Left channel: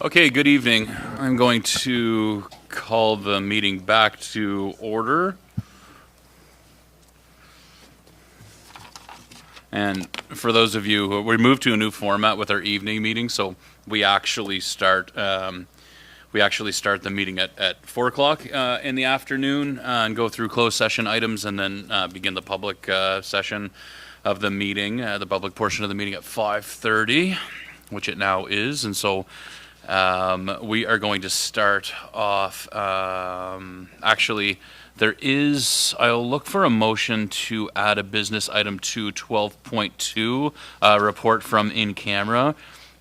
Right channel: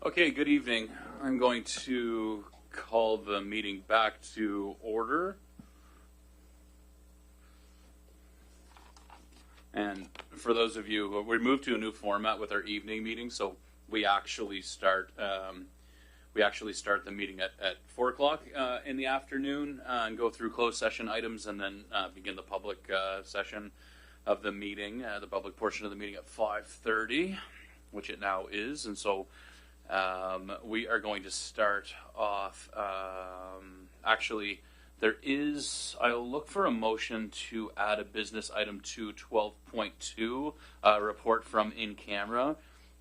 Okay, good evening. I'm going to call the meeting back to order. And for those of you, we moved to a new format with our evening meeting, so we actually start the meeting at 4 o'clock in the afternoon and go through closed session items and then begin the public session of the meeting, the public portion of the meeting at 5:30, which it now is. And so we are going to start off, I'll look for a motion to add a business item to 12.2, report from in camera.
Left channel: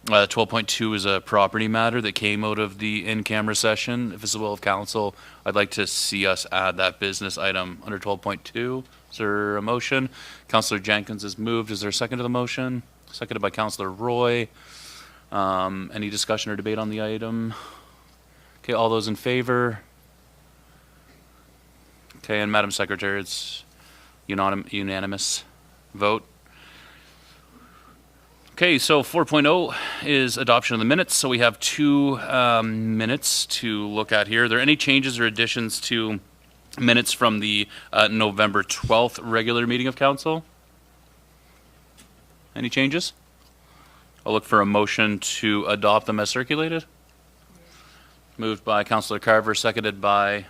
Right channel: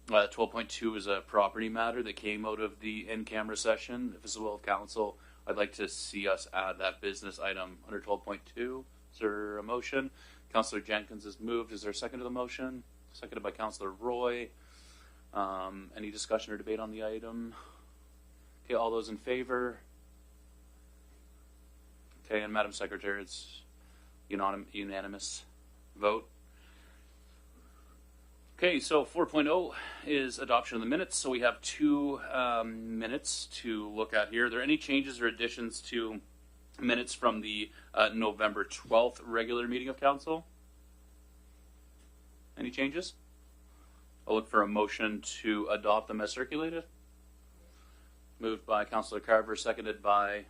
12.2 is a property matter that came out of the in-camera session. If it's the will of council, I'd like to see us add that business item under 12.2. Is there a motion? Councillor Jenkins has moved. Is there a second to the motion? Seconded by Councillor Roy. Any discussion or debate on the item? Okay, all those in favor? Okay, and Madam Secretary, it's unanimous vote. Okay, so 4.0 is adoption of the minutes. So we have 2 minutes to look at here. Are there any changes or additions to minutes from the November 12th regular meeting of council? Any changes? I'll look for a motion to adopt them as circulated. Moved by Councillor Carver, seconded by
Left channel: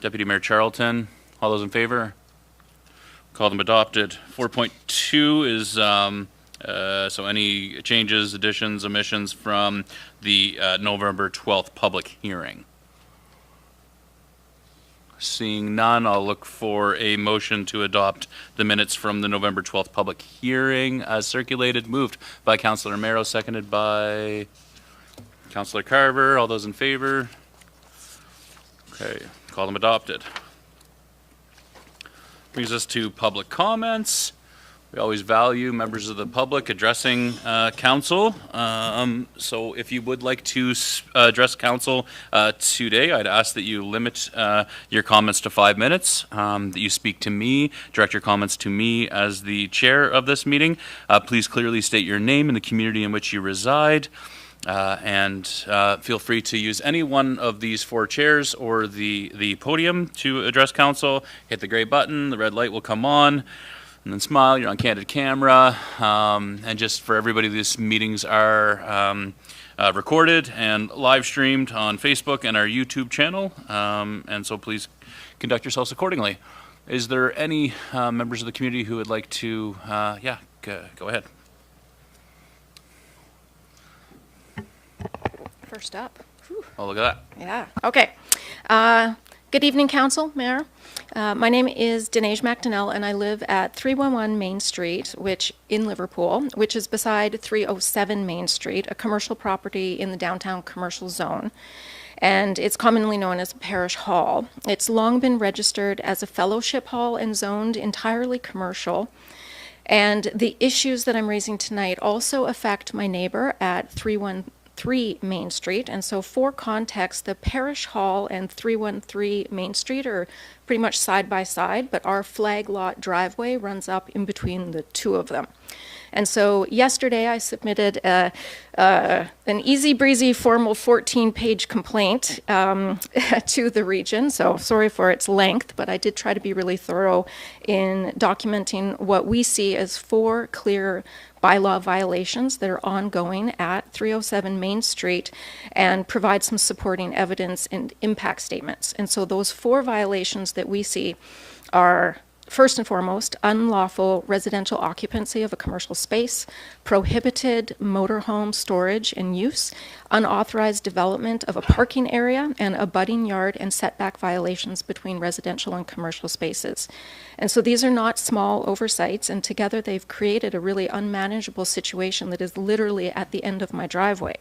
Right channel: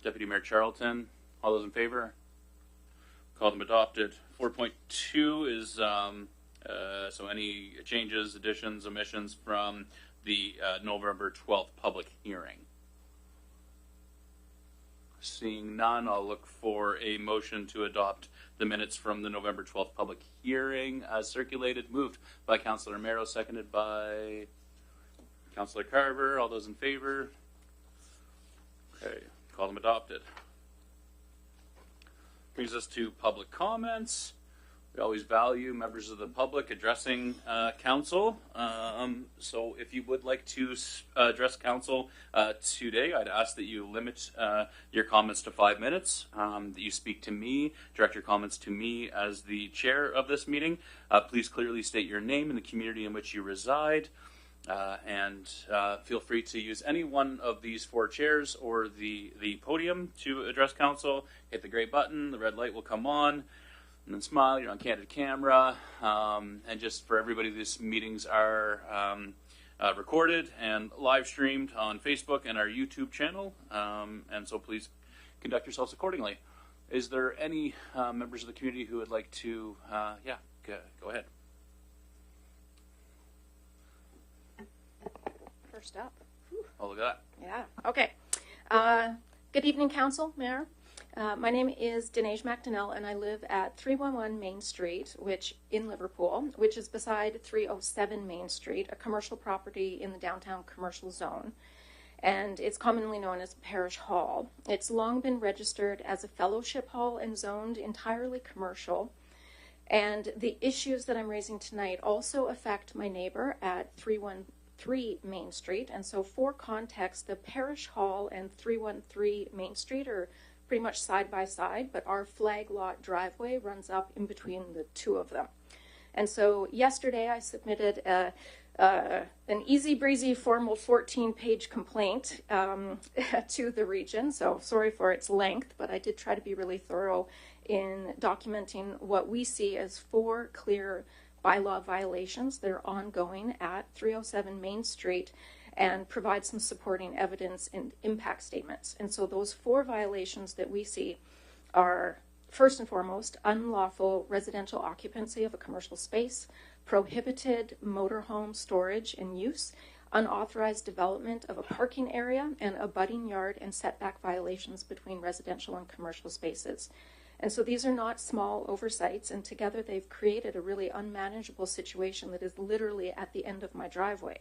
Deputy Mayor Charlton. All those in favor? Call them adopted. 4.2 is so any changes, additions, omissions from the November 12th public hearing. Seeing none, I'll look for a motion to adopt the minutes from the November 12th public hearing as circulated. Moved by Councillor Merrow, seconded by Councillor Carver. All those in favor? Okay, call them adopted. Brings us to public comments. We always value members of the public addressing council. So if you would like to address council today, I'd ask that you limit your comments to 5 minutes, that you speak to me, direct your comments to me as the chair of this meeting. Please clearly state your name and the community in which you reside. And feel free to use any one of these 4 chairs or the podium to address council. Hit the gray button, the red light will come on, and then smile. You're on candid camera. And just for everybody, these meetings are recorded and live streamed on Facebook and our YouTube channel. And so please conduct yourselves accordingly. Is there any members of the community who would like to, go ahead. First up. Whew. Oh, look at that. Yeah. Okay. Good evening, Council, Mayor. My name is Dinesh McDonnell, and I live at 311 Main Street, which in Liverpool, which is beside 307 Main Street, a commercial property in the downtown commercial zone. And it's commonly known as a parish hall. It's long been registered as a fellowship hall and zoned entirely commercial. And the issues that I'm raising tonight also affect my neighbor at 313 Main Street. And so for context, the Parish Hall and 313 Main Street are pretty much side by side, but our flag lot driveway runs up in between the 2 of them. And so yesterday I submitted an easy breezy formal 14-page complaint to the region. So sorry for its length, but I did try to be really thorough in documenting what we see as 4 clear bylaw violations that are ongoing at 307 Main Street and provide some supporting evidence and impact statements. And so those 4 violations that we see are, first and foremost, unlawful residential occupancy of a commercial space, prohibited motorhome storage and use, unauthorized development of a parking area, and abutting yard and setback violations between residential and commercial spaces. And so these are not small oversights, and together they've created a really unmanageable situation that is literally at the end of my driveway.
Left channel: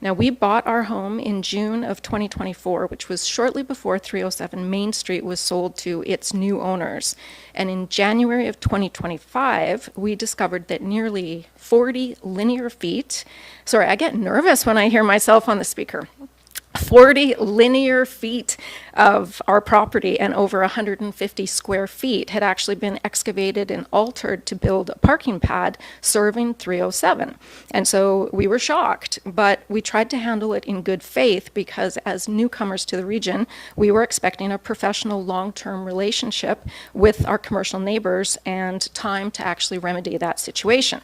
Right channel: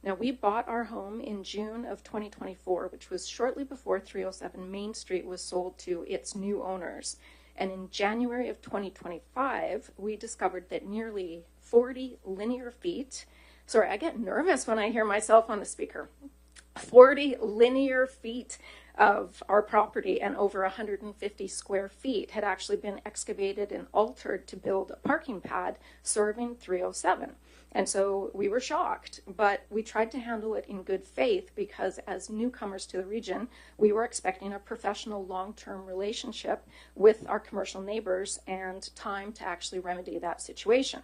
Now, we bought our home in June of 2024, which was shortly before 307 Main Street was sold to its new owners. And in January of 2025, we discovered that nearly 40 linear feet, sorry, I get nervous when I hear myself on the speaker, 40 linear feet of our property and over 150 square feet had actually been excavated and altered to build a parking pad serving 307. And so we were shocked, but we tried to handle it in good faith because as newcomers to the region, we were expecting a professional long-term relationship with our commercial neighbors and time to actually remedy that situation.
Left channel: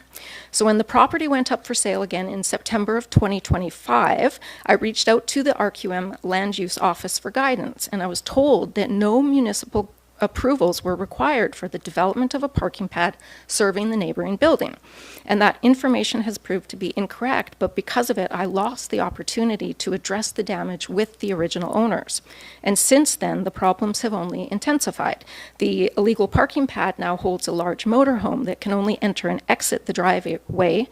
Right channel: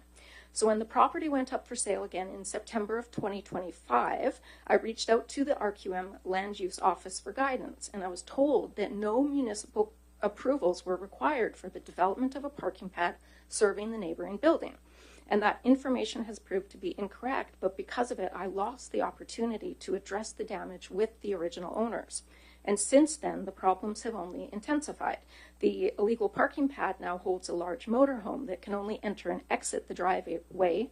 So when the property went up for sale again in September of 2025, I reached out to the RQM Land Use Office for guidance, and I was told that no municipal approvals were required for the development of a parking pad serving the neighboring building. And that information has proved to be incorrect, but because of it, I lost the opportunity to address the damage with the original owners. And since then, the problems have only intensified. The illegal parking pad now holds a large motorhome that can only enter and exit the driveway,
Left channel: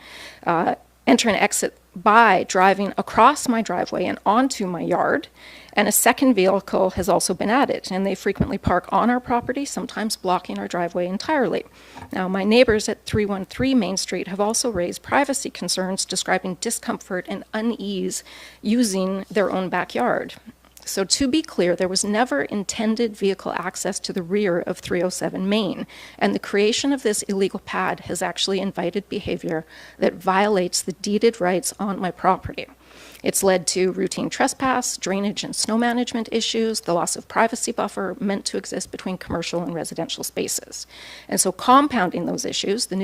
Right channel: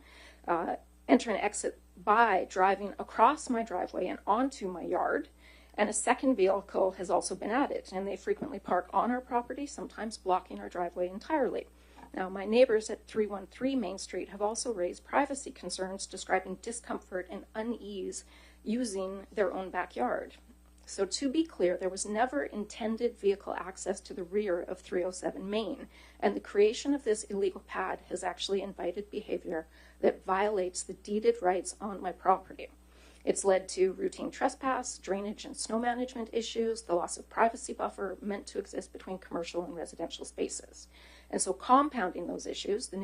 enter and exit by driving across my driveway and onto my yard. And a second vehicle has also been added, and they frequently park on our property, sometimes blocking our driveway entirely. Now, my neighbors at 313 Main Street have also raised privacy concerns, describing discomfort and unease using their own backyard. So to be clear, there was never intended vehicle access to the rear of 307 Main, and the creation of this illegal pad has actually invited behavior that violates the deeded rights on my property. It's led to routine trespass, drainage and snow management issues, the loss of privacy buffer meant to exist between commercial and residential spaces. And so compounding those issues, the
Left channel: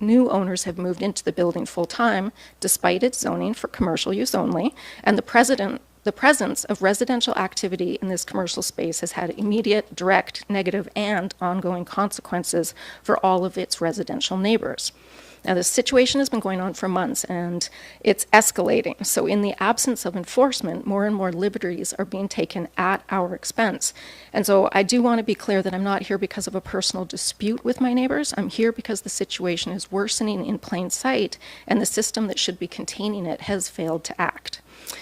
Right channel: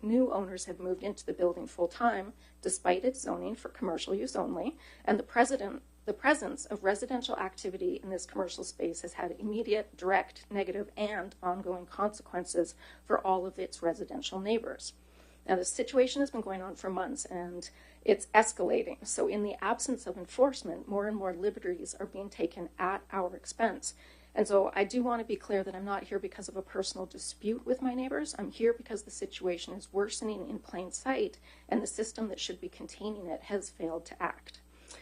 new owners have moved into the building full-time, despite its zoning for commercial use only, and the presence of residential activity in this commercial space has had immediate, direct, negative, and ongoing consequences for all of its residential neighbors. Now, this situation has been going on for months, and it's escalating. So in the absence of enforcement, more and more liberties are being taken at our expense. And so I do want to be clear that I'm not here because of a personal dispute with my neighbors. I'm here because the situation is worsening in plain sight, and the system that should be containing it has failed to act.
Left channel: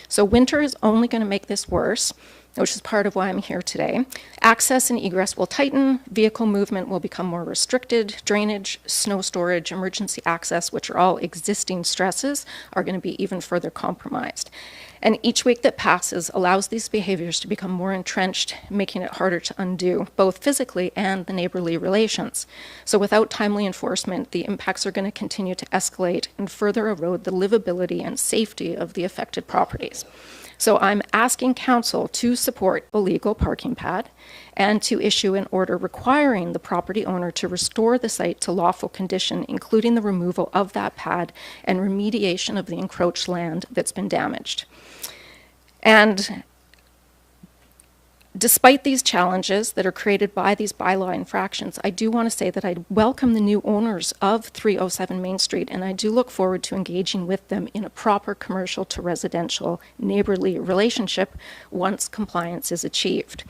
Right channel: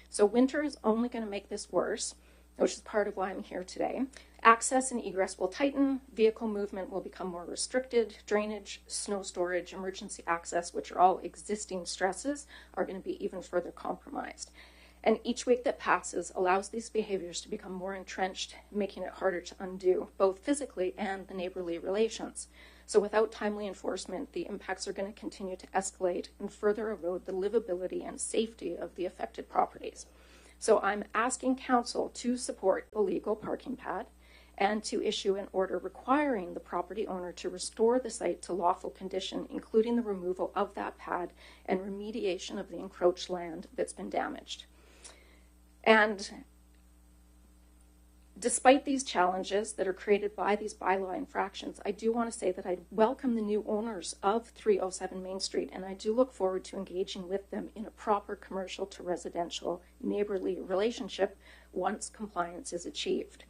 So winter is only going to make this worse, which is part of why I'm here today. Access and egress will tighten, vehicle movement will become more restricted, drainage, snow storage, emergency access, which are all existing stresses, are going to be even further compromised. And each week that passes allows these behaviors to become more entrenched, making it harder to undo, both physically and the neighborly relations. So without timely enforcement, the impacts are going to continue to escalate and further erode the livability and safety of the affected properties. So I'm asking council to support a legal parking pad and to issue an order requiring the property owner to restore the site to lawful condition, including the removal of that pad and remediation of the encroached land that's been damaged. And despite these challenges that are created by these bylaw infractions, I do want to say that I welcome the new owners of 307 Main Street, and I do look forward to engaging with them in a proper commercial to residential neighborly relationship once compliance is achieved.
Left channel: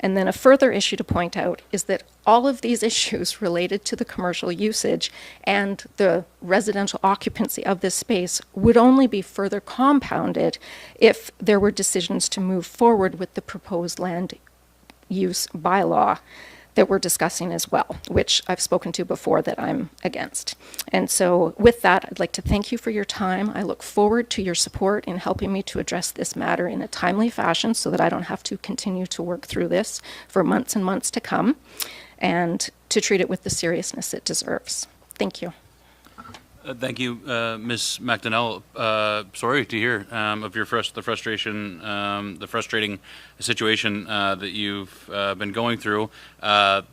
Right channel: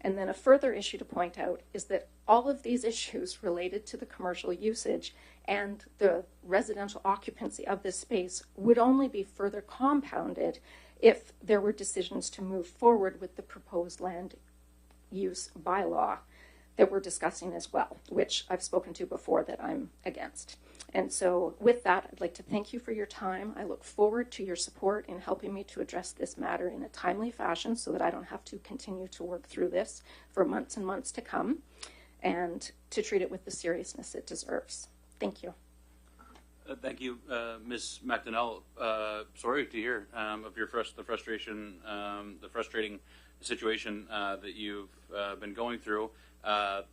And then a further issue to point out is that all of these issues related to the commercial usage and the residential occupancy of this space would only be further compounded if there were decisions to move forward with the proposed land use bylaw that we're discussing as well, which I've spoken to before that I'm against. And so with that, I'd like to thank you for your time. I look forward to your support in helping me to address this matter in a timely fashion so that I don't have to continue to work through this for months and months to come, and to treat it with the seriousness it deserves. Thank you. Thank you, Ms. McDonnell. Sorry to hear of your the frustration, the frustrating situation that you've been going through.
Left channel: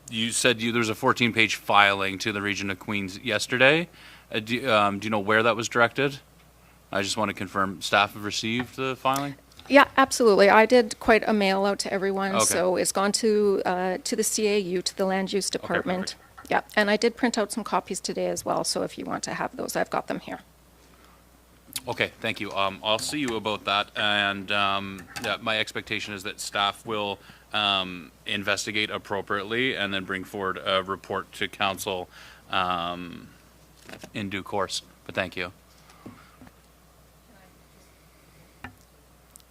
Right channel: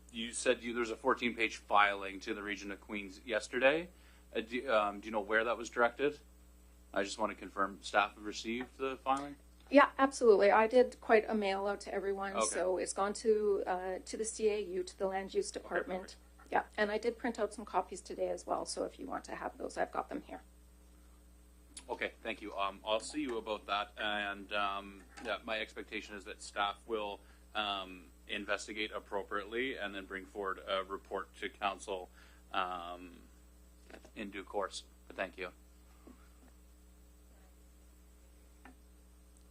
You said there was a 14-page filing to the Region of Queens yesterday. Do you know where that was directed? I just want to confirm staff have received the filing. Yeah, absolutely. I did quite a mail out to everyone, Okay. So it's gone to the CAU, to the Land Use Department. Okay, yeah, and I did print out some copies today as well, so if you want to have those, I've got them here. Okay, thank you. I'll see you about that, and yeah, my expectation is that staff will investigate appropriately and then bring forward a report to council in due course. But thank you.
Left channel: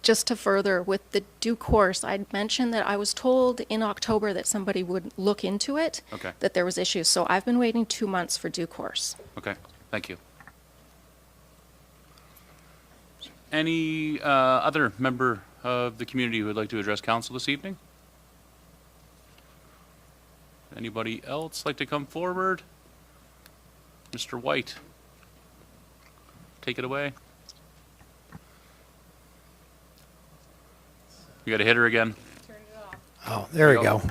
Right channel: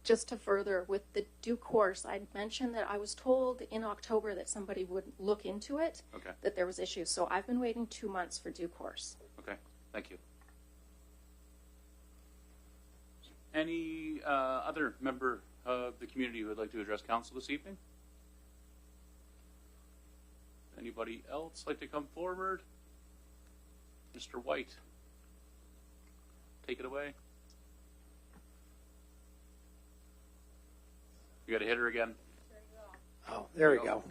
Just to further with the due course, I'd mentioned that I was told in October that somebody would look into it, Okay. that there was issues. So I've been waiting 2 months for due course. Okay, thank you. Any other member of the community who would like to address council this evening? Anybody else like to come forward? Mr. White, take it away. You got a hitter again. Oh, there we go.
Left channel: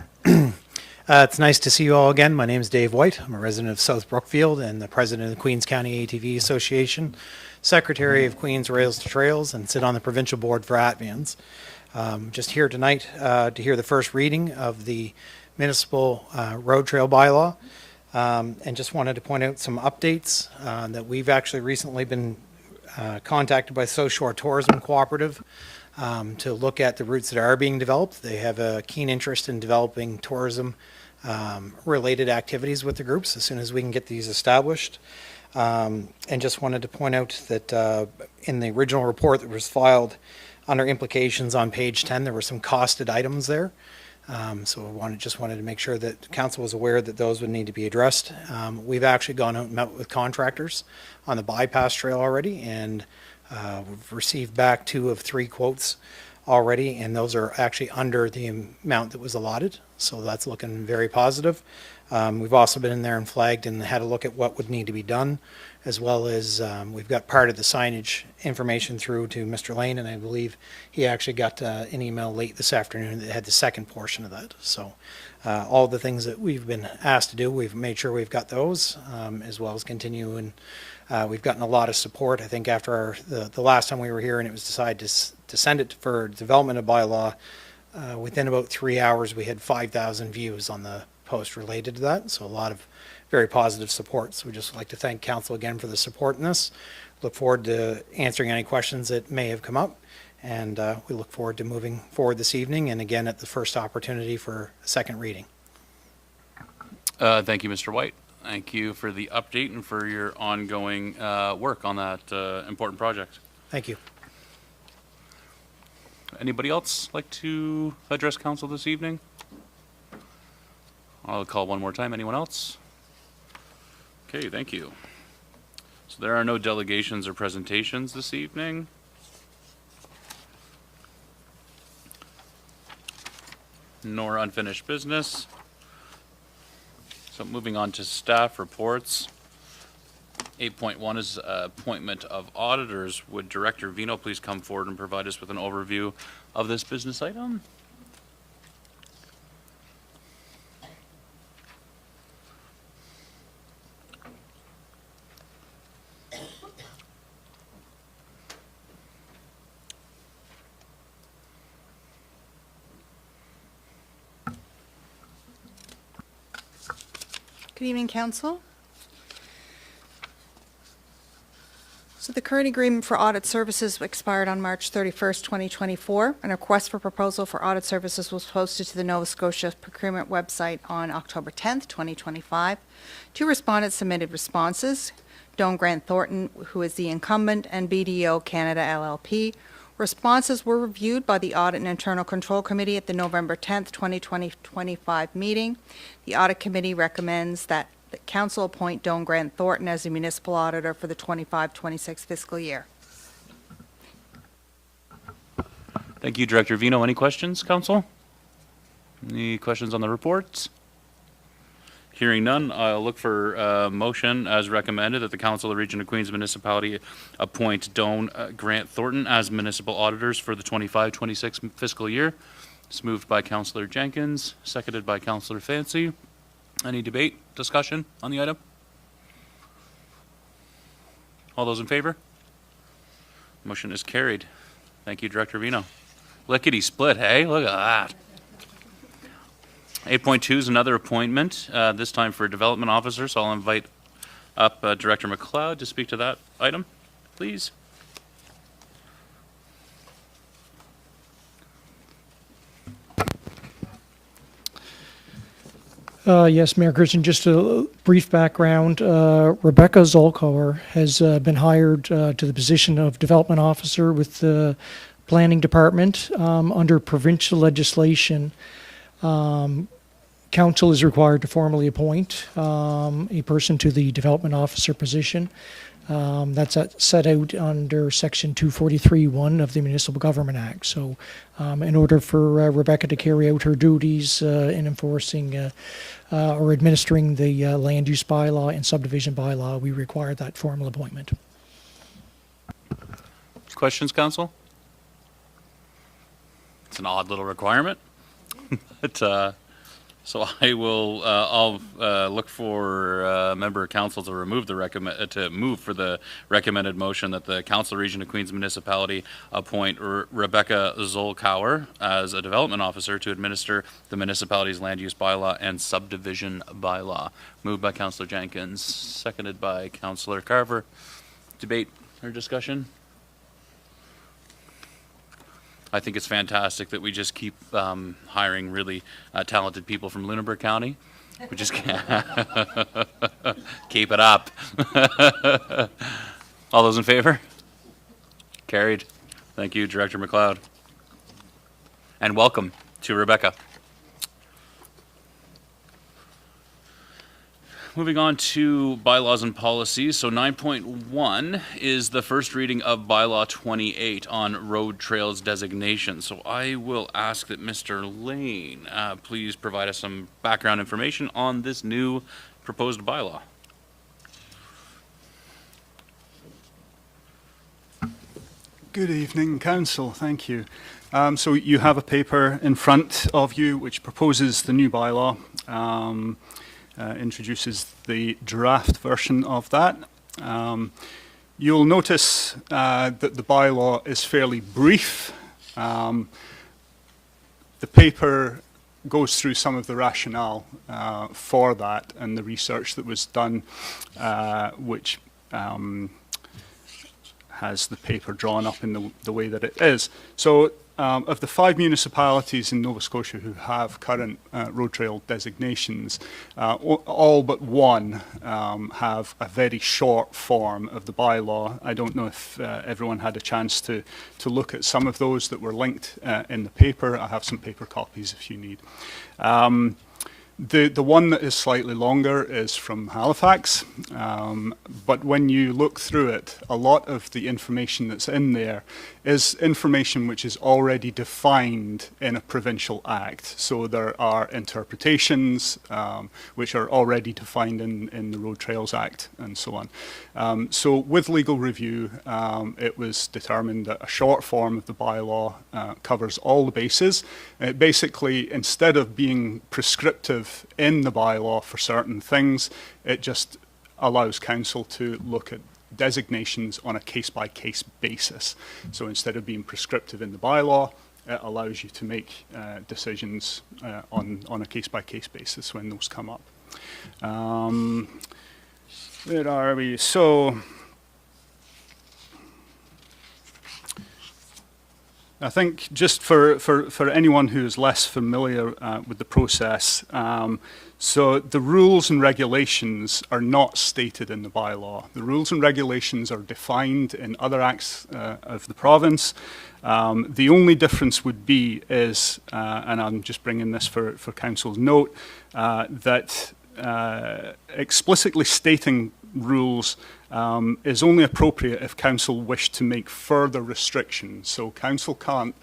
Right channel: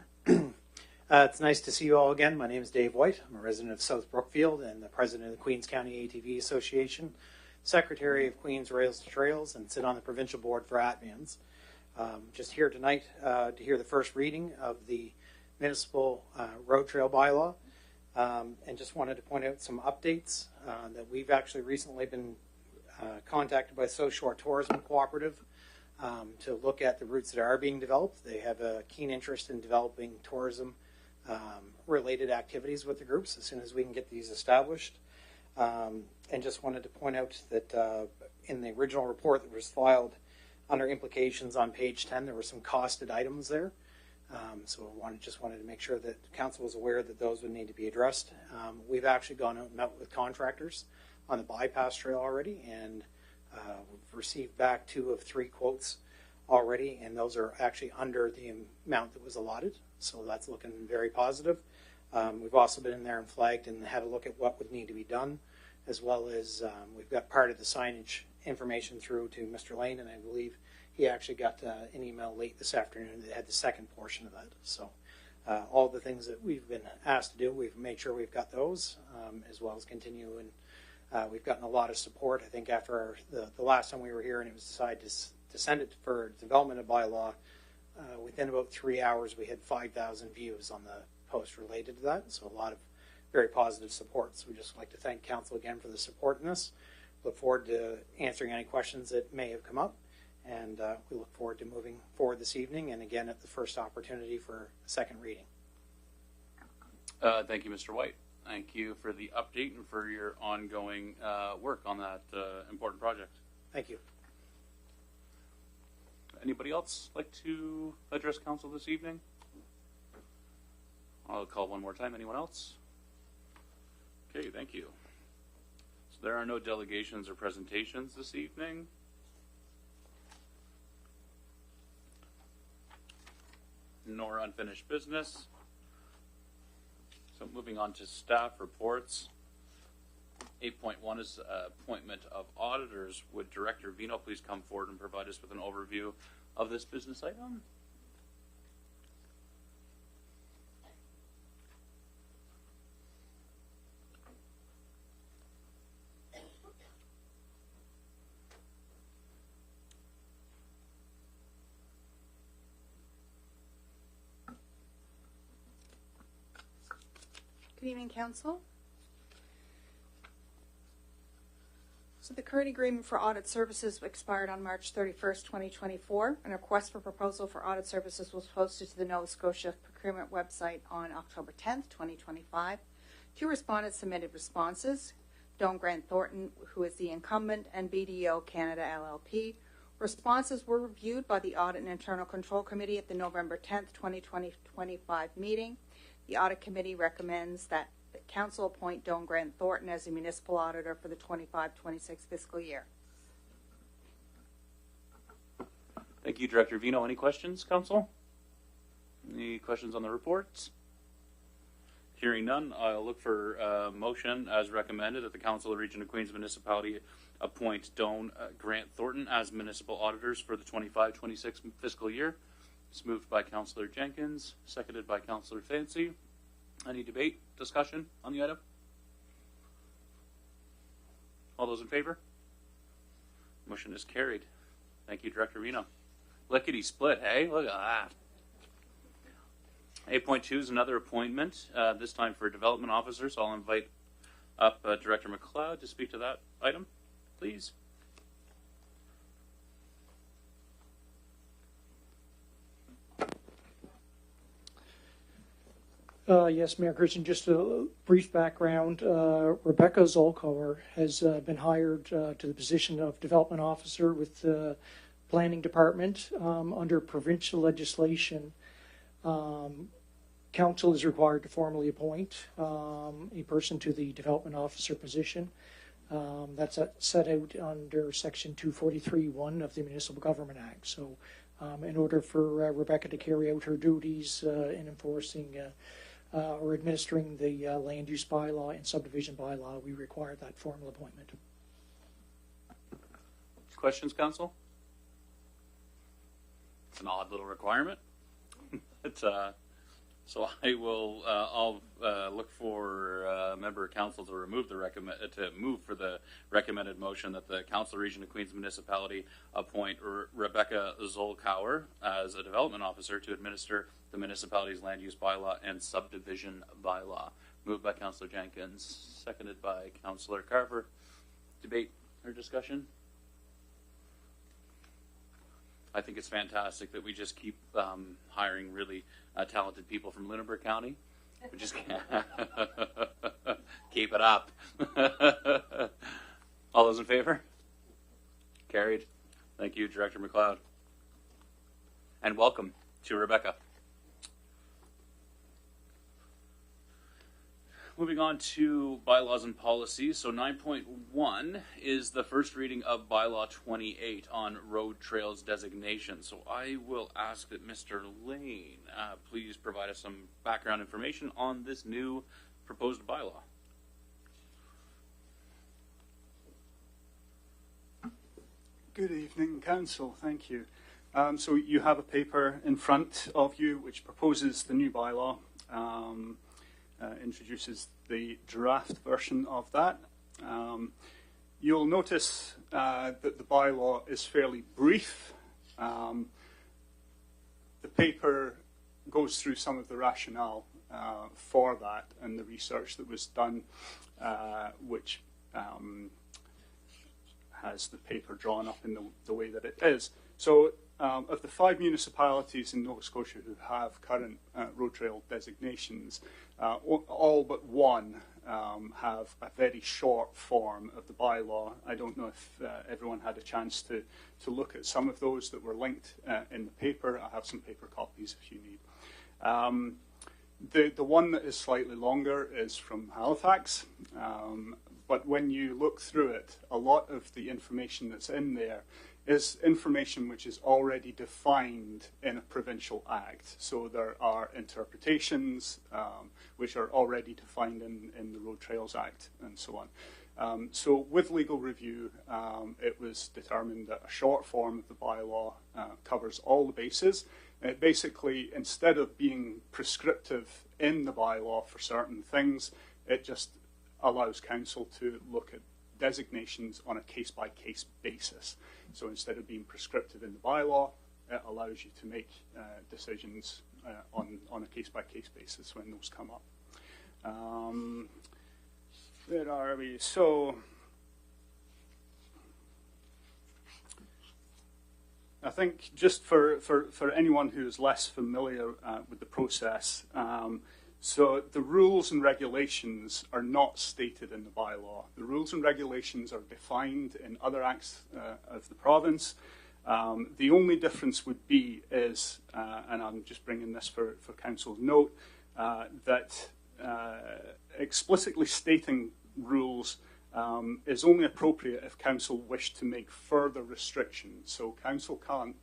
It's nice to see you all again. My name is Dave White. I'm a resident of South Brookfield and the president of the Queens County ATV Association, secretary of Queens Rails to Trails, and sit on the provincial board for ATVans. Just here tonight to hear the first reading of the municipal road trail bylaw, and just wanted to point out some updates that we've actually recently been contacted by South Shore Tourism Cooperative to look at the routes that are being developed. They have a keen interest in developing tourism related activities with the groups as soon as we can get these established. And just wanted to point out that in the original report that was filed under implications on page 10, there were some costed items there. So I just wanted to make sure that council was aware that those would need to be addressed. We've actually gone out and met with contractors on the bypass trail already, and we've received back 2 of 3 quotes already, and those are actually under the amount that was allotted. So that's looking very positive. We've also been in there and flagged and had a look at what would need to be done, as well as we've got part of the signage information through to Mr. Lane, and I believe he actually got an email late this afternoon that had the second portion of that. So all the things that we've been asked to do, we've made sure we've got those, as well as continue, and we've gotten a lot of support. I think after the last time we were here and it was decided to send it for development of bylaw, within about 3 hours we had 5,000 views on the post related to that. So a lot of very positive support. So we just like to thank council again for the support in this. Look forward to answering any questions that may have come up, and we look forward to moving forward this evening and again at the first opportunity for a second reading. Thank you, Mr. White. Thank you for the update and for your ongoing work on that important project. Thank you. Anybody else like to address council this evening? I'll call one more time. Anyone else? Okay, thank you. So there are no delegations or presentations this evening. Nor unfinished business. So moving on to staff reports. 8.1 is appointment of auditors. Would Director Vino please come forward and provide us with an overview of this business item? Good evening, Council. So the current agreement for audit services expired on March 31st, 2024. An request for proposal for audit services was posted to the Nova Scotia procurement website on October 10th, 2025. 2 respondents submitted responses. Doan Grant Thornton, who is the incumbent, and BDO Canada LLP. Responses were reviewed by the Audit and Internal Control Committee at the November 10th, 2025 meeting. The Audit Committee recommends that the Council appoint Doan Grant Thornton as the municipal auditor for the 25-26 fiscal year. Thank you, Director Vino. Any questions, Council? Any questions on the reports? Hearing none, I'll look for a motion as recommended that the Council of the Region of Queens Municipality appoint Doan Grant Thornton as municipal auditors for the 25-26 fiscal year. It's moved by Councillor Jenkins, seconded by Councillor Fancy. Any debate, discussion on the item? All those in favor? Motion is carried. Thank you, Director Vino. Lickety split, hey? Look at that. 8.2 is another appointment, this time for development officer, so I'll invite up Director McLeod to speak to that item, please. Yes, Mayor Christian, just a brief background. Rebecca Zolkauer has been hired to the position of development officer with the planning department under provincial legislation. Council is required to formally appoint a person to the development officer position. That's set out under Section 243(1) of the Municipal Government Act. So in order for Rebecca to carry out her duties in enforcing or administering the land use bylaw and subdivision bylaw, we require that formal appointment. Questions, council? It's an odd little requirement, but so I'll look for a member of council to remove to move for the recommended motion that the Council Region of Queens Municipality appoint Rebecca Zolkauer as a development officer to administer the municipality's land use bylaw and subdivision bylaw. Moved by Councillor Jenkins, seconded by Councillor Carver. Debate or discussion? I think it's fantastic that we just keep hiring really talented people from Lunenburg County. We just keep it up. All those in favor? Carried. Thank you, Director McLeod. And welcome to Rebecca. Moving on to bylaws and policies. So 9.1 is the first reading of bylaw 28 on road trails designation. So I will ask that Mr. Lane please provide us some background information on this new proposed bylaw. Good evening, Council. Thank you. So you have a paper in front of you which proposes the new bylaw. Introduces the draft version of that. You'll notice that the bylaw is fairly brief. The paper goes through some of the rationale for that and the research that was done, which has the paper drawn up in the way that it is. So of the 5 municipalities in Nova Scotia who have current road trail designations, all but one have a very short form of the bylaw. I don't know if everyone had a chance to look at some of those that were linked in the paper. I have some paper copies if you need. The one that is slightly longer is from Halifax, but when you look through it, a lot of the information that's in there is information which is already defined in a provincial act. So there are interpretations which are already defined in the Road Trails Act and so on. So with legal review, it was determined that a short form of the bylaw covers all the bases. Basically, instead of being prescriptive in the bylaw for certain things, it just allows council to look at designations on a case-by-case basis. So instead of being prescriptive in the bylaw, it allows you to make decisions on a case-by-case basis when those come up. Where are we? So I think just for anyone who is less familiar with the process, so the rules and regulations are not stated in the bylaw. The rules and regulations are defined in other acts of the province. The only difference would be is, and I'm just bringing this for council's note, that explicitly stating rules is only appropriate if council wish to make further restrictions. So council can't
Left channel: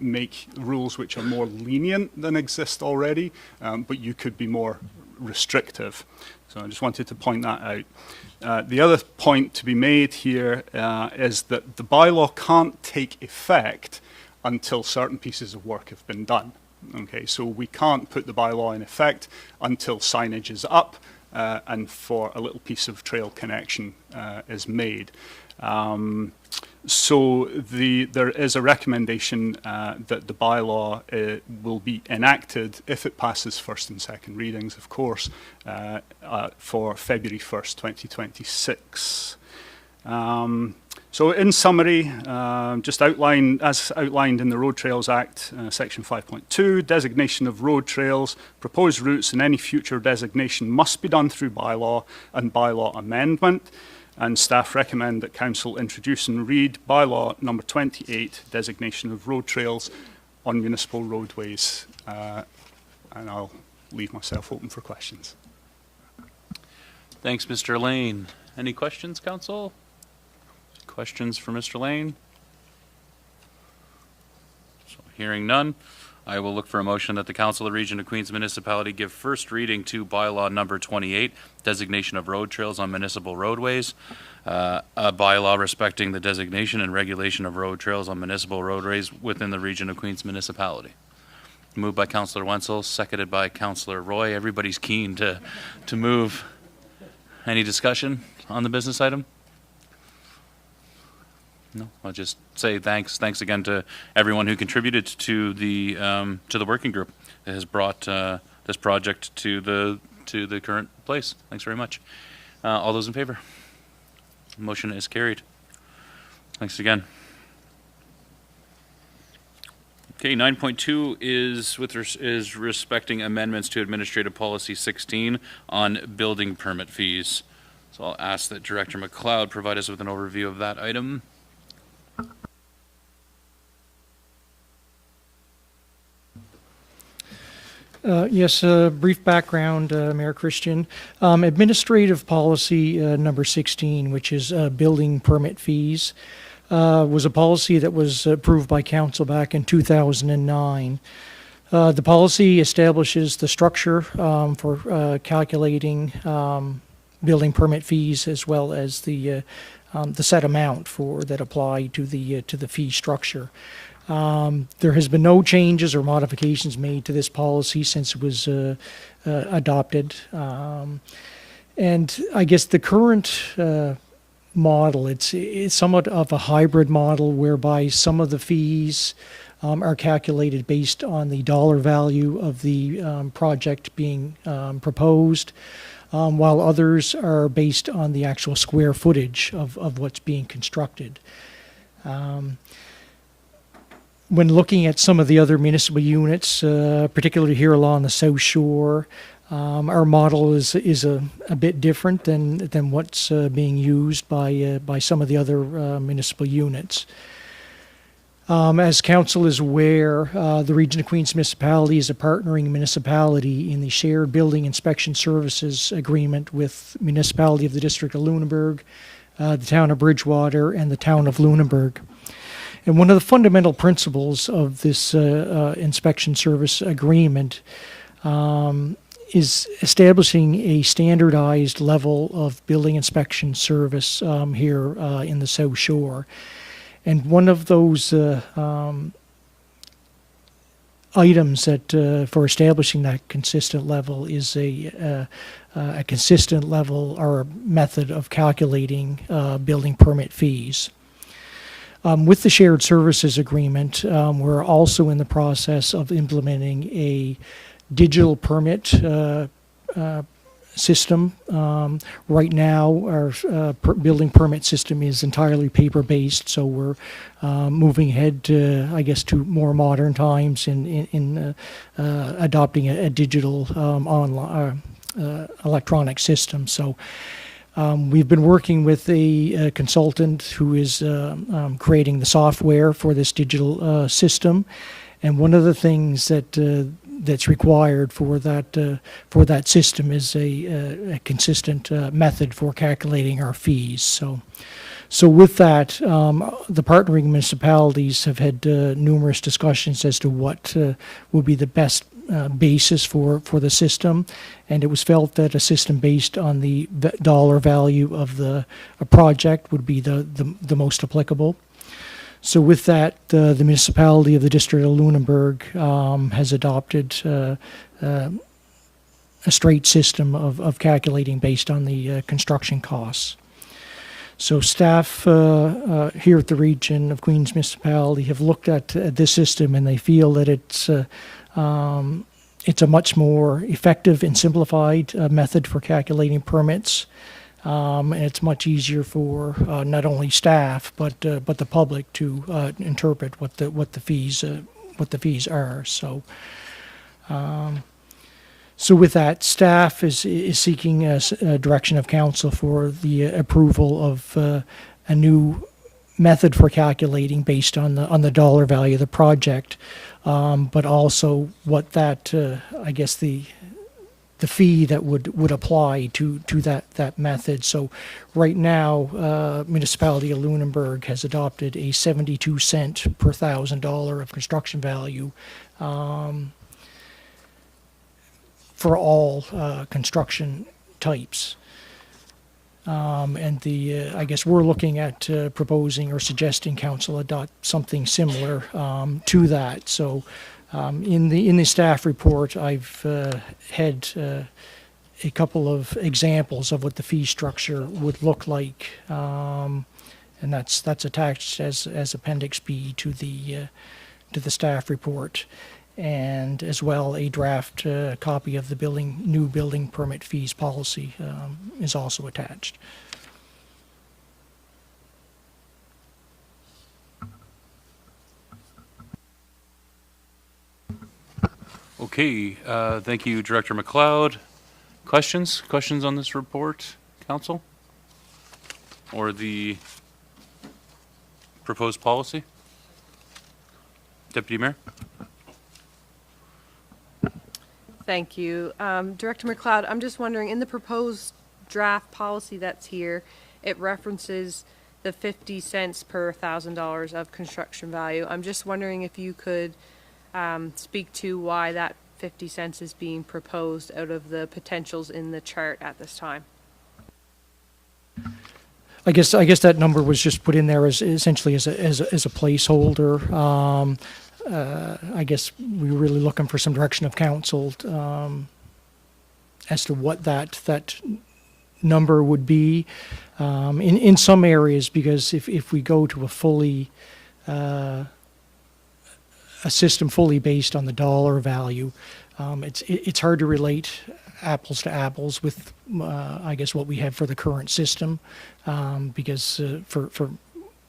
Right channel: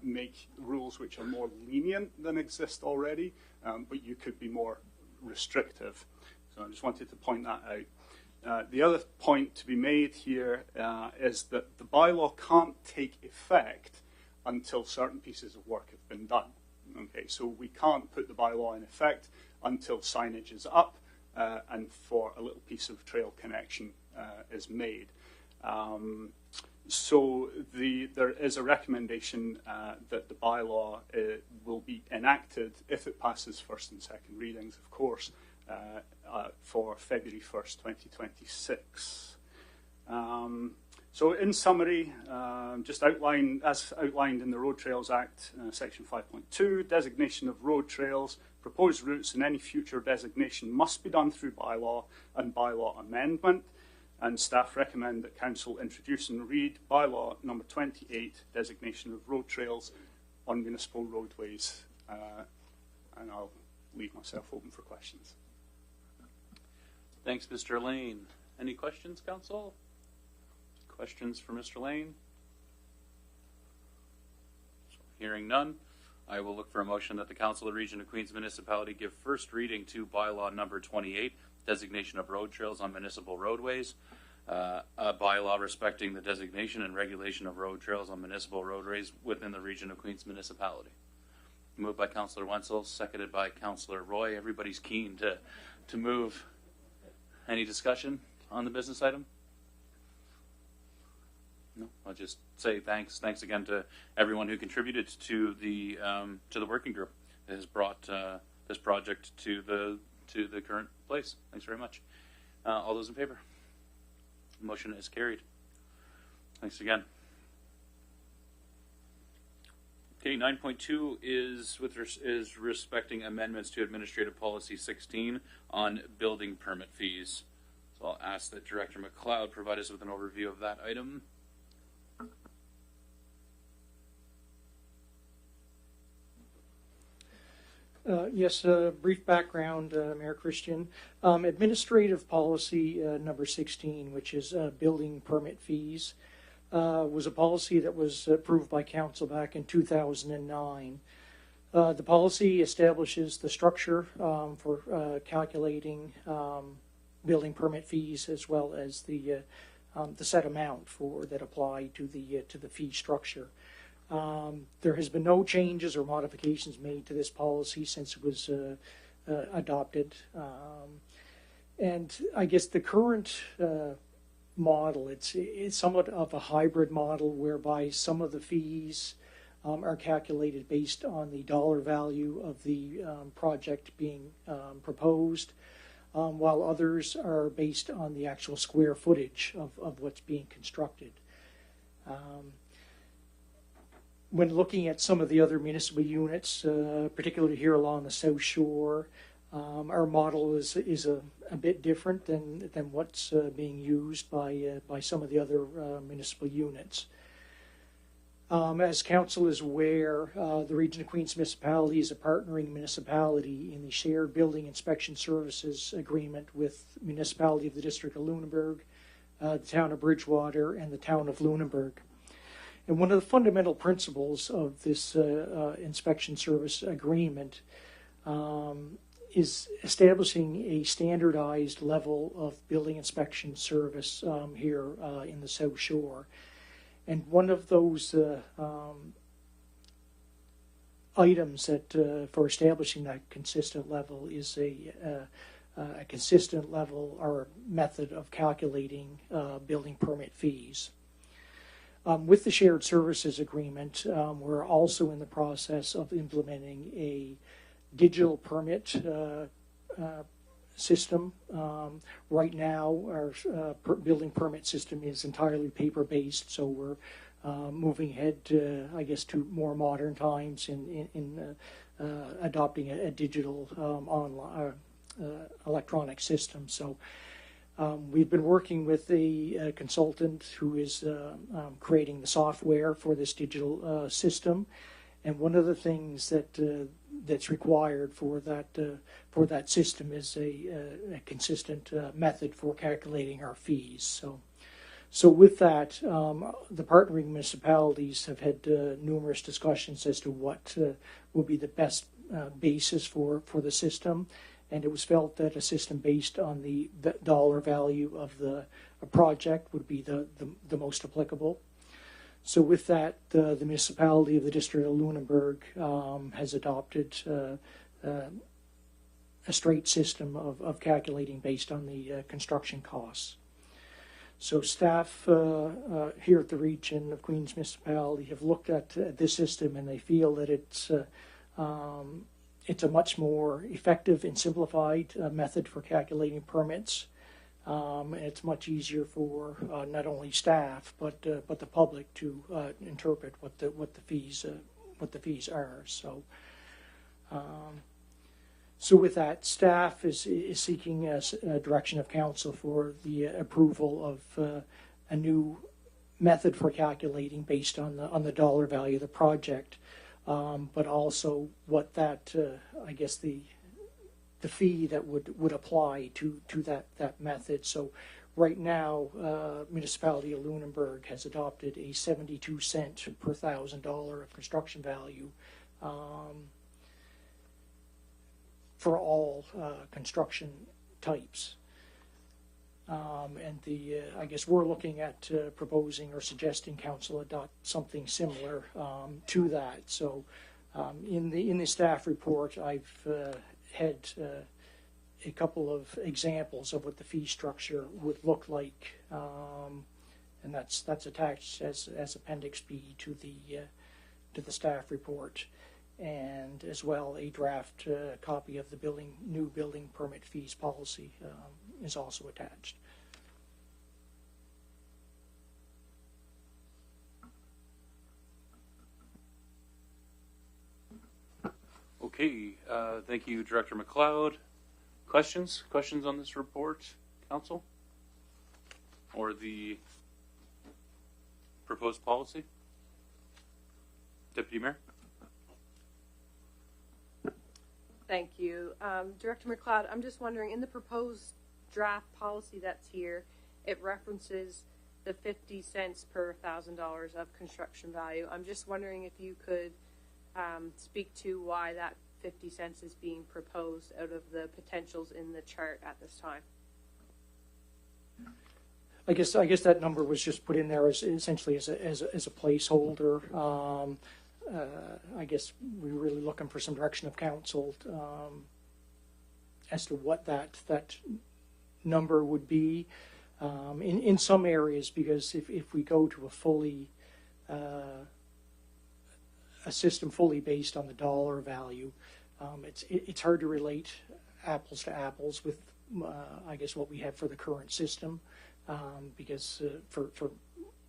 make rules which are more lenient than exist already, but you could be more restrictive. So I just wanted to point that out. The other point to be made here is that the bylaw can't take effect until certain pieces of work have been done. Okay, so we can't put the bylaw in effect until signage is up and for a little piece of trail connection is made. So there is a recommendation that the bylaw will be enacted if it passes first and second readings, of course, for February 1st, 2026. So in summary, just as outlined in the Road Trails Act, Section 5.2, designation of road trails, proposed routes and any future designation must be done through bylaw and bylaw amendment. And staff recommend that council introduce and read bylaw number 28, designation of road trails on municipal roadways. And I'll leave myself open for questions. Thanks, Mr. Lane. Any questions, council? Questions for Mr. Lane? So hearing none, I will look for a motion that the Council of the Region of Queens Municipality give first reading to bylaw number 28, designation of road trails on municipal roadways. A bylaw respecting the designation and regulation of road trails on municipal roadways within the Region of Queens Municipality. Moved by Councillor Wenzel, seconded by Councillor Roy. Everybody's keen to move. Any discussion on the business item? No, I'll just say thanks. Thanks again to everyone who contributed to the working group that has brought this project to the current place. Thanks very much. All those in favor? Motion is carried. Thanks again. Okay, 9.2 is respecting amendments to Administrative Policy 16 on building permit fees. So I'll ask that Director McLeod provide us with an overview of that item. Yes, brief background, Mayor Christian. Administrative policy number 16, which is building permit fees, was a policy that was approved by council back in 2009. The policy establishes the structure for calculating building permit fees, as well as the set amount that apply to the fee structure. There has been no changes or modifications made to this policy since it was adopted. And I guess the current model, it's somewhat of a hybrid model whereby some of the fees are calculated based on the dollar value of the project being proposed, while others are based on the actual square footage of what's being constructed. When looking at some of the other municipal units, particularly here along the South Shore, our model is a bit different than what's being used by some of the other municipal units. As council is aware, the Region of Queens Municipality is a partnering municipality in the Shared Building Inspection Services Agreement with Municipality of the District of Lunenburg, the Town of Bridgewater, and the Town of Lunenburg. And one of the fundamental principles of this inspection service agreement is establishing a standardized level of building inspection service here in the South Shore. And one of those items that for establishing that consistent level is a consistent level or method of calculating building permit fees. With the shared services agreement, we're also in the process of implementing a digital permit system. Right now, our building permit system is entirely paper-based, so we're moving ahead to, I guess, to more modern times in adopting a digital online electronic system. So. We've been working with a consultant who is creating the software for this digital system, and one of the things that's required for that system is a consistent method for calculating our fees. So with that, the partnering municipalities have had numerous discussions as to what will be the best basis for the system, and it was felt that a system based on the dollar value of a project would be the most applicable. So with that, the municipality of the District of Lunenburg has adopted a straight system of calculating based on the construction costs. So staff here at the Region of Queens Municipality have looked at this system, and they feel that it's a much more effective and simplified method for calculating permits, and it's much easier for not only staff but the public to interpret what the fees are. So with that, staff is seeking a direction of council for the approval of a new method for calculating based on the dollar value of the project, but also what that I guess the the fee that would apply to that method. So right now, Municipality of Lunenburg has adopted a 72 cent per $1,000 of construction value for all construction types. And I guess we're looking at proposing or suggesting council adopt something similar to that. So in the staff report, I've had a couple of examples of what the fee structure would look like, and that's attached as Appendix B to the staff report, and as well a draft copy of the new building permit fees policy is also attached. Okay, thank you, Director McLeod. Questions? Questions on this report, council? Or the proposed policy? Deputy Mayor? Thank you. Director McLeod, I'm just wondering, in the proposed draft policy that's here, it references the 50 cents per $1,000 of construction value. I'm just wondering if you could speak to why that 50 cents is being proposed out of the potentials in the chart at this time. I guess that number was just put in there as essentially as a placeholder. I guess we were really looking for some direction of council as to what that number would be in some areas, because if we go to a system fully based on the dollar value, it's hard to relate apples to apples with I guess what we have for the current system, because for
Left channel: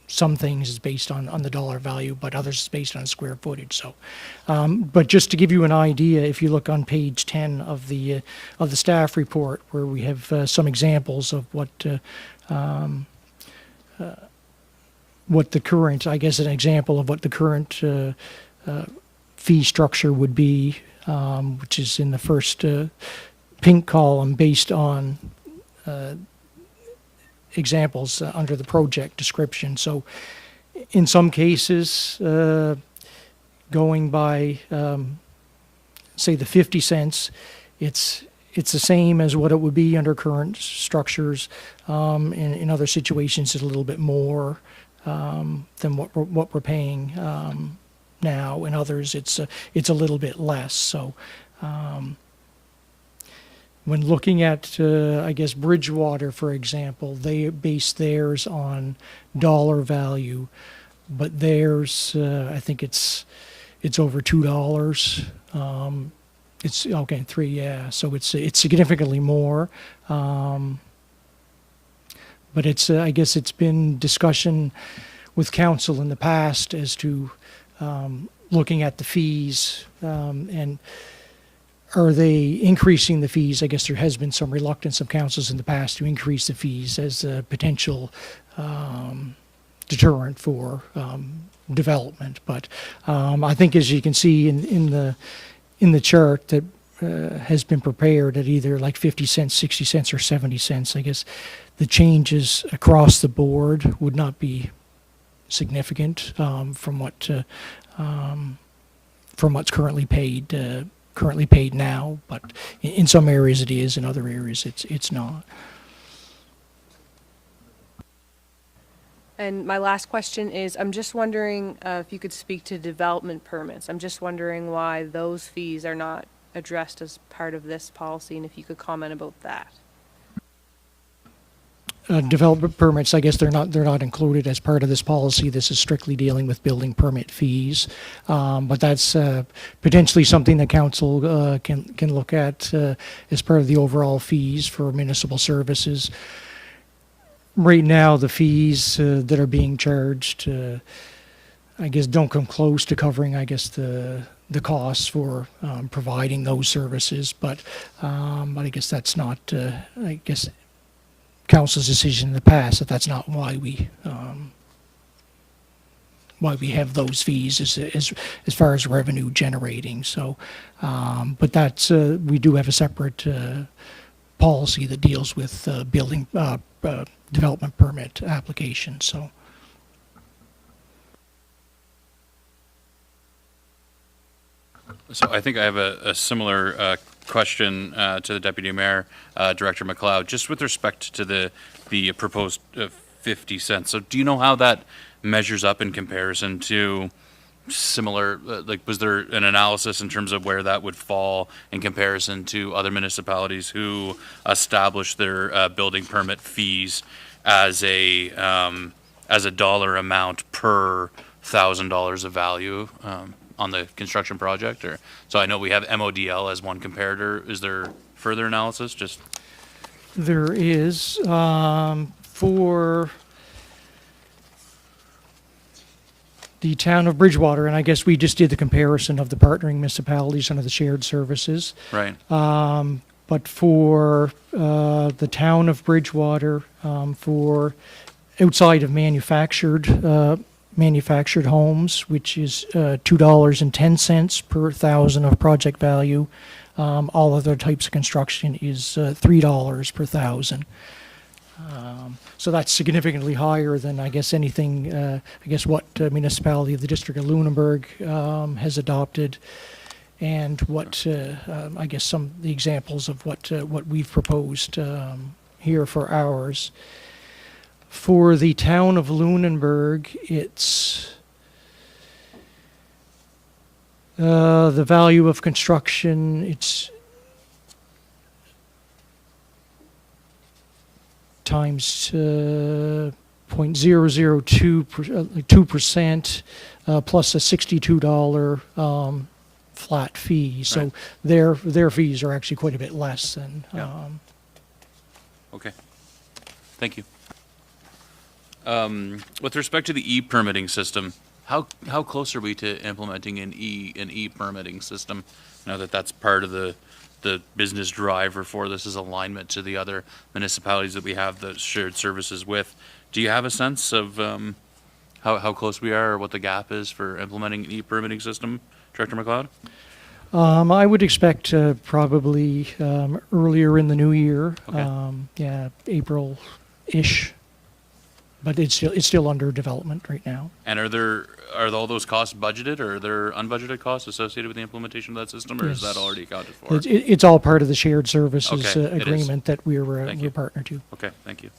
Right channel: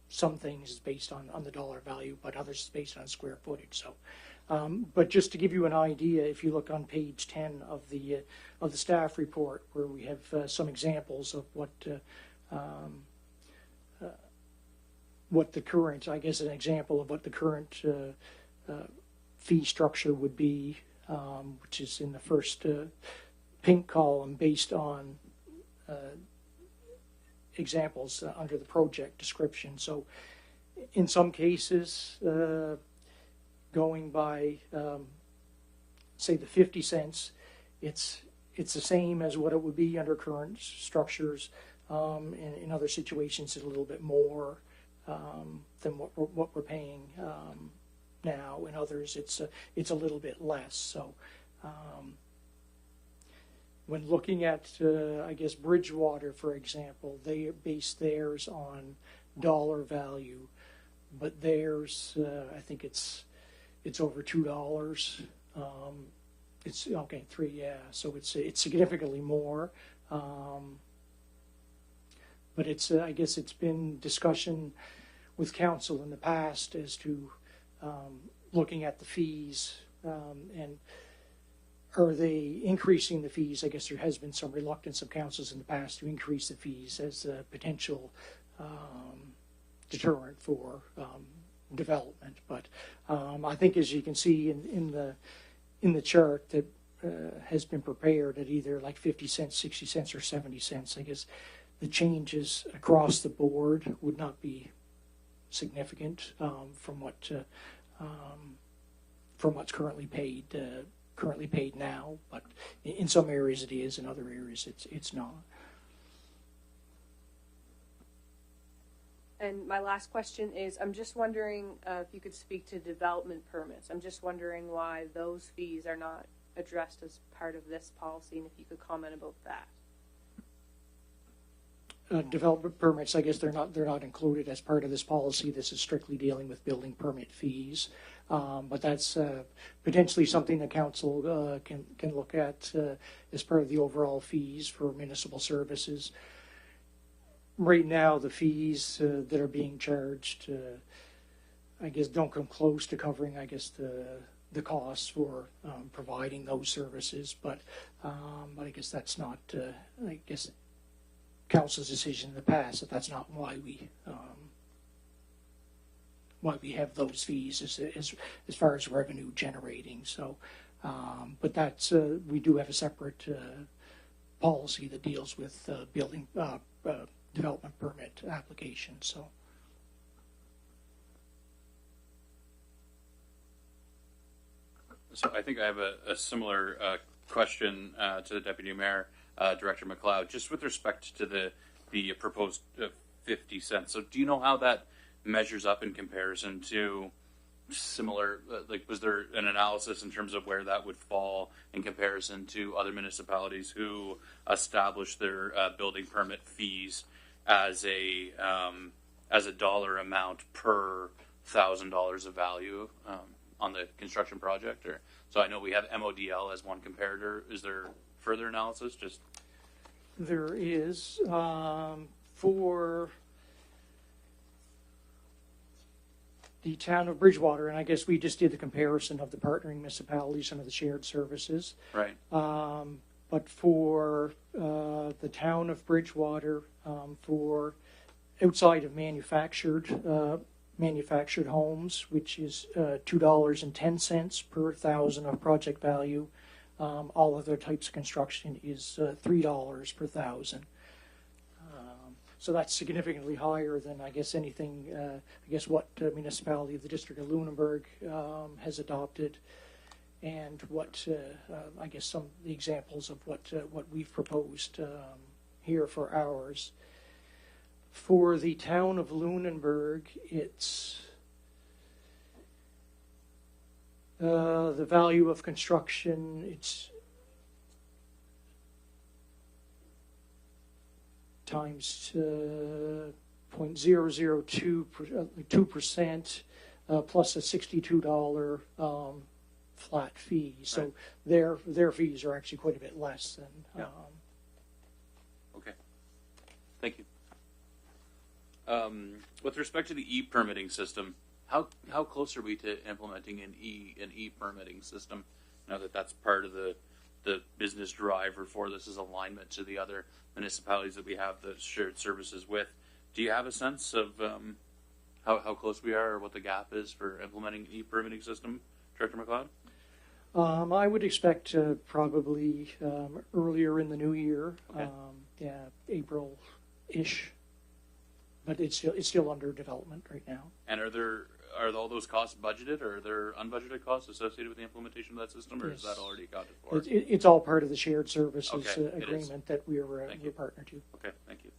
some things is based on the dollar value, but others is based on square footage. So, but just to give you an idea, if you look on page 10 of the staff report, where we have some examples of what the current, I guess an example of what the current fee structure would be, which is in the first pink column, based on examples under the project description. So in some cases, going by say the 50 cents, it's the same as what it would be under current structures. In other situations, it's a little bit more than what we're paying now. In others, it's a little bit less. So when looking at, I guess, Bridgewater, for example, they base theirs on dollar value, but theirs, I think it's over $2. It's okay, $3, yeah. So it's significantly more. But it's, I guess, it's been discussion with council in the past as to looking at the fees and are they increasing the fees? I guess there has been some reluctance of councils in the past to increase the fees as a potential deterrent for development. But I think, as you can see in the chart that has been prepared at either like 50 cents, 60 cents, or 70 cents, I guess the changes across the board would not be significant from what's currently paid now, but in some areas it is, in other areas it's not. And my last question is, I'm just wondering if you could speak to development permits. I'm just wondering why those fees are not addressed as part of this policy, and if you could comment about that. Development permits, I guess they're not included as part of this policy. This is strictly dealing with building permit fees, but that's potentially something that council can look at as part of the overall fees for municipal services. Right now, the fees that are being charged, I guess, don't come close to covering, I guess, the costs for providing those services. But I guess that's not, I guess, council's decision in the past, that's not why why we have those fees as far as revenue generating. So, but that's we do have a separate policy that deals with building development permit applications. So. So I think I have a similar question to the Deputy Mayor, Director McLeod, just with respect to the proposed 50 cents. So do you know how that measures up in comparison to similar, like was there an analysis in terms of where that would fall in comparison to other municipalities who establish their building permit fees as a dollar amount per $1,000 of value? On the construction project, or so I know we have MODL as one comparator. Is there further analysis? Just There is for the town of Bridgewater, and I guess we just did the comparison of the partnering municipalities under the shared services. right. But for the town of Bridgewater, for outside of manufactured homes, which is $2.10 per 1,000 of project value. All other types of construction is $3 per 1,000. So that's significantly higher than I guess anything. I guess what municipality of the district of Lunenburg has adopted, and what I guess some of the examples of what we've proposed here for ours. For the town of Lunenburg, it's the value of construction, it's times 0.002% plus a $62 flat fee. So Right. their fees are actually quite a bit less than. Yeah. Okay. Thank you. With respect to the e-permitting system, how close are we to implementing an e-permitting system? Now that that's part of the business driver for this is alignment to the other municipalities that we have the shared services with. Do you have a sense of how close we are, or what the gap is for implementing an e-permitting system, Director McLeod? I would expect probably earlier in the new year. Okay. Yeah, April-ish. But it's still under development right now. And are all those costs budgeted, or are there unbudgeted costs associated with the implementation of that system, or is that Yes. already accounted for? It's all part of the shared services Okay, it is. agreement that we're Thank you. partner to. Okay, thank you.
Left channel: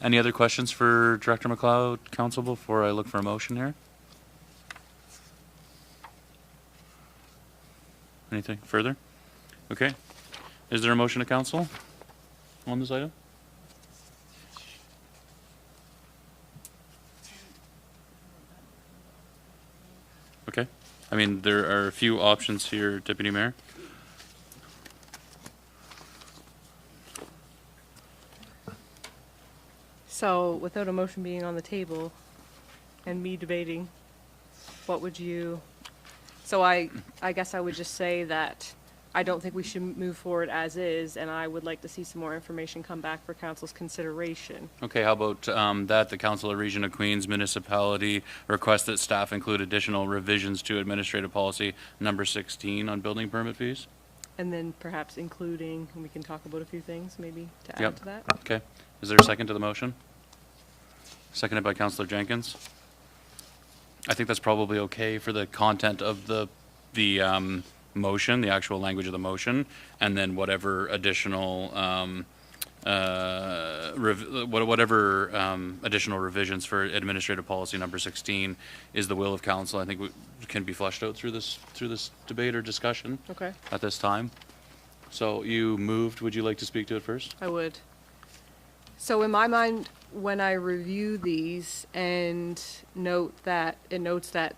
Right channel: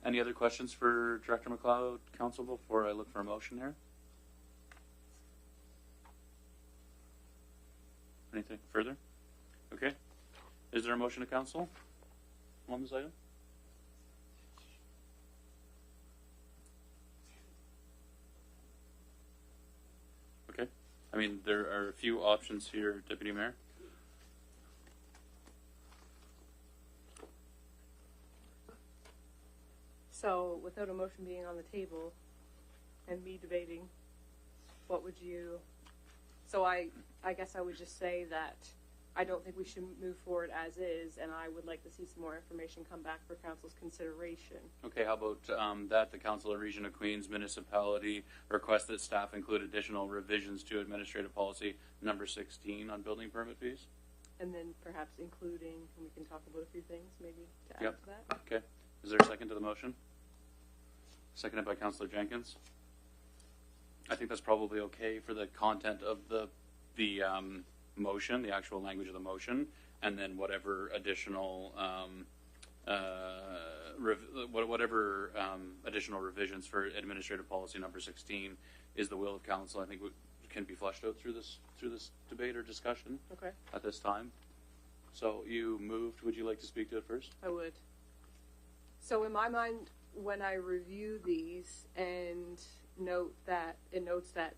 Any other questions for Director McLeod, Council, before I look for a motion here? Anything further? Okay. Is there a motion to Council on this item? Okay. I mean, there are a few options here, Deputy Mayor. So without a motion being on the table and me debating, what would you, so I guess I would just say that I don't think we should move forward as is, and I would like to see some more information come back for council's consideration. Okay, how about that the Council of Region of Queens Municipality request that staff include additional revisions to Administrative Policy number 16 on building permit fees? And then perhaps including, and we can talk about a few things maybe to add Yep. to that. Okay. Is there a second to the motion? Seconded by Councillor Jenkins. I think that's probably okay for the content of the motion, the actual language of the motion, and then whatever additional additional revisions for Administrative Policy number 16 is the will of council. I think can be fleshed out through this debate or discussion Okay, at this time. So you moved. Would you like to speak to it first? I would. So in my mind, when I review these and notes that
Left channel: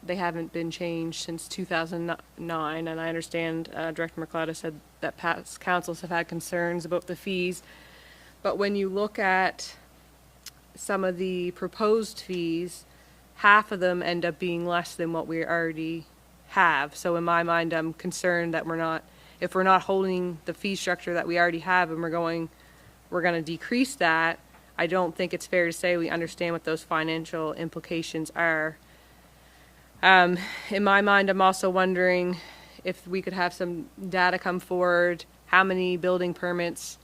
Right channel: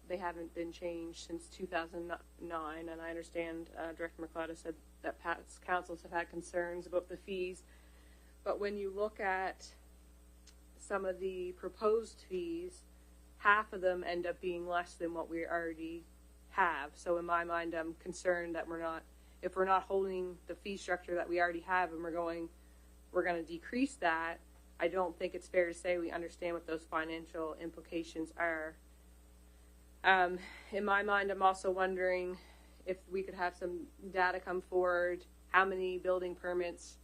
they haven't been changed since 2009, and I understand Director McLeod has said that past councils have had concerns about the fees, but when you look at some of the proposed fees, half of them end up being less than what we already have. So in my mind, I'm concerned that if we're not holding the fee structure that we already have, and we're going to decrease that, I don't think it's fair to say we understand what those financial implications are. In my mind, I'm also wondering if we could have some data come forward, how many building permits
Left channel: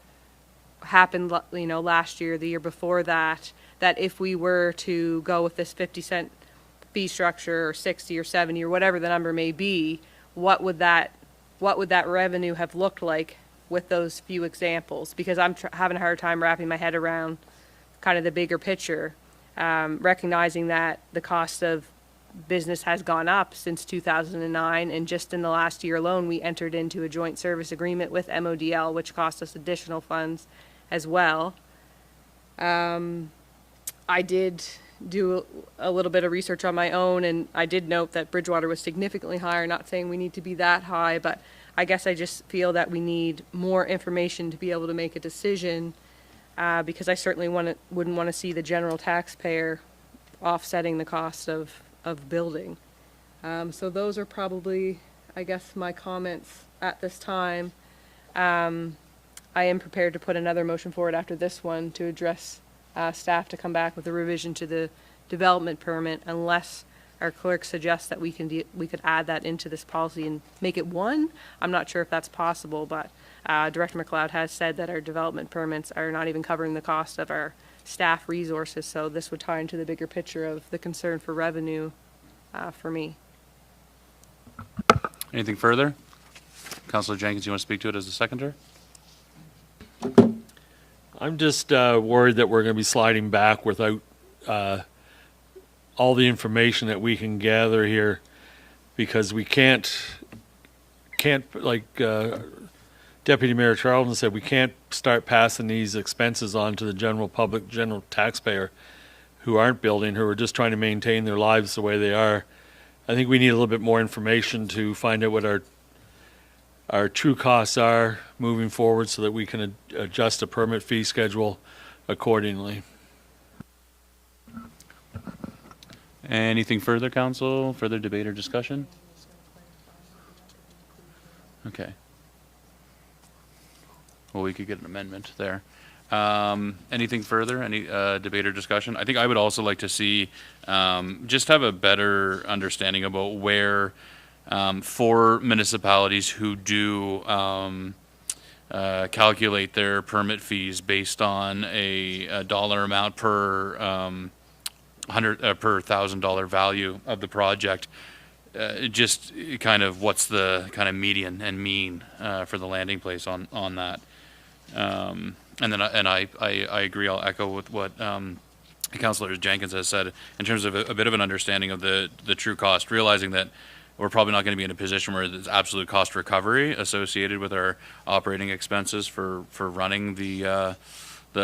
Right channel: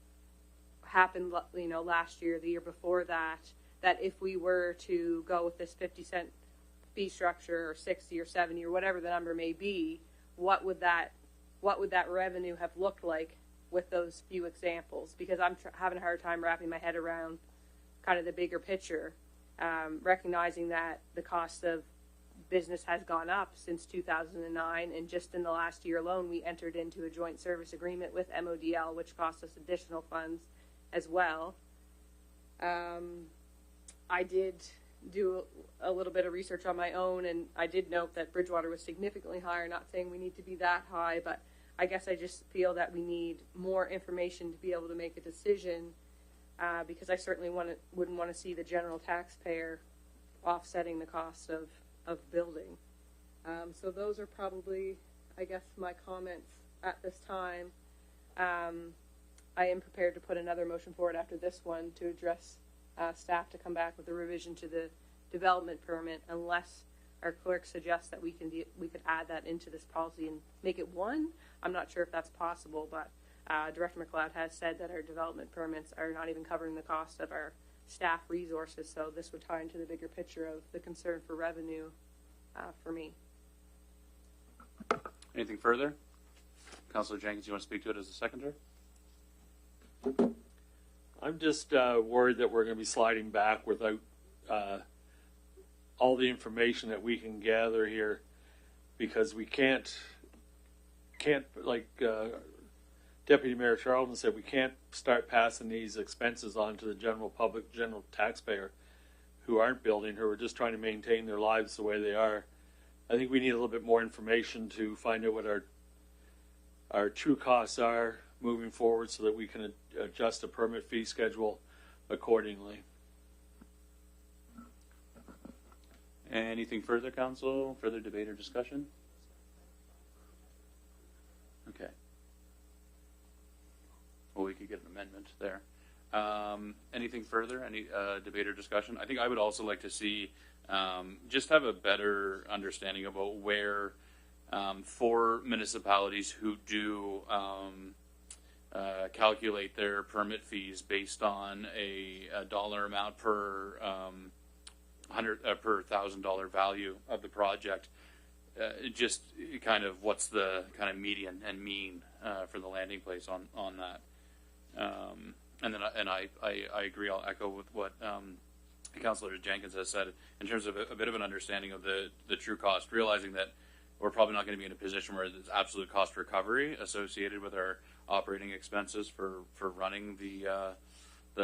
happened, last year, the year before that, that if we were to go with this 50-cent fee structure or 60 or 70 or whatever the number may be, what would that revenue have looked like with those few examples? Because I'm having a hard time wrapping my head around kind of the bigger picture, recognizing that the cost of business has gone up since 2009, and just in the last year alone, we entered into a joint service agreement with MODL, which cost us additional funds as well. I did do a little bit of research on my own, and I did note that Bridgewater was significantly higher. Not saying we need to be that high, but I guess I just feel that we need more information to be able to make a decision, because I certainly wouldn't want to see the general taxpayer offsetting the cost of building. So those are probably, I guess, my comments at this time. I am prepared to put another motion forward after this one to address staff to come back with a revision to the development permit, unless our clerk suggests that we could add that into this policy and make it one. I'm not sure if that's possible, but Director McLeod has said that our development permits are not even covering the cost of our staff resources, so this would tie into the bigger picture of the concern for revenue for me. Anything further? Councillor Jenkins, you want to speak to it as a seconder? I'm just worried that we're going to be sliding back without all the information that we can gather here, because we can't like Deputy Mayor Charlton said, we can't start passing these expenses on to the general public, general taxpayer who aren't building, who are just trying to maintain their lives the way they are. I think we need a little bit more information to find out what our true costs are moving forward, so that we can adjust the permit fee schedule accordingly. Anything further, council? Further debate or discussion? Okay. Well, we could get an amendment there. Anything further? Any debate or discussion? I think I would also like to see, just have a better understanding about where, for municipalities who do calculate their permit fees based on a dollar amount per per $1,000 value of the project, just kind of what's the kind of median and mean for the landing place on that. And then I agree. I'll echo with what Councillor Jenkins has said in terms of a bit of an understanding of the true cost, realizing that we're probably not going to be in a position where there's absolute cost recovery associated with our operating expenses for running the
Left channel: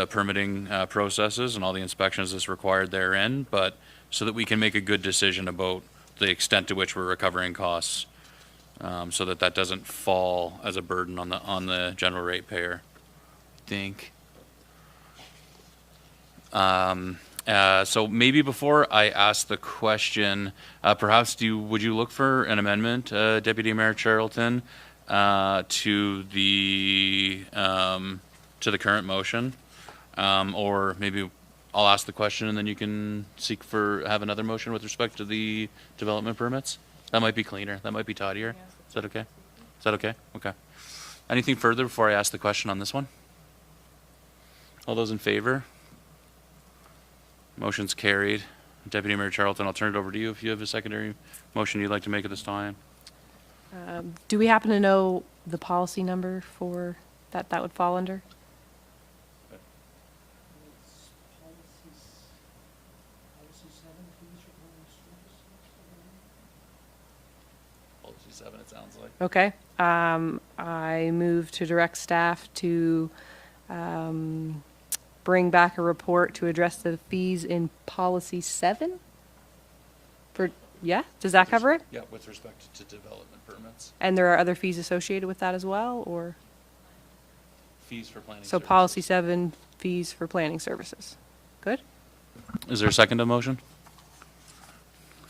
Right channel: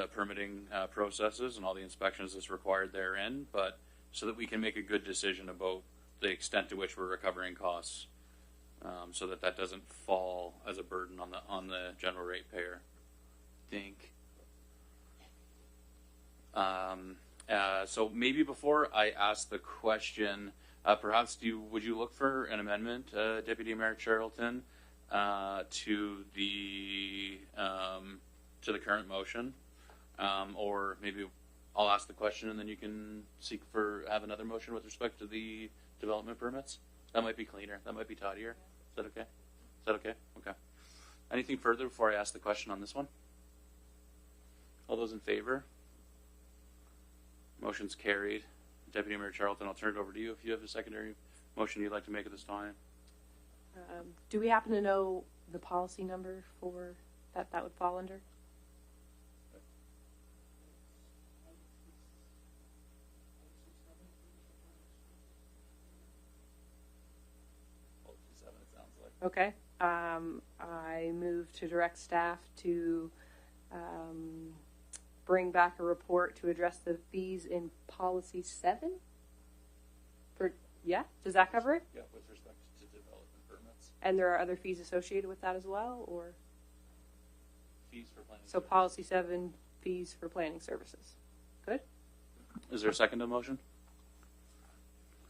permitting processes and all the inspections that's required therein, but so that we can make a good decision about the extent to which we're recovering costs, so that doesn't fall as a burden on the general ratepayer. I think. So maybe before I ask the question, perhaps would you look for an amendment, Deputy Mayor Charlton, to the current motion, or maybe I'll ask the question and then you can have another motion with respect to the development permits. That might be cleaner. That might be tidier. Is that okay? Is that okay? Okay. Anything further before I ask the question on this one? All those in favor? Motion's carried. Deputy Mayor Charlton, I'll turn it over to you if you have a secondary motion you'd like to make at this time. Do we happen to know the policy number for that would fall under? Policy 7, it sounds like. Okay. I move to direct staff to bring back a report to address the fees in policy 7. Does that cover it? Yeah, with respect to development permits. And there are other fees associated with that as well, or? Fees for planning So services. policy 7, fees for planning services. Good? Is there a second to the motion?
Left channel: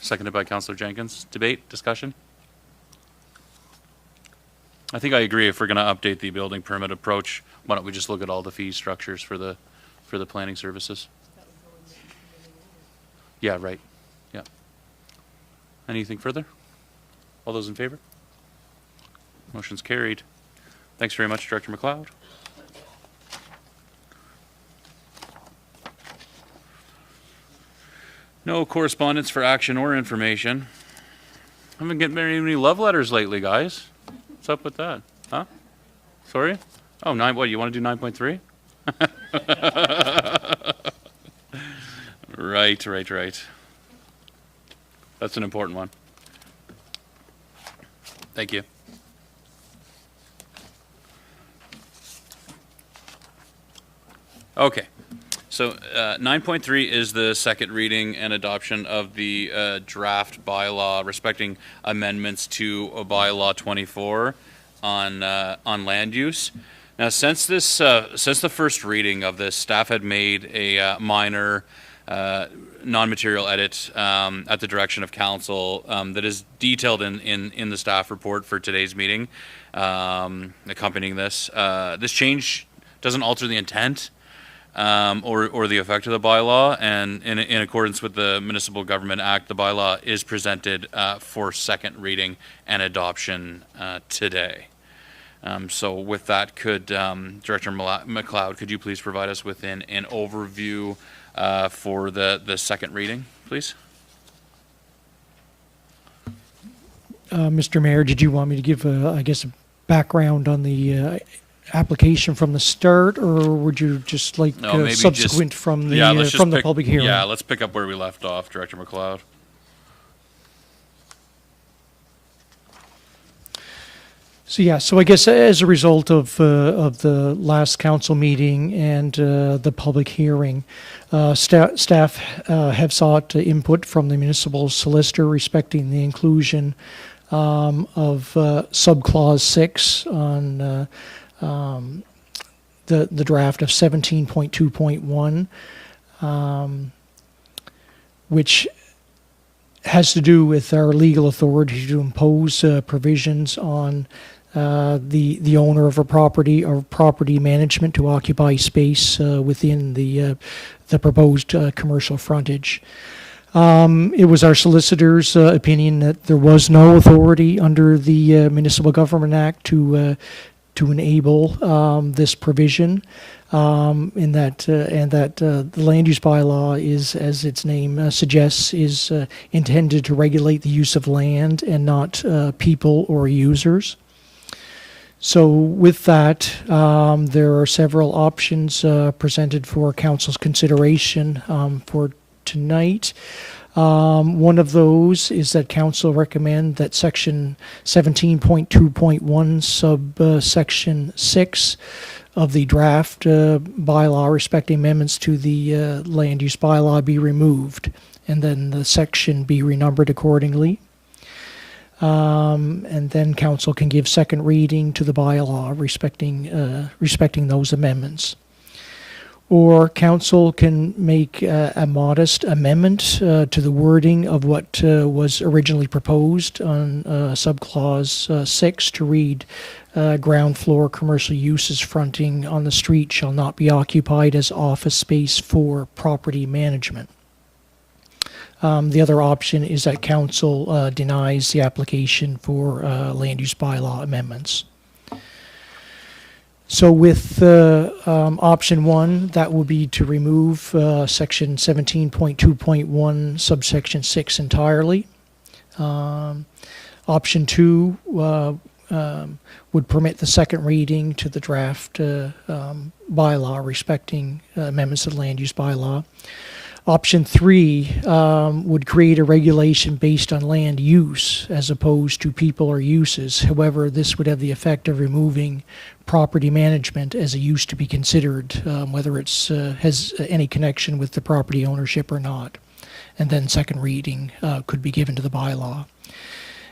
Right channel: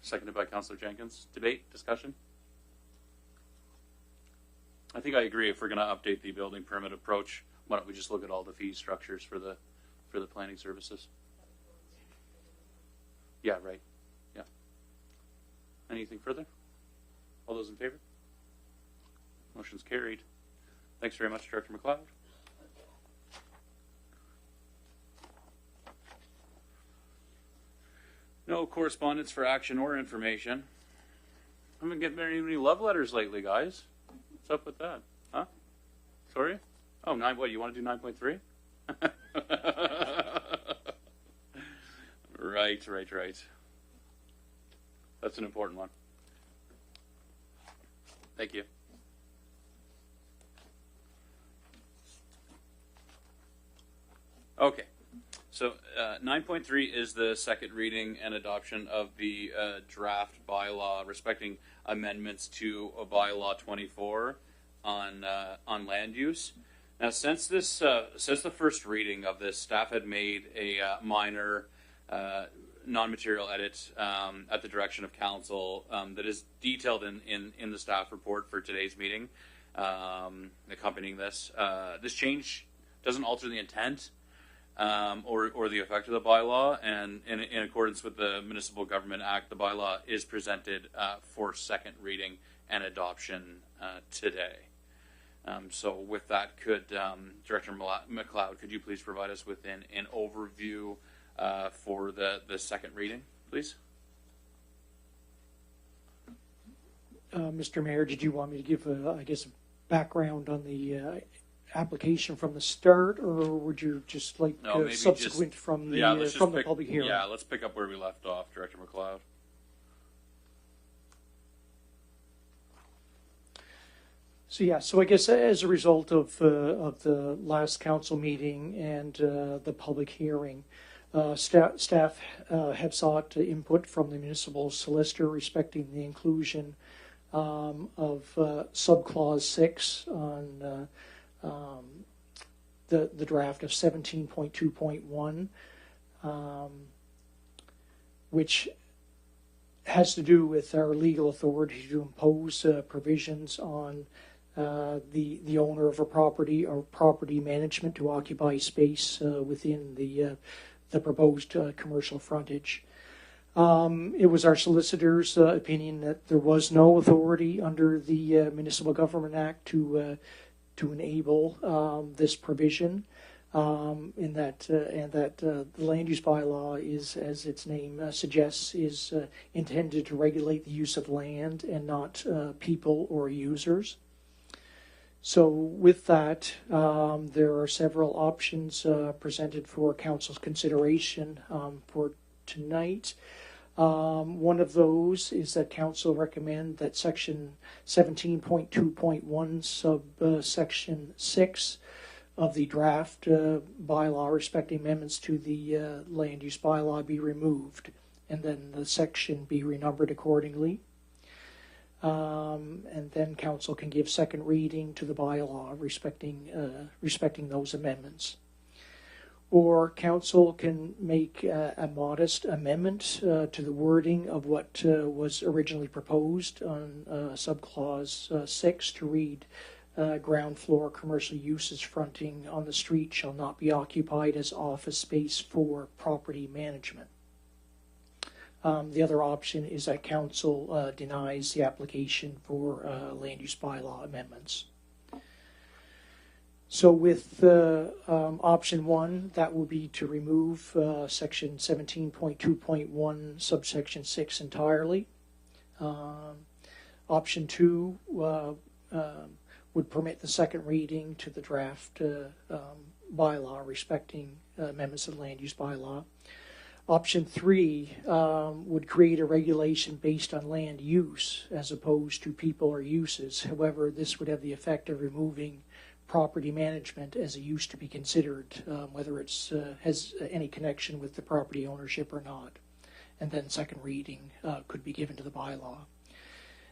Seconded by Councillor Jenkins. Debate, discussion? I think I agree. If we're going to update the building permit approach, why don't we just look at all the fee structures for the planning services? Yeah, right. Yeah. Anything further? All those in favor? Motion's carried. Thanks very much, Director McLeod. No correspondence for action or information. Haven't been getting very many love letters lately, guys. What's up with that? Huh? Sorry? Oh, what, you want to do 9.3? Right. That's an important one. Thank you. Okay. So 9.3 is the second reading and adoption of the draft bylaw respecting amendments to bylaw 24 on land use. Now, since the first reading of this, staff had made a minor non-material edit at the direction of council that is detailed in the staff report for today's meeting accompanying this. This change doesn't alter the intent or the effect of the bylaw, and in accordance with the Municipal Government Act, the bylaw is presented for second reading and adoption today. So with that, could Director McLeod, could you please provide us with an overview for the second reading, please? Mr. Mayor, did you want me to give, a background on the application from the start, or would you just like No, maybe subsequent just- from the yeah, let's just from the pick- public hearing? Yeah, let's pick up where we left off, Director McLeod. So I guess as a result of the last council meeting and the public hearing, staff have sought input from the municipal solicitor respecting the inclusion of subclause 6 on the draft of 17.2.1, which has to do with our legal authority to impose provisions on the owner of a property or property management to occupy space within the proposed commercial frontage. It was our solicitor's opinion that there was no authority under the Municipal Government Act to enable this provision, and that the land use bylaw is, as its name suggests, is intended to regulate the use of land and not people or users. So with that, there are several options presented for council's consideration for tonight. One of those is that council recommend that section 17.2.1 subsection 6 of the draft bylaw respecting amendments to the land use bylaw be removed, and then the section be renumbered accordingly. And then council can give second reading to the bylaw respecting those amendments. Or council can make a modest amendment to the wording of what was originally proposed on subclause 6 to read, ground floor commercial uses fronting on the street shall not be occupied as office space for property management. The other option is that council denies the application for land use bylaw amendments. So with option 1, that will be to remove section 17.2.1 subsection 6 entirely. Option 2 would permit the second reading to the draft bylaw respecting amendments to the land use bylaw. Option 3 would create a regulation based on land use as opposed to people or uses. However, this would have the effect of removing property management as a use to be considered, whether it's has any connection with the property ownership or not. And then second reading could be given to the bylaw.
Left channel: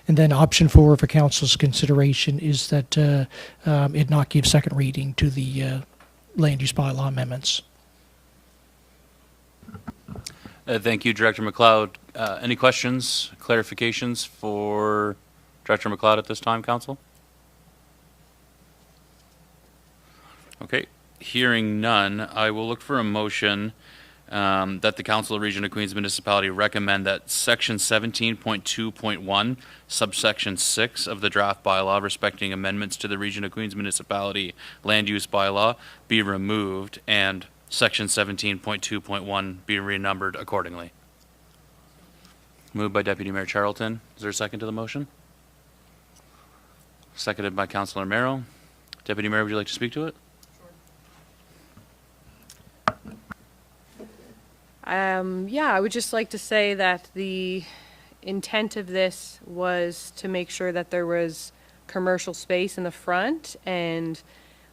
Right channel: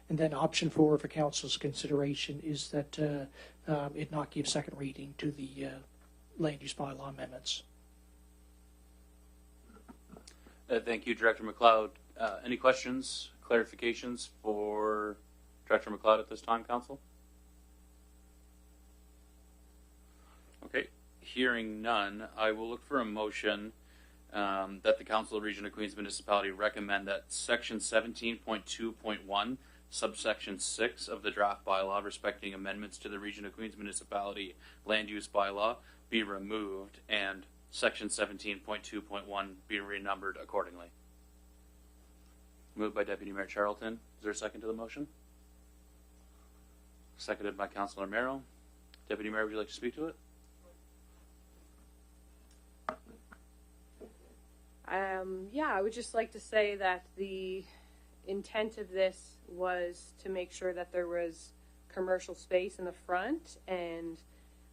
And then option 4 for council's consideration is that it not give second reading to the land use bylaw amendments. Thank you, Director McLeod. Any questions, clarifications for Director McLeod at this time, Council? Okay, hearing none, I will look for a motion that the Council of Region of Queens Municipality recommend that Section 17.2.1, subsection 6 of the draft bylaw respecting amendments to the Region of Queens Municipality land use bylaw be removed and Section 17.2.1 be renumbered accordingly. Moved by Deputy Mayor Charlton. Is there a second to the motion? Seconded by Councilor Merrill. Deputy Mayor, would you like to speak to it? Yeah, I would just like to say that the intent of this was to make sure that there was commercial space in the front, and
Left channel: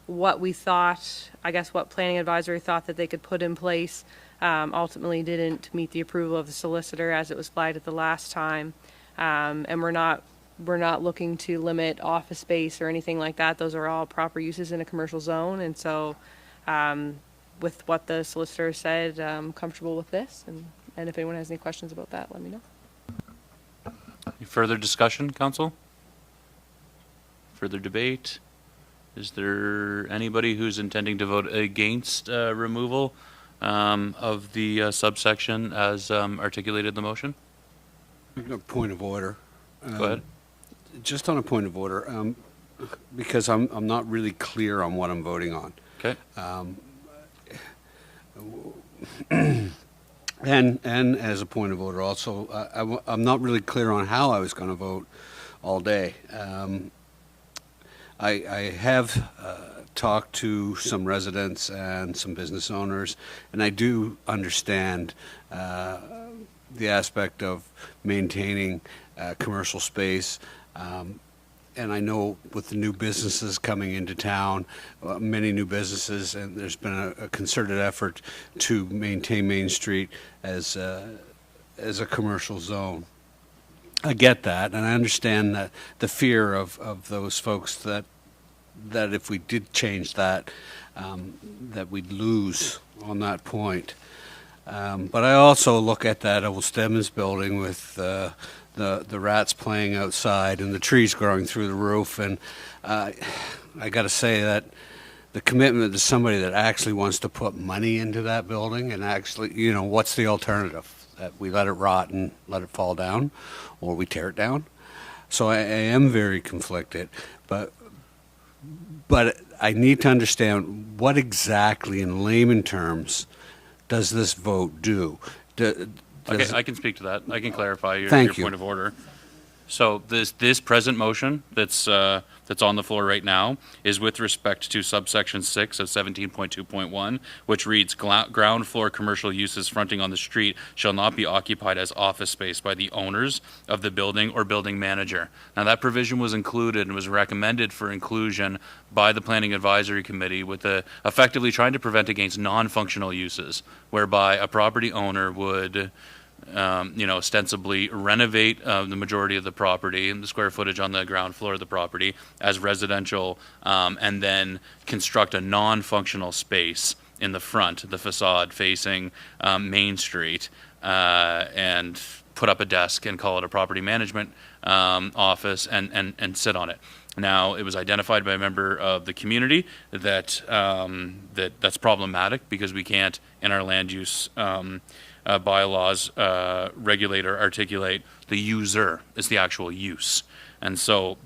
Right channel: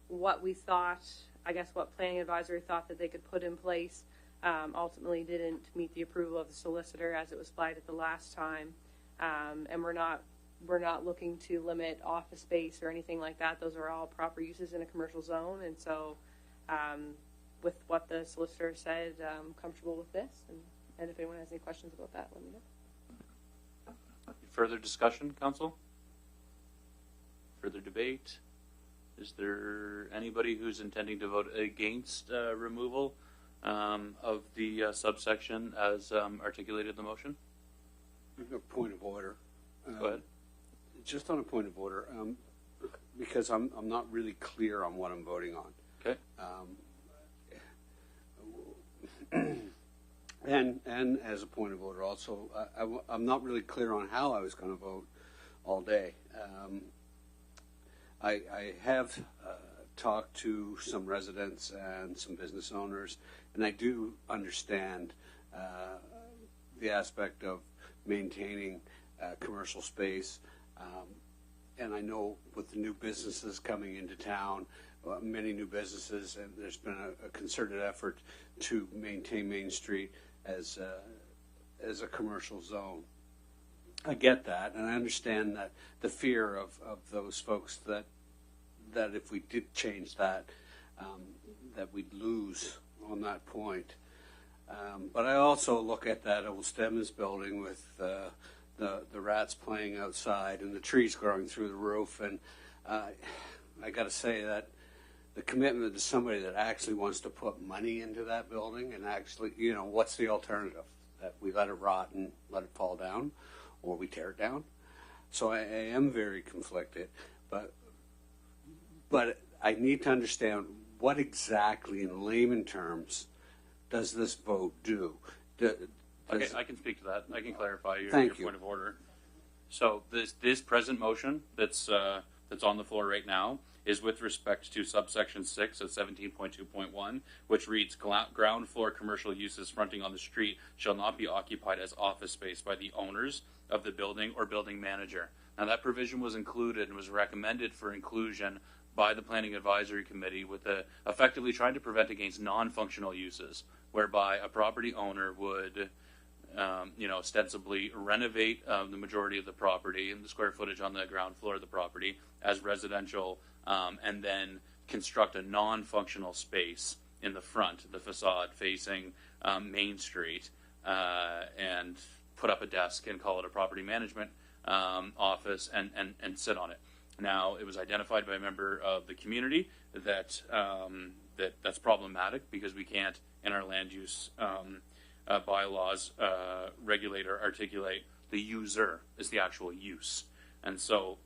what we thought, I guess what planning advisory thought that they could put in place ultimately didn't meet the approval of the solicitor as it was flagged at the last time. And we're not looking to limit office space or anything like that. Those are all proper uses in a commercial zone, and so with what the solicitor said, I'm comfortable with this, and if anyone has any questions about that, let me know. Any further discussion, council? Further debate? Is there anybody who's intending to vote against removal of the subsection as articulated in the motion? A point of order. Go ahead. Just on a point of order, because I'm not really clear on what I'm voting on. Okay. And as a point of order also, I'm not really clear on how I was going to vote all day. I have talked to some residents and some business owners, and I do understand the aspect of maintaining commercial space. And I know with the new businesses coming into town, many new businesses, and there's been a concerted effort to maintain Main Street as a commercial zone. I get that, and I understand that the fear of those folks that if we did change that, that we'd lose on that point. But I also look at that old Stedman's building with the rats playing outside and the trees growing through the roof, and I got to say that the commitment to somebody that actually wants to put money into that building and actually, what's the alternative? That we let it rot and let it fall down, or we tear it down? So I am very conflicted, but I need to understand what exactly, in layman terms, does this vote do? Okay, I can speak to that. I can clarify your Thank you. point of order. So this present motion that's on the floor right now is with respect to subsection 6 of 17.2.1, which reads, ground floor commercial uses fronting on the street shall not be occupied as office space by the owners of the building or building manager. Now, that provision was included and was recommended for inclusion by the Planning Advisory Committee with effectively trying to prevent against non-functional uses, whereby a property owner would ostensibly renovate the majority of the property and the square footage on the ground floor of the property as residential, and then construct a non-functional space in the front, the facade facing Main Street, and put up a desk and call it a property management office and sit on it. Now, it was identified by a member of the community that that's problematic because we can't, in our land use bylaws, regulate or articulate the user. It's the actual use. And so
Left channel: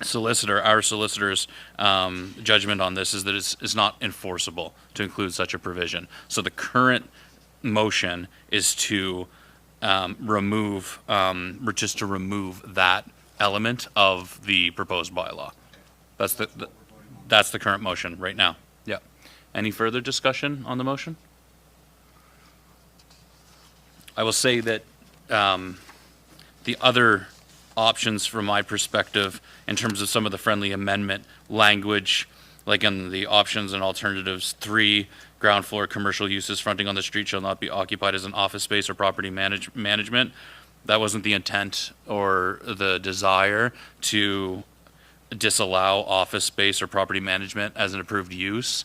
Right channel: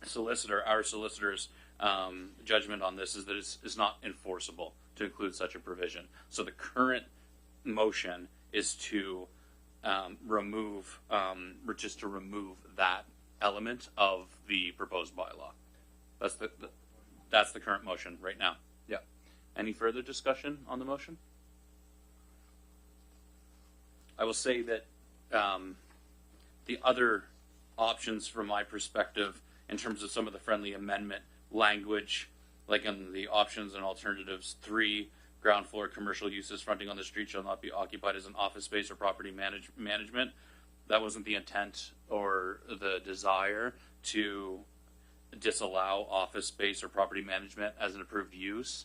our solicitor's judgment on this is that it's not enforceable to include such a provision. So the current motion is to remove that element of the proposed bylaw. That's the current motion right now. Yeah. Any further discussion on the motion? I will say that the other options from my perspective in terms of some of the friendly amendment language, like in the options and alternatives 3, ground floor commercial uses fronting on the street shall not be occupied as an office space or property management. That wasn't the intent or the desire to disallow office space or property management as an approved use.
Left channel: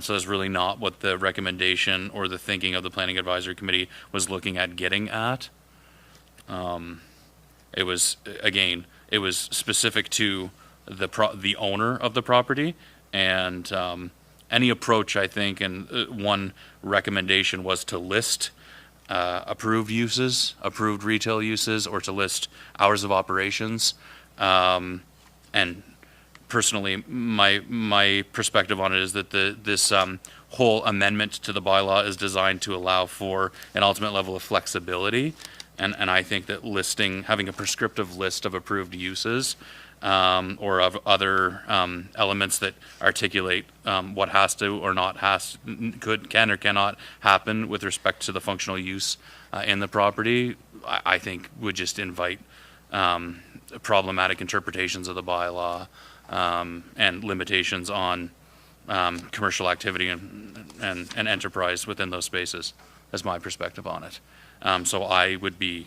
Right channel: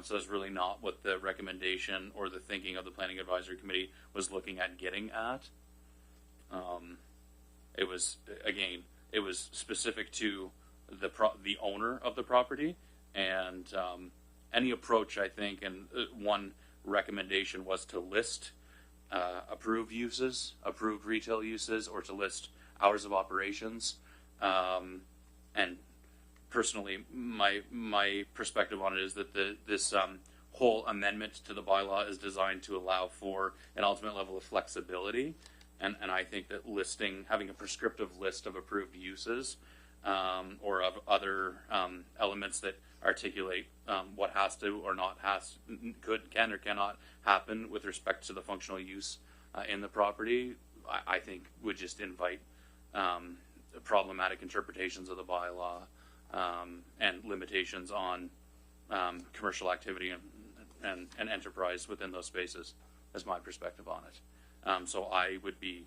So that's really not what the recommendation or the thinking of the Planning Advisory Committee was looking at getting at. It was specific to the owner of the property, and any approach, I think, and one recommendation was to list approved uses, approved retail uses, or to list hours of operations. And personally, my perspective on it is that this whole amendment to the bylaw is designed to allow for an ultimate level of flexibility. And I think that having a prescriptive list of approved uses or of other elements that articulate what has to or not can or cannot happen with respect to the functional use in the property, I think would just invite problematic interpretations of the bylaw and limitations on commercial activity and enterprise within those spaces. That's my perspective on it. So I would be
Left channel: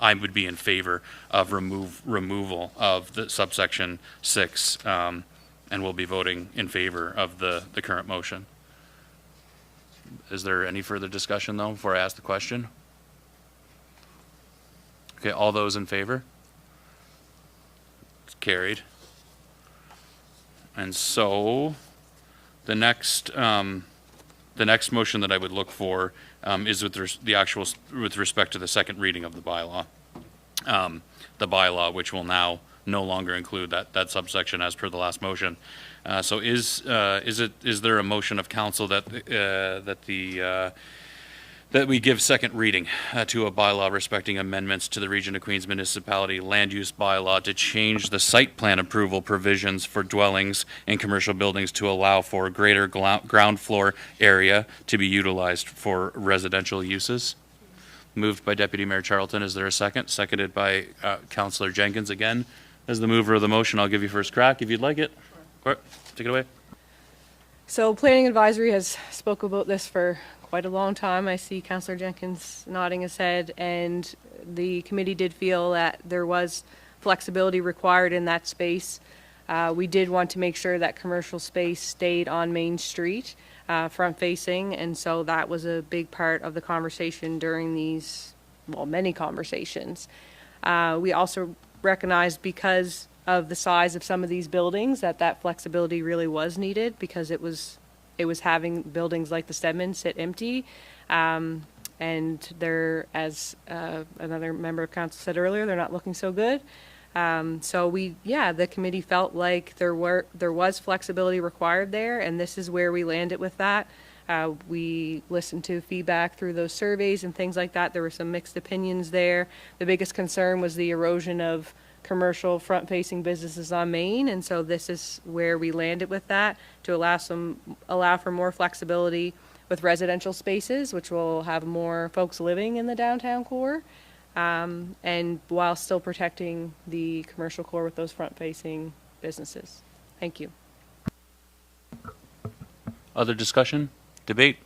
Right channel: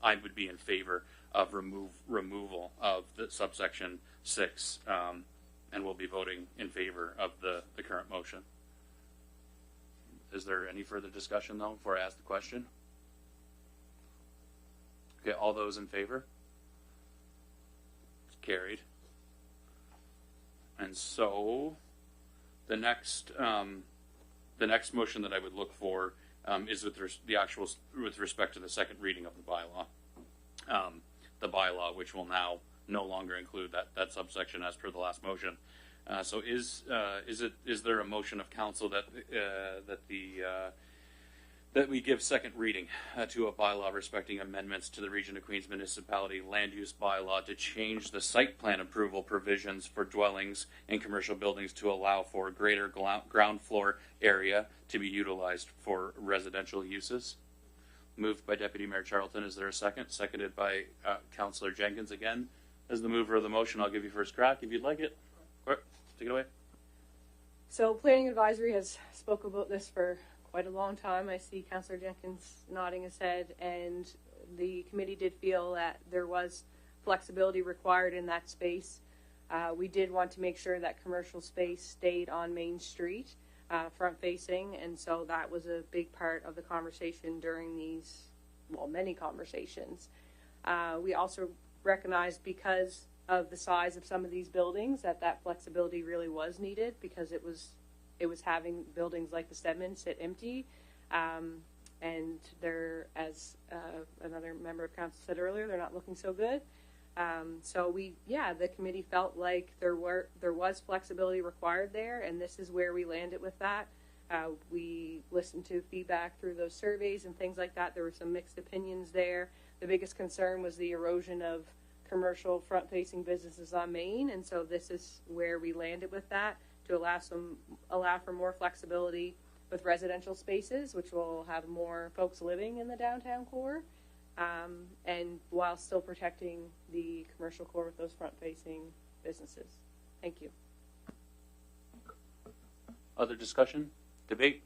in favor of removal of the subsection 6, and will be voting in favor of the current motion. Is there any further discussion, though, before I ask the question? Okay, all those in favor? It's carried. And so the next motion that I would look for is with with respect to the second reading of the bylaw. The bylaw, which will now no longer include that subsection as per the last motion. So is there a motion of council that we give second reading to a bylaw respecting amendments to the Region of Queens Municipality Land Use Bylaw to change the site plan approval provisions for dwellings and commercial buildings to allow for greater ground floor area to be utilized for residential uses? Moved by Deputy Mayor Charlton. Is there a second? Seconded by Councillor Jenkins. Again, as the mover of the motion, I'll give you first crack if you'd like it. Sure. Take it away. So Planning Advisory has spoke about this for quite a long time. I see Councillor Jenkins nodding his head, and the committee did feel that there was flexibility required in that space. We did want to make sure that commercial space stayed on Main Street, front facing, and so that was a big part of the conversation during these, many conversations. We also recognized, because of the size of some of these buildings, that flexibility really was needed, because it was having buildings like the Stedman sit empty, and they're, as another member of council said earlier, they're not looking so good. So the committee felt like there was flexibility required there, and this is where we landed with that. We listened to feedback through those surveys and things like that. There were some mixed opinions there. The biggest concern was the erosion of commercial front-facing businesses on Main, and so this is where we landed with that, to allow for more flexibility with residential spaces, which will have more folks living in the downtown core, and while still protecting the commercial core with those front-facing businesses. Thank you. Other discussion? Debate?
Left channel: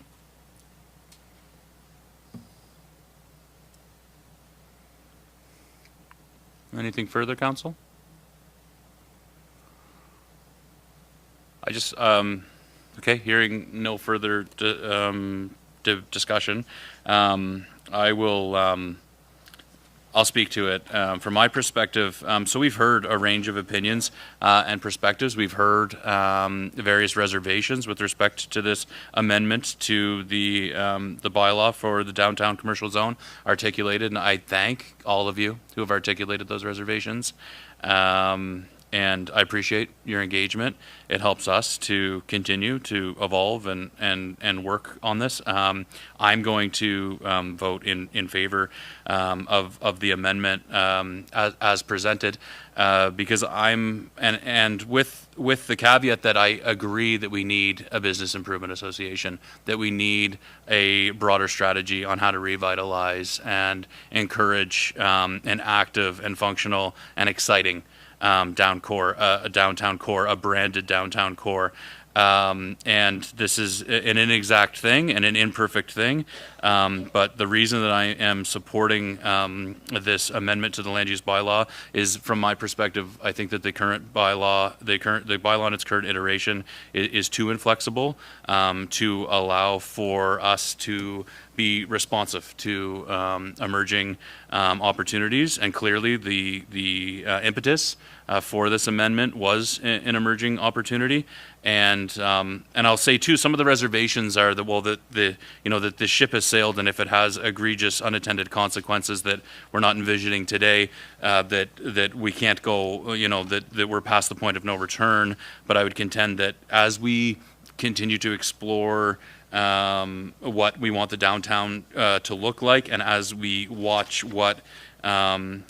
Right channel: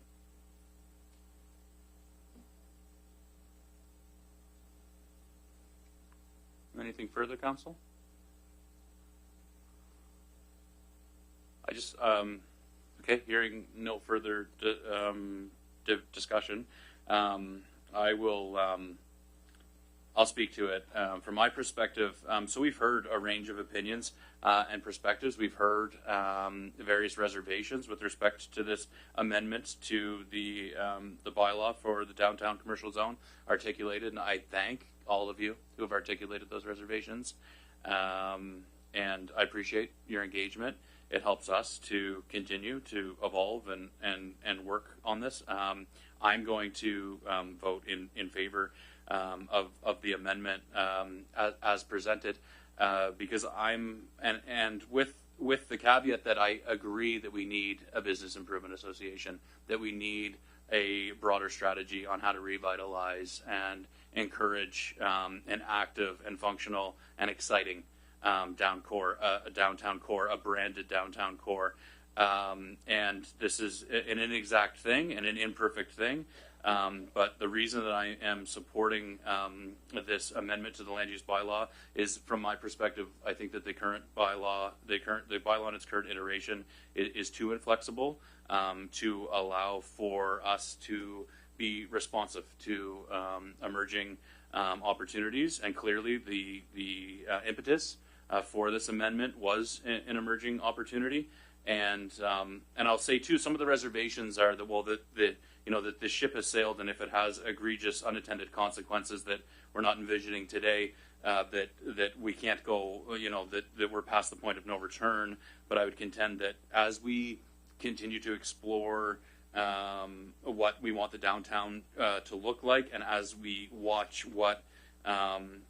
Anything further, council? I just, okay, hearing no further discussion, I will, I'll speak to it. From my perspective, so we've heard a range of opinions and perspectives. We've heard various reservations with respect to this amendment to the bylaw for the downtown commercial zone articulated, and I thank all of you who have articulated those reservations. And I appreciate your engagement. It helps us to continue to evolve and work on this. I'm going to vote in favor of the amendment as presented, because and with the caveat that I agree that we need a business improvement association, that we need a broader strategy on how to revitalize and encourage an active and functional and exciting downtown core, a branded downtown core. And this is an inexact thing and an imperfect thing. But the reason that I am supporting this amendment to the land use bylaw is, from my perspective, I think that the current bylaw, the bylaw in its current iteration is too inflexible to allow for us to be responsive to emerging opportunities. And clearly, the impetus for this amendment was an emerging opportunity. And I'll say too, some of the reservations are that, well, that that the ship has sailed, and if it has egregious unintended consequences that we're not envisioning today, that we can't go, that we're past the point of no return. But I would contend that as we continue to explore what we want the downtown to look like, and as we watch what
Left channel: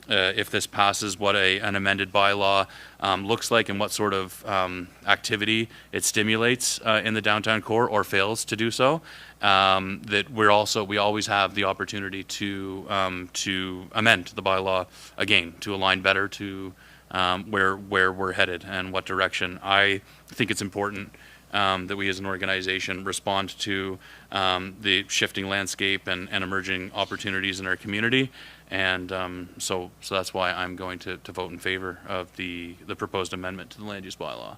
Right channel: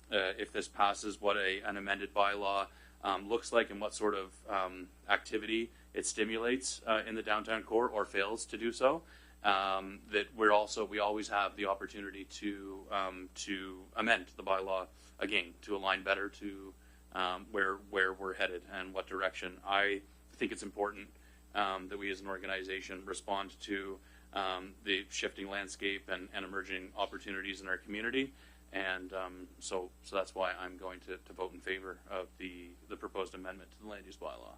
if this passes, what an amended bylaw looks like, and what sort of activity it stimulates in the downtown core, or fails to do so, that we always have the opportunity to amend the bylaw again to align better to where we're headed and what direction. I think it's important that we as an organization respond to the shifting landscape and emerging opportunities in our community. And so that's why I'm going to vote in favor of the proposed amendment to the land use bylaw.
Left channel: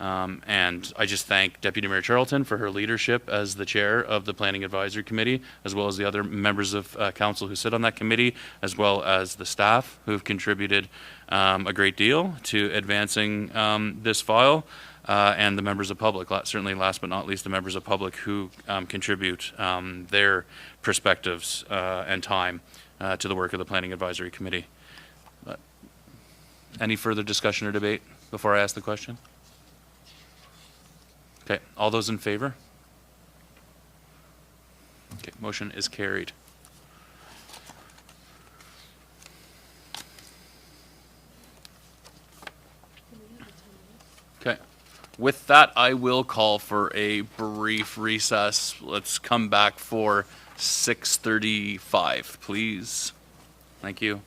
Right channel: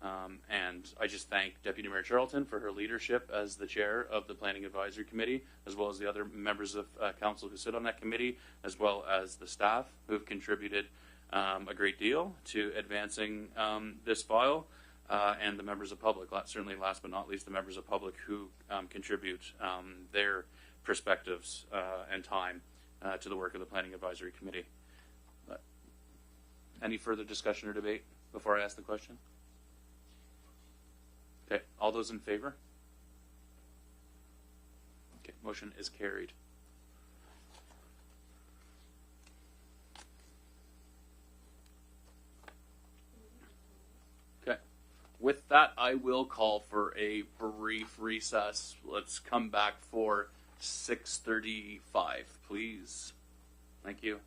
And I just thank Deputy Mayor Charlton for her leadership as the chair of the Planning Advisory Committee, as well as the other members of council who sit on that committee, as well as the staff who have contributed a great deal to advancing this file, and the members of public, certainly last but not least, the members of public who contribute their perspectives and time to the work of the Planning Advisory Committee. Any further discussion or debate before I ask the question? Okay, all those in favor? Okay, motion is carried. Okay, with that, I will call for a brief recess. Let's come back for 6:35, please. Thank you.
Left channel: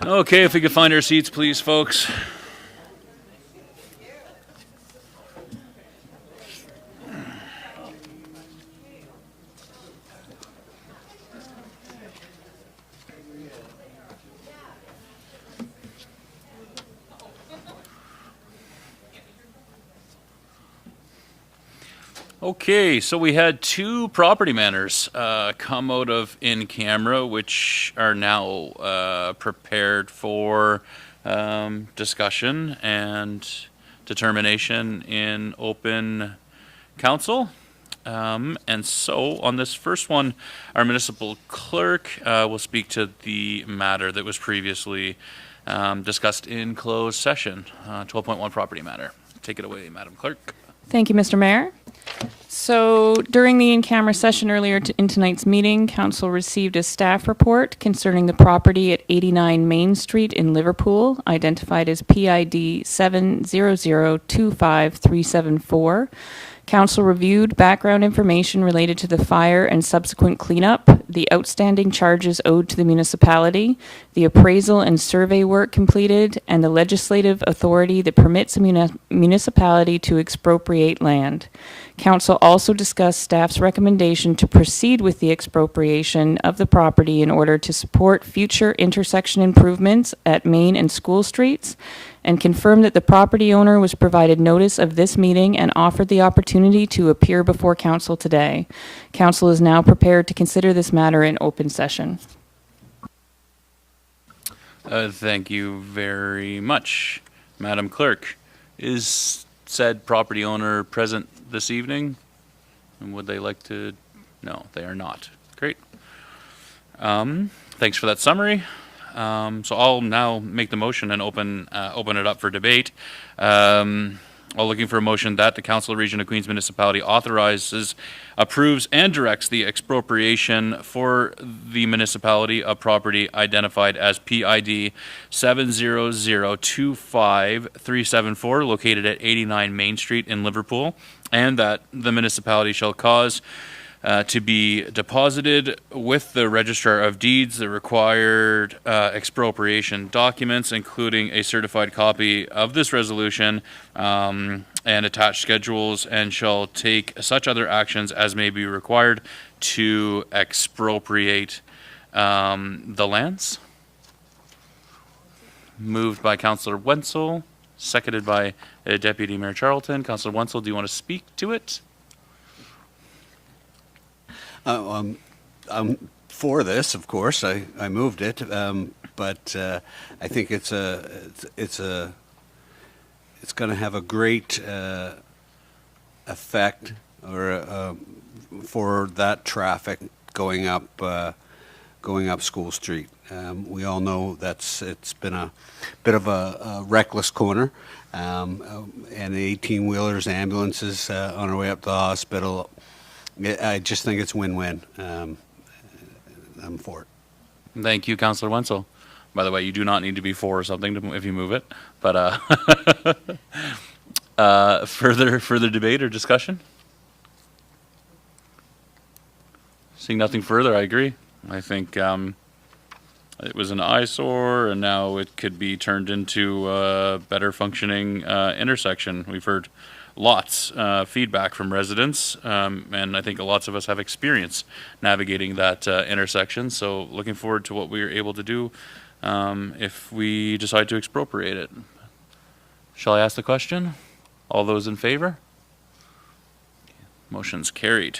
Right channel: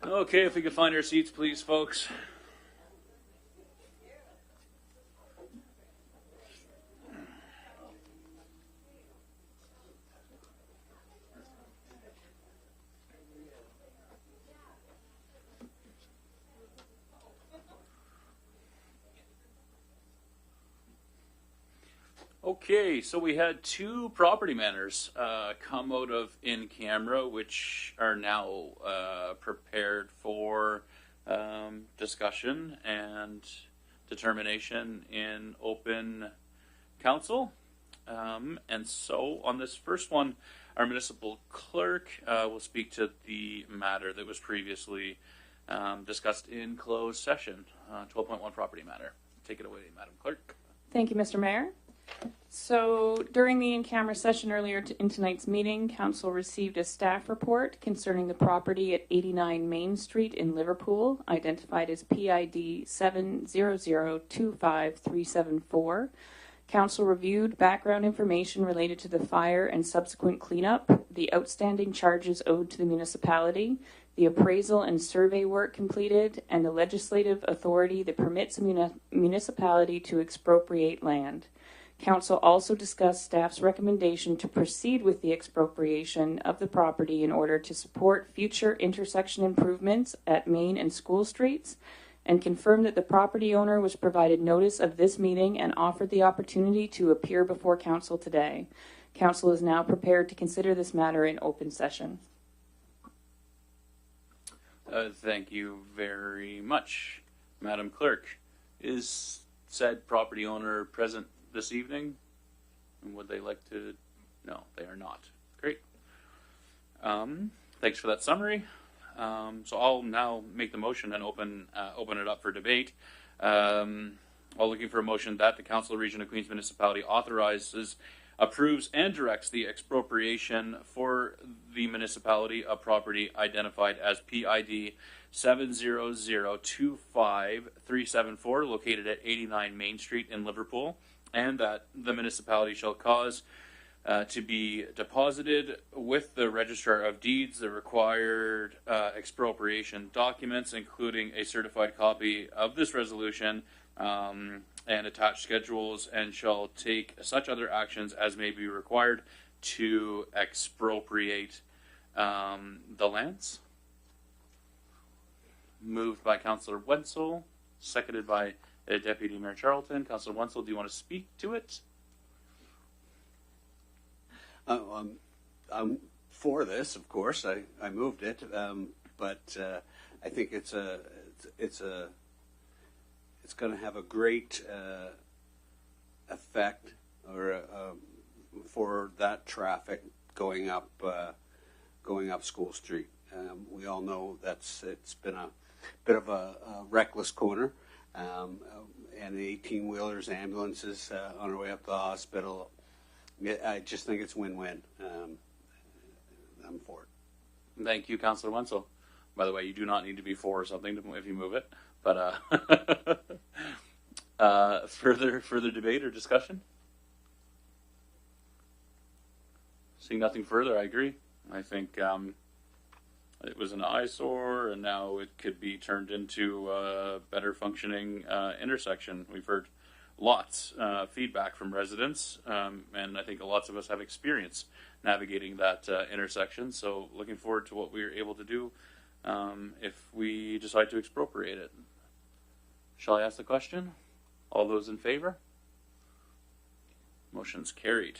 Okay, if we could find our seats, please, folks. Okay, so we had two property matters come out of in camera, which are now prepared for discussion and determination in open council. And so on this first one, our municipal clerk will speak to the matter that was previously discussed in closed session, 12.1 property matter. Take it away, Madam Clerk. Thank you, Mr. Mayor. So during the in-camera session earlier in tonight's meeting, Council received a staff report concerning the property at 89 Main Street in Liverpool, identified as PID 700253774. Council reviewed background information related to the fire and subsequent cleanup, the outstanding charges owed to the municipality, the appraisal and survey work completed, and the legislative authority that permits a municipality to expropriate land. Council also discussed staff's recommendation to proceed with the expropriation of the property in order to support future intersection improvements at Main and School Streets, and confirmed that the property owner was provided notice of this meeting and offered the opportunity to appear before council today. Council is now prepared to consider this matter in open session. Thank you very much. Madam Clerk, is said property owner present this evening? And would they like to? No, they are not. Great. Thanks for that summary. So I'll now make the motion and open it up for debate. All looking for a motion that the Council of Region of Queens Municipality authorizes, approves, and directs the expropriation for the municipality of property identified as PID 700253774, located at 89 Main Street in Liverpool, and that the municipality shall cause to be deposited with the Registrar of Deeds the required expropriation documents, including a certified copy of this resolution and attached schedules, and shall take such other actions as may be required to expropriate the lands. Moved by Councillor Wenzel, seconded by Deputy Mayor Charlton. Councillor Wenzel, do you want to speak to it? I'm for this, of course. I moved it, but I think it's going to have a great effect for that traffic going up School Street. We all know it's been a bit of a reckless corner, and the 18-wheelers, ambulances on our way up to the hospital. I just think it's win-win. I'm for it. Thank you, Councillor Wenzel. By the way, you do not need to be for something if you move it. But further debate or discussion? Seeing nothing further, I agree. I think it was an eyesore, and now it could be turned into a better functioning intersection. We've heard lots feedback from residents, and I think lots of us have experience navigating that intersection. So looking forward to what we are able to do if we decide to expropriate it. Shall I ask the question? All those in favor? Motion's carried.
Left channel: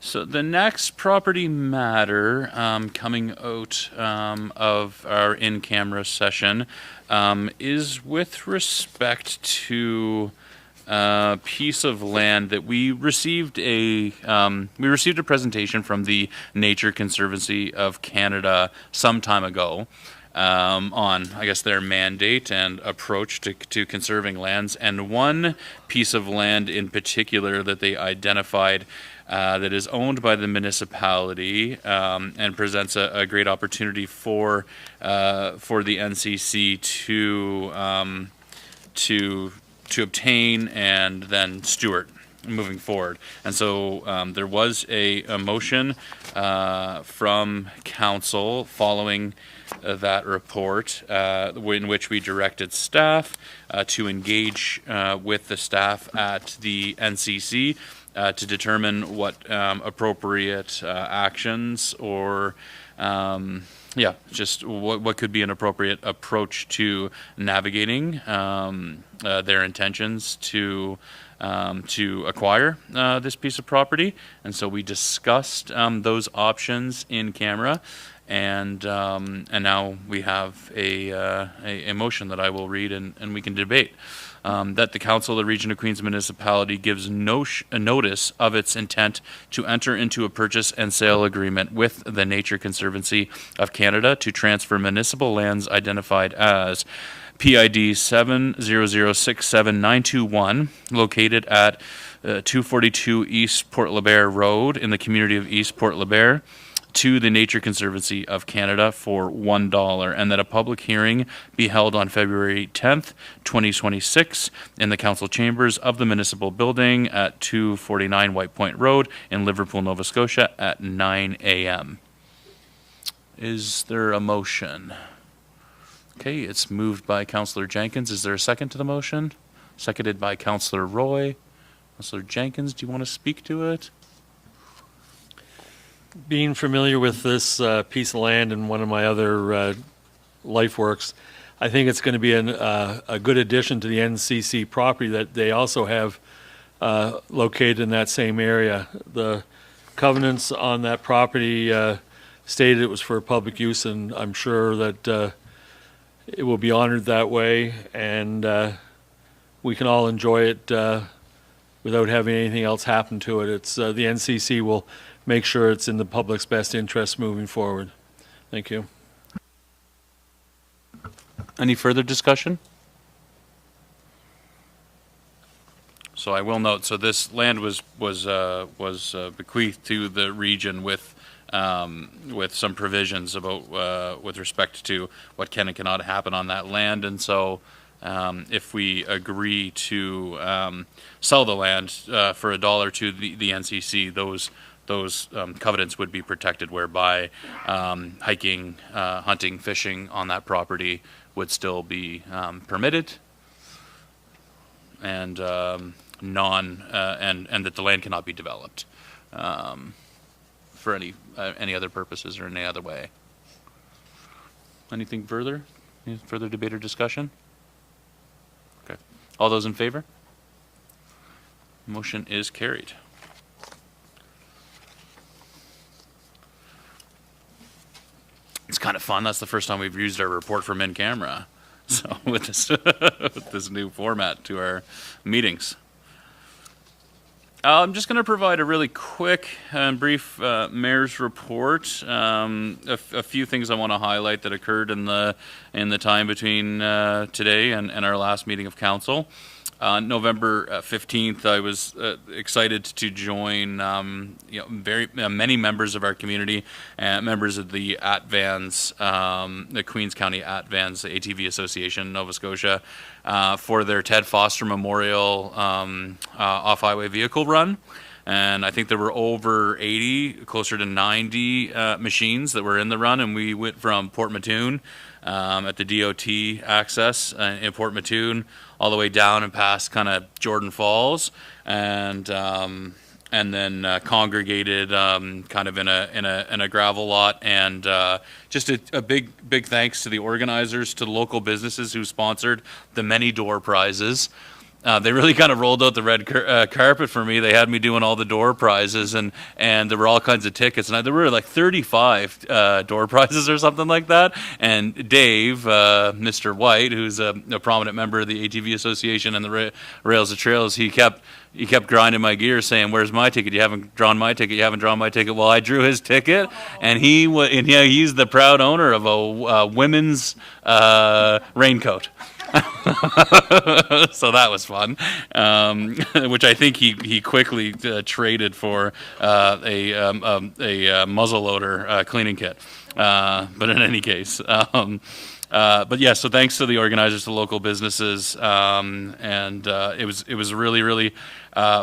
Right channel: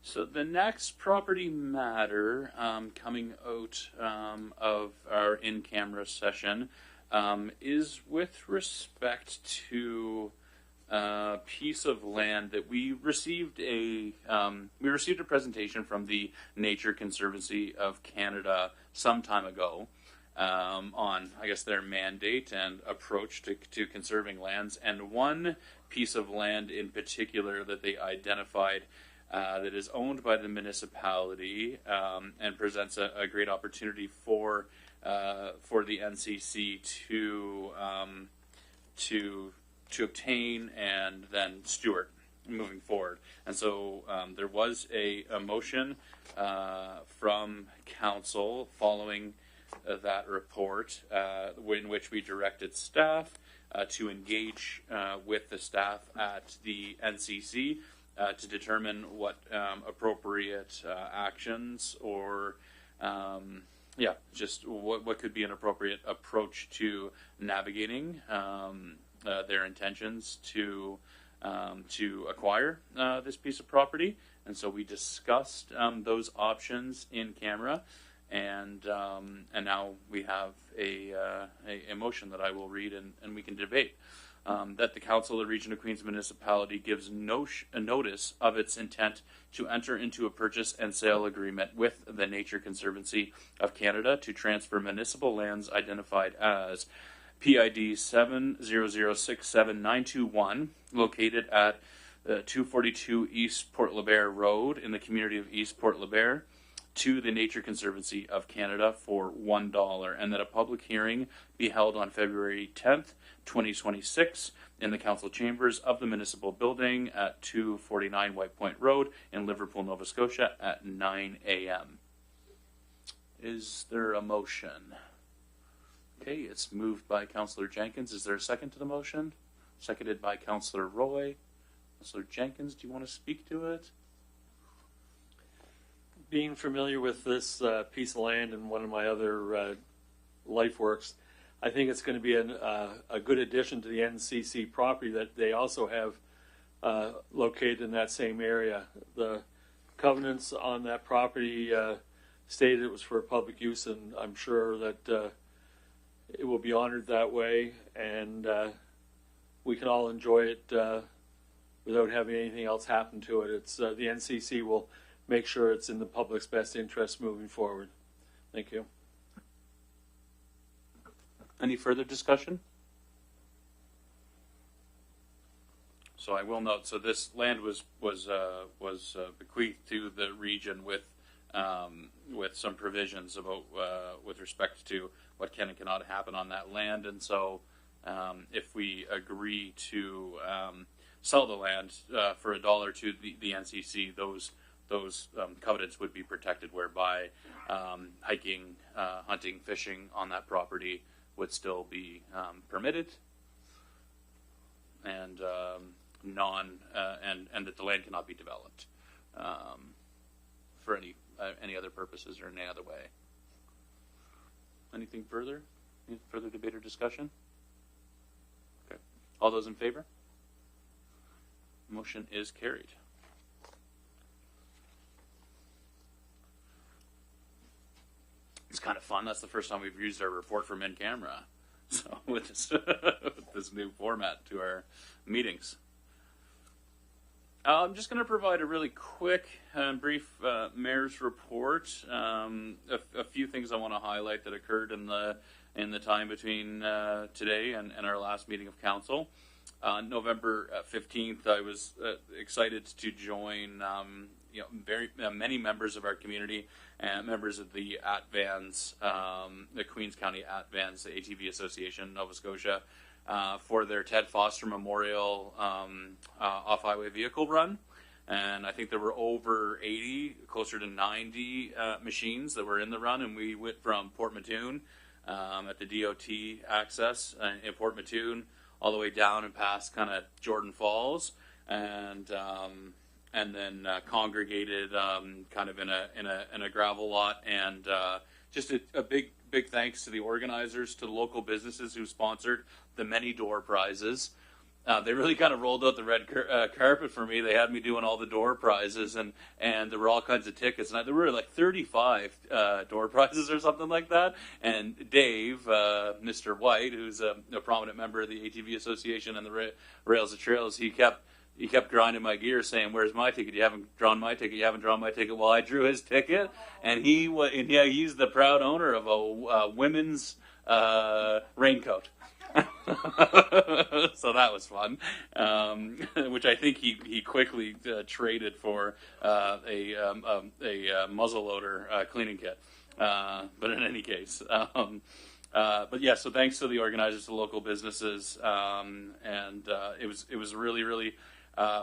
So the next property matter coming out of our in-camera session is with respect to a piece of land that we received a presentation from the Nature Conservancy of Canada some time ago on, I guess, their mandate and approach to conserving lands, and one piece of land in particular that they identified that is owned by the municipality and presents a great opportunity for the NCC to obtain and then steward. moving forward. And so there was a motion from council following that report, in which we directed staff to engage with the staff at the NCC to determine what appropriate actions or just what could be an appropriate approach to navigating their intentions to acquire this piece of property. And so we discussed those options in camera, and now we have a motion that I will read and we can debate. That the Council of the Region of Queens Municipality gives a notice of its intent to enter into a purchase and sale agreement with the Nature Conservancy of Canada to transfer municipal lands identified as PID 7006791, located at 242 East Port LeBaire Road in the community of East Port LeBaire, to the Nature Conservancy of Canada for $1, and that a public hearing be held on February 10th, 2026 in the council chambers of the municipal building at 249 White Point Road in Liverpool, Nova Scotia at 9 a.m. Is there a motion? Okay, it's moved by Councillor Jenkins. Is there a second to the motion? Seconded by Councillor Roy. Councillor Jenkins, do you want to speak to it? Being familiar with this piece of land and one of my other life works, I think it's going to be a good addition to the NCC property that they also have located in that same area. The covenants on that property stated it was for public use, and I'm sure that it will be honored that way, and we can all enjoy it without having anything else happen to it. It's the NCC will make sure it's in the public's best interest moving forward. Thank you. Any further discussion? So I will note, so this land was bequeathed to the region with some provisions about with respect to what can and cannot happen on that land. And so if we agree to sell the land for $1 to the NCC, those covenants would be protected, whereby hiking, hunting, fishing on that property would still be permitted, and and that the land cannot be developed for any other purposes or any other way. Anything further? Any further debate or discussion? Okay. All those in favor? Motion is carried. It's kind of fun. That's the first time we've used our report from in camera. So with this new format to our meetings. I'm just going to provide a really quick and brief mayor's report. A few things I want to highlight that occurred in the time between today and our last meeting of council. November 15th, I was excited to join many members of our community, members of the ATVANS, the Queens County ATVANS, the ATV Association in Nova Scotia, for their Ted Foster Memorial off-highway vehicle run. And I think there were over 80, closer to 90 machines that were in the run, and we went from Port Mattoon at the DOT access in Port Mattoon all the way down and past kind of Jordan Falls, and then congregated kind of in a gravel lot, and just a big thanks to the organizers, to the local businesses who sponsored the many door prizes. They really kind of rolled out the red carpet for me. They had me doing all the door prizes, and there were all kinds of tickets. And there were like 35 door prizes or something like that. And Dave, Mr. White, who's a prominent member of the ATV Association and the Rails to Trails, he kept grinding my gear, saying, "Where's my ticket? You haven't drawn my ticket. You haven't drawn my ticket." Well, I drew his ticket, and he's the proud owner of a women's raincoat. So that was fun, which I think he quickly traded for a muzzleloader cleaning kit. But in any case, But yeah, so thanks to the organizers, to local businesses, and it was a really really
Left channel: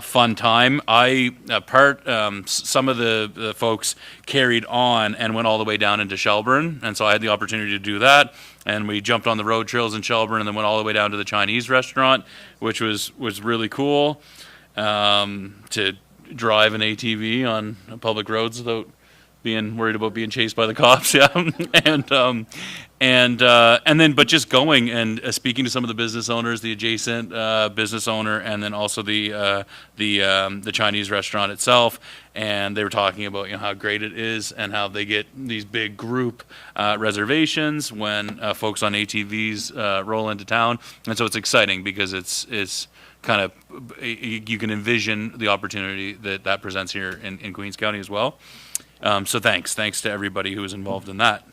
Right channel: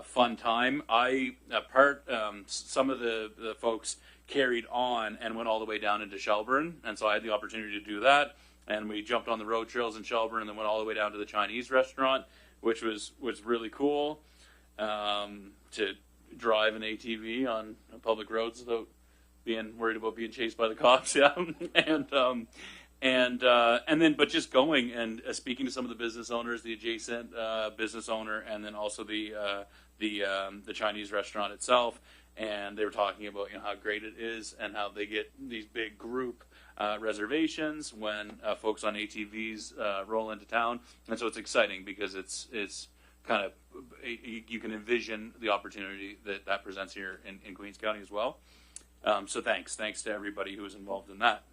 fun time. Some of the folks carried on and went all the way down into Shelburne, and so I had the opportunity to do that. And we jumped on the road trails in Shelburne, and then went all the way down to the Chinese restaurant, which was really cool to drive an ATV on public roads without being worried about being chased by the cops. Yeah, and then but just going and speaking to some of the business owners, the adjacent business owner, and then also the Chinese restaurant itself, and they were talking about how great it is and how they get these big group reservations when folks on ATVs roll into town, and so it's exciting because it's kind of, you can envision the opportunity that presents here in Queens County as well. So thanks to everybody who was involved in that.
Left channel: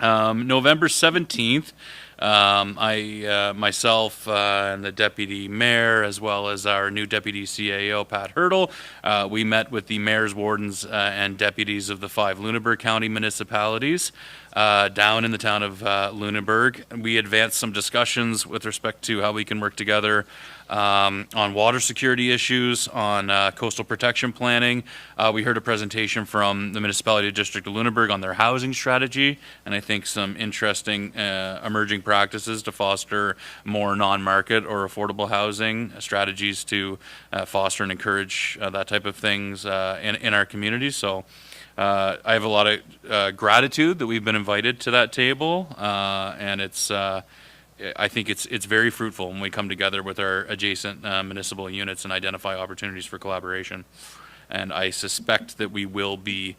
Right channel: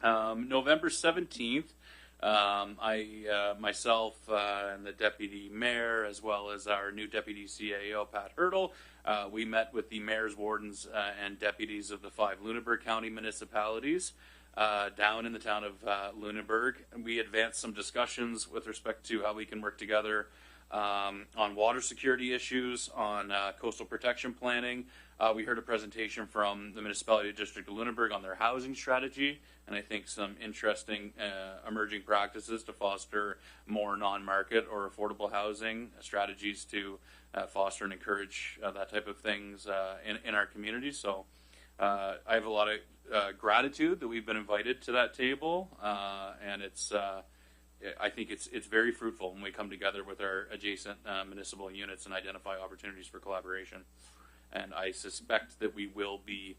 November 17th, myself and the deputy mayor, as well as our new deputy CAO, Pat Hurdle, we met with the mayors, wardens, and deputies of the 5 Lunenburg County municipalities down in the town of Lunenburg. We advanced some discussions with respect to how we can work together on water security issues, on coastal protection planning. We heard a presentation from the Municipality District of Lunenburg on their housing strategy, and I think some interesting emerging practices to foster more non-market or affordable housing strategies to foster and encourage that type of things in our communities. So I have a lot of gratitude that we've been invited to that table, and I think it's very fruitful when we come together with our adjacent municipal units and identify opportunities for collaboration. And I suspect that we will be,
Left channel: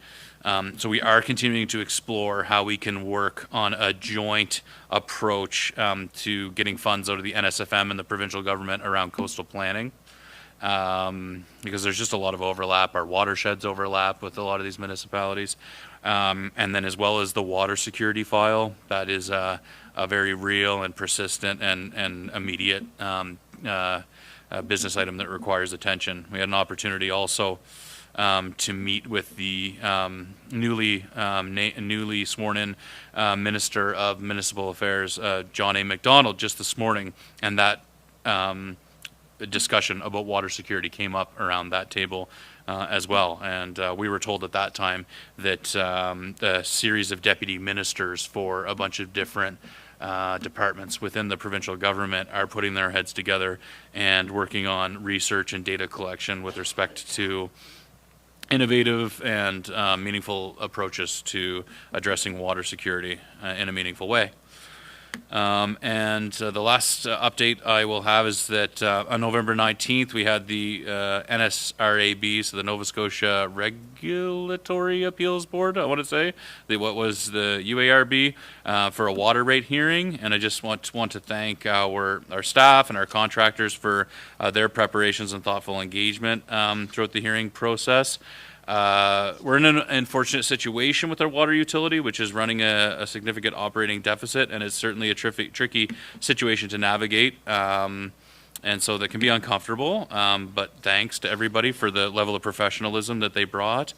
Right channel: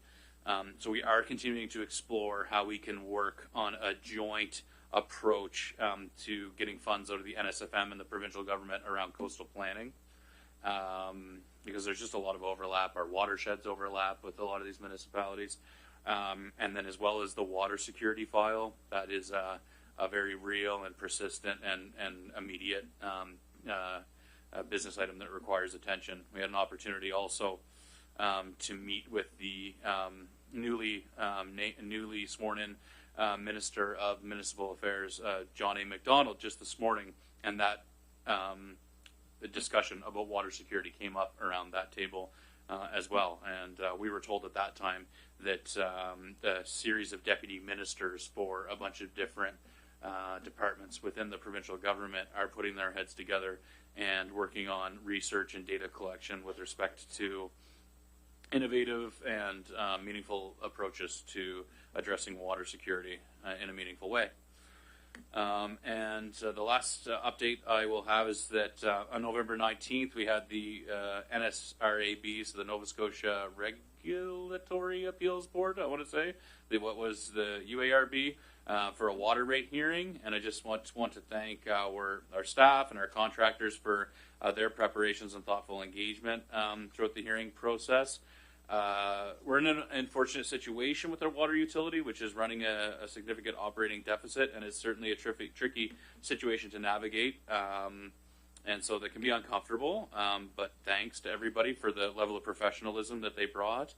so we are continuing to explore how we can work on a joint approach to getting funds out of the NSFM and the provincial government around coastal planning. Because there's just a lot of overlap. Our watersheds overlap with a lot of these municipalities. And then as well as the water security file, that is a very real and persistent and immediate business item that requires attention. We had an opportunity also to meet with the newly sworn in Minister of Municipal Affairs, John A. MacDonald, just this morning, and that discussion about water security came up around that table as well. And we were told at that time that a series of deputy ministers for a bunch of different departments within the provincial government are putting their heads together and working on research and data collection with respect to innovative and meaningful approaches to addressing water security in a meaningful way. And the last update I will have is that on November 19th, we had the NSRAB, so the Nova Scotia Regulatory Appeals Board, I want to say, what was the UARB, for a water rate hearing. And I just want to thank our staff and our contractors for their preparations and thoughtful engagement throughout the hearing process. We're in an unfortunate situation with our water utility, which is running a significant operating deficit, and it's certainly a tricky situation to navigate. And so that can be uncomfortable, but thanks to everybody for the level of professionalism that they brought.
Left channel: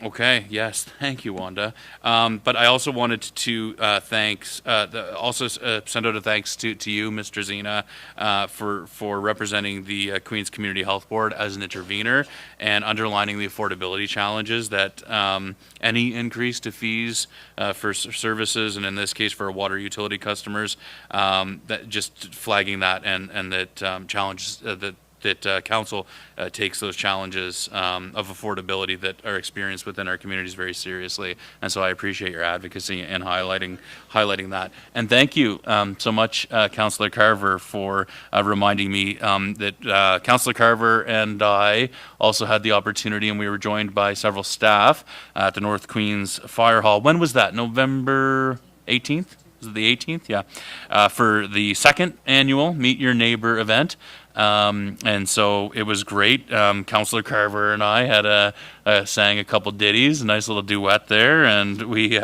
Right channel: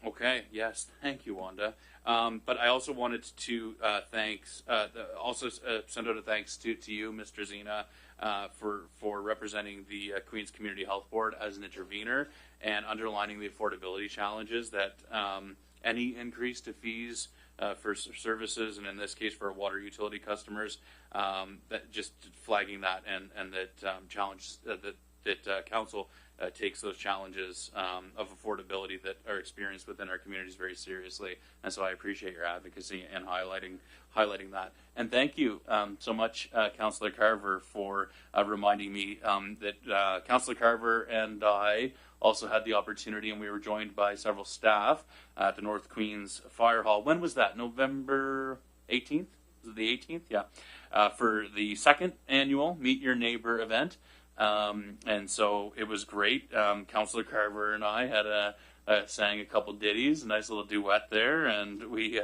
Okay, yes, thank you, Wanda. But I also wanted to send out a thanks to you, Mr. Zena, for representing the Queens Community Health Board as an intervener and underlining the affordability challenges that any increase to fees for services, and in this case for water utility customers, that just flagging that and that challenges that council takes those challenges of affordability that are experienced within our communities very seriously. And so I appreciate your advocacy and highlighting that. And thank you so much, Councillor Carver, for reminding me that Councillor Carver and I also had the opportunity, and we were joined by several staff at the North Queens Fire Hall. When was that? November 18th? Was it the 18th? Yeah. For the second annual Meet Your Neighbor event. And so it was great. Councillor Carver and I had sang a couple ditties, a nice little duet there, and we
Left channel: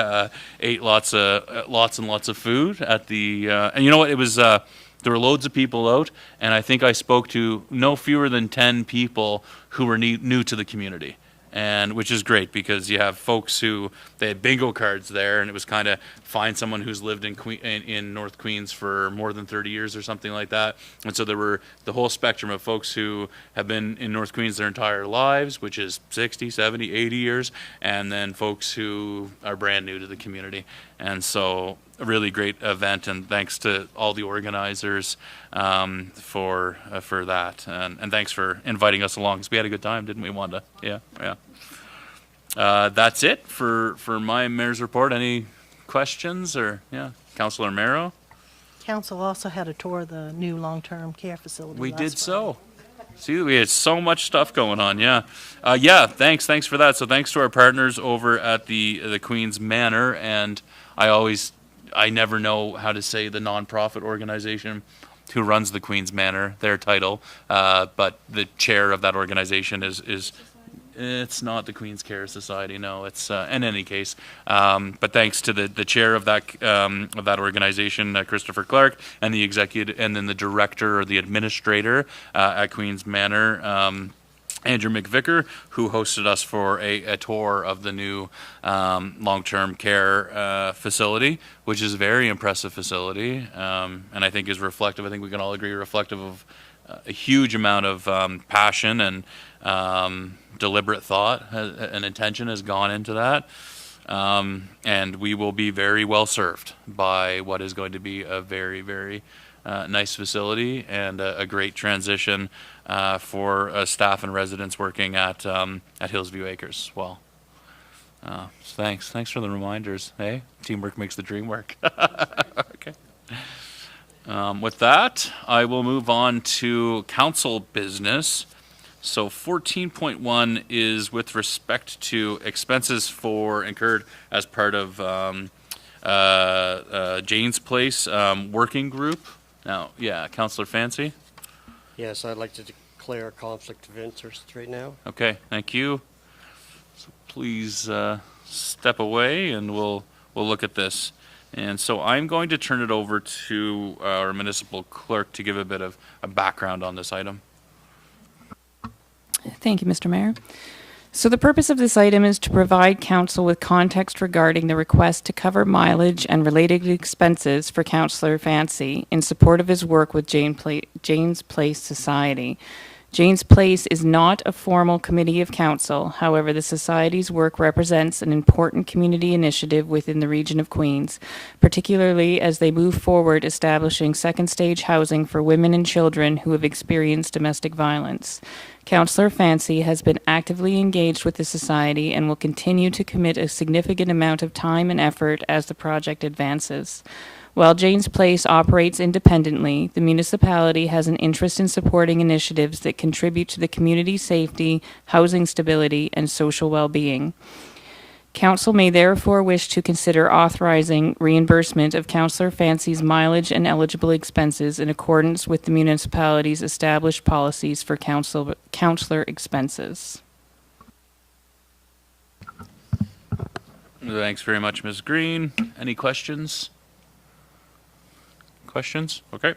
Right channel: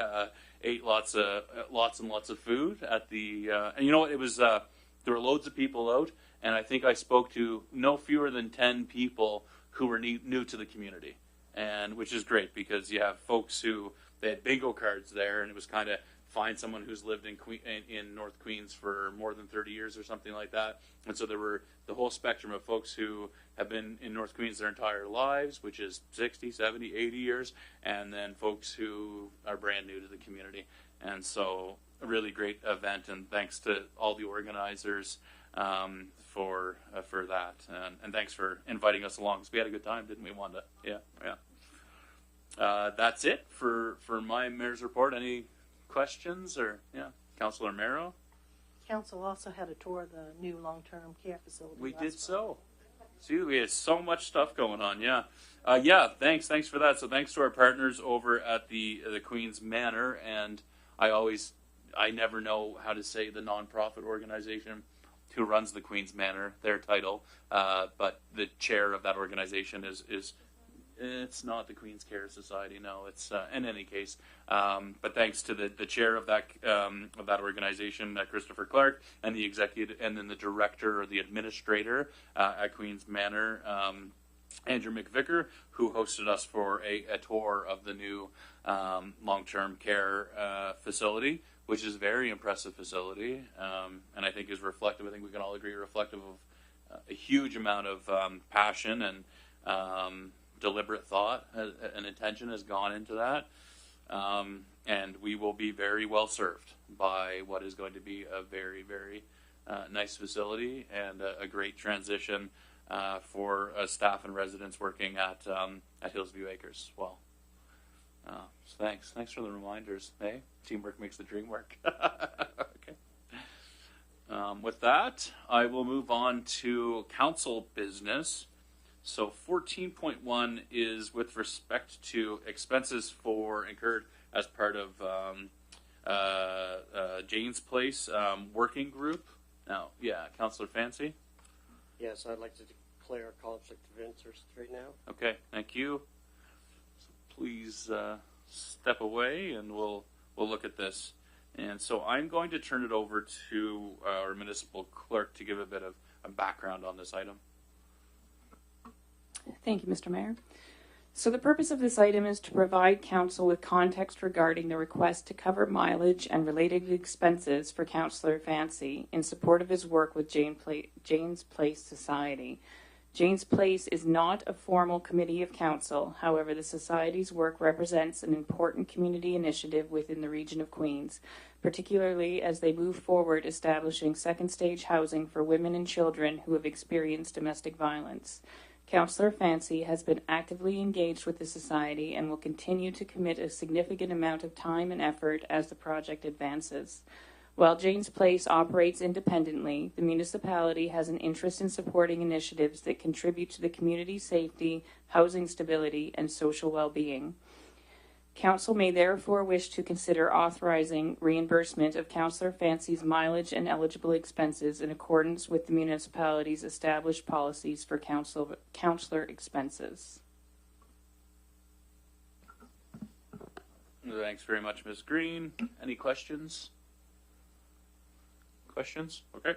ate lots and lots of food at the. And you know what? It was there were loads of people out, and I think I spoke to no fewer than 10 people who were new to the community. and which is great because you have folks who they had bingo cards there, and it was kind of find someone who's lived in North Queens for more than 30 years or something like that. And so there were the whole spectrum of folks who have been in North Queens their entire lives, which is 60, 70, 80 years, and then folks who are brand new to the community. And so a really great event, and thanks to all the organizers for that, and thanks for inviting us along because we had a good time, didn't we, Wanda? Yeah. That's it for my mayor's report. Any questions or Councilor Mero? Council also had a tour of the new long-term care facility. We last did Friday. so. See, we had so much stuff going on. Thanks for that. So thanks to our partners over at the Queen's Manor, and I never know how to say the nonprofit organization who runs the Queen's Manor, their title, but the chair of that organization is it's not the Queen's Care Society, no. It's in any case, but thanks to the chair of that organization, Christopher Clark, and the executive, and then the director or the administrator at Queen's Manor, Andrew McVicker, who hosted us for a tour of the new long-term care facility, which is a very impressive facility, and I think is reflective. I think we can all agree reflective of a huge amount of passion and deliberate thought and intention has gone into that, and we will be very well served by what is going to be a very, very nice facility and a great transition for staff and residents working at Hillsview Acres as well. So thanks for the reminders. Hey, teamwork makes the dream work. Okay. With that, I will move on to council business. So 14.1 is with respect to expenses incurred as part of Jane's Place working group. Now, Councillor Fancy. Yes, I'd like to declare a conflict of interest right now. Okay, thank you. So please step away, and we'll look at this. And so I'm going to turn it over to our municipal clerk to give a bit of a background on this item. Thank you, Mr. Mayor. So the purpose of this item is to provide council with context regarding the request to cover mileage and related expenses for Councillor Fancy in support of his work with Jane's Place Society. Jane's Place is not a formal committee of council. However, the Society's work represents an important community initiative within the region of Queens, particularly as they move forward establishing second stage housing for women and children who have experienced domestic violence. Councillor Fancy has been actively engaged with the Society and will continue to commit a significant amount of time and effort as the project advances. While Jane's Place operates independently, the municipality has an interest in supporting initiatives that contribute to the community's safety, housing stability, and social well-being. Council may therefore wish to consider authorizing reimbursement of Councillor Fancy's mileage and eligible expenses in accordance with the municipality's established policies for councillor expenses. Thanks very much, Ms. Green. Any questions? Okay.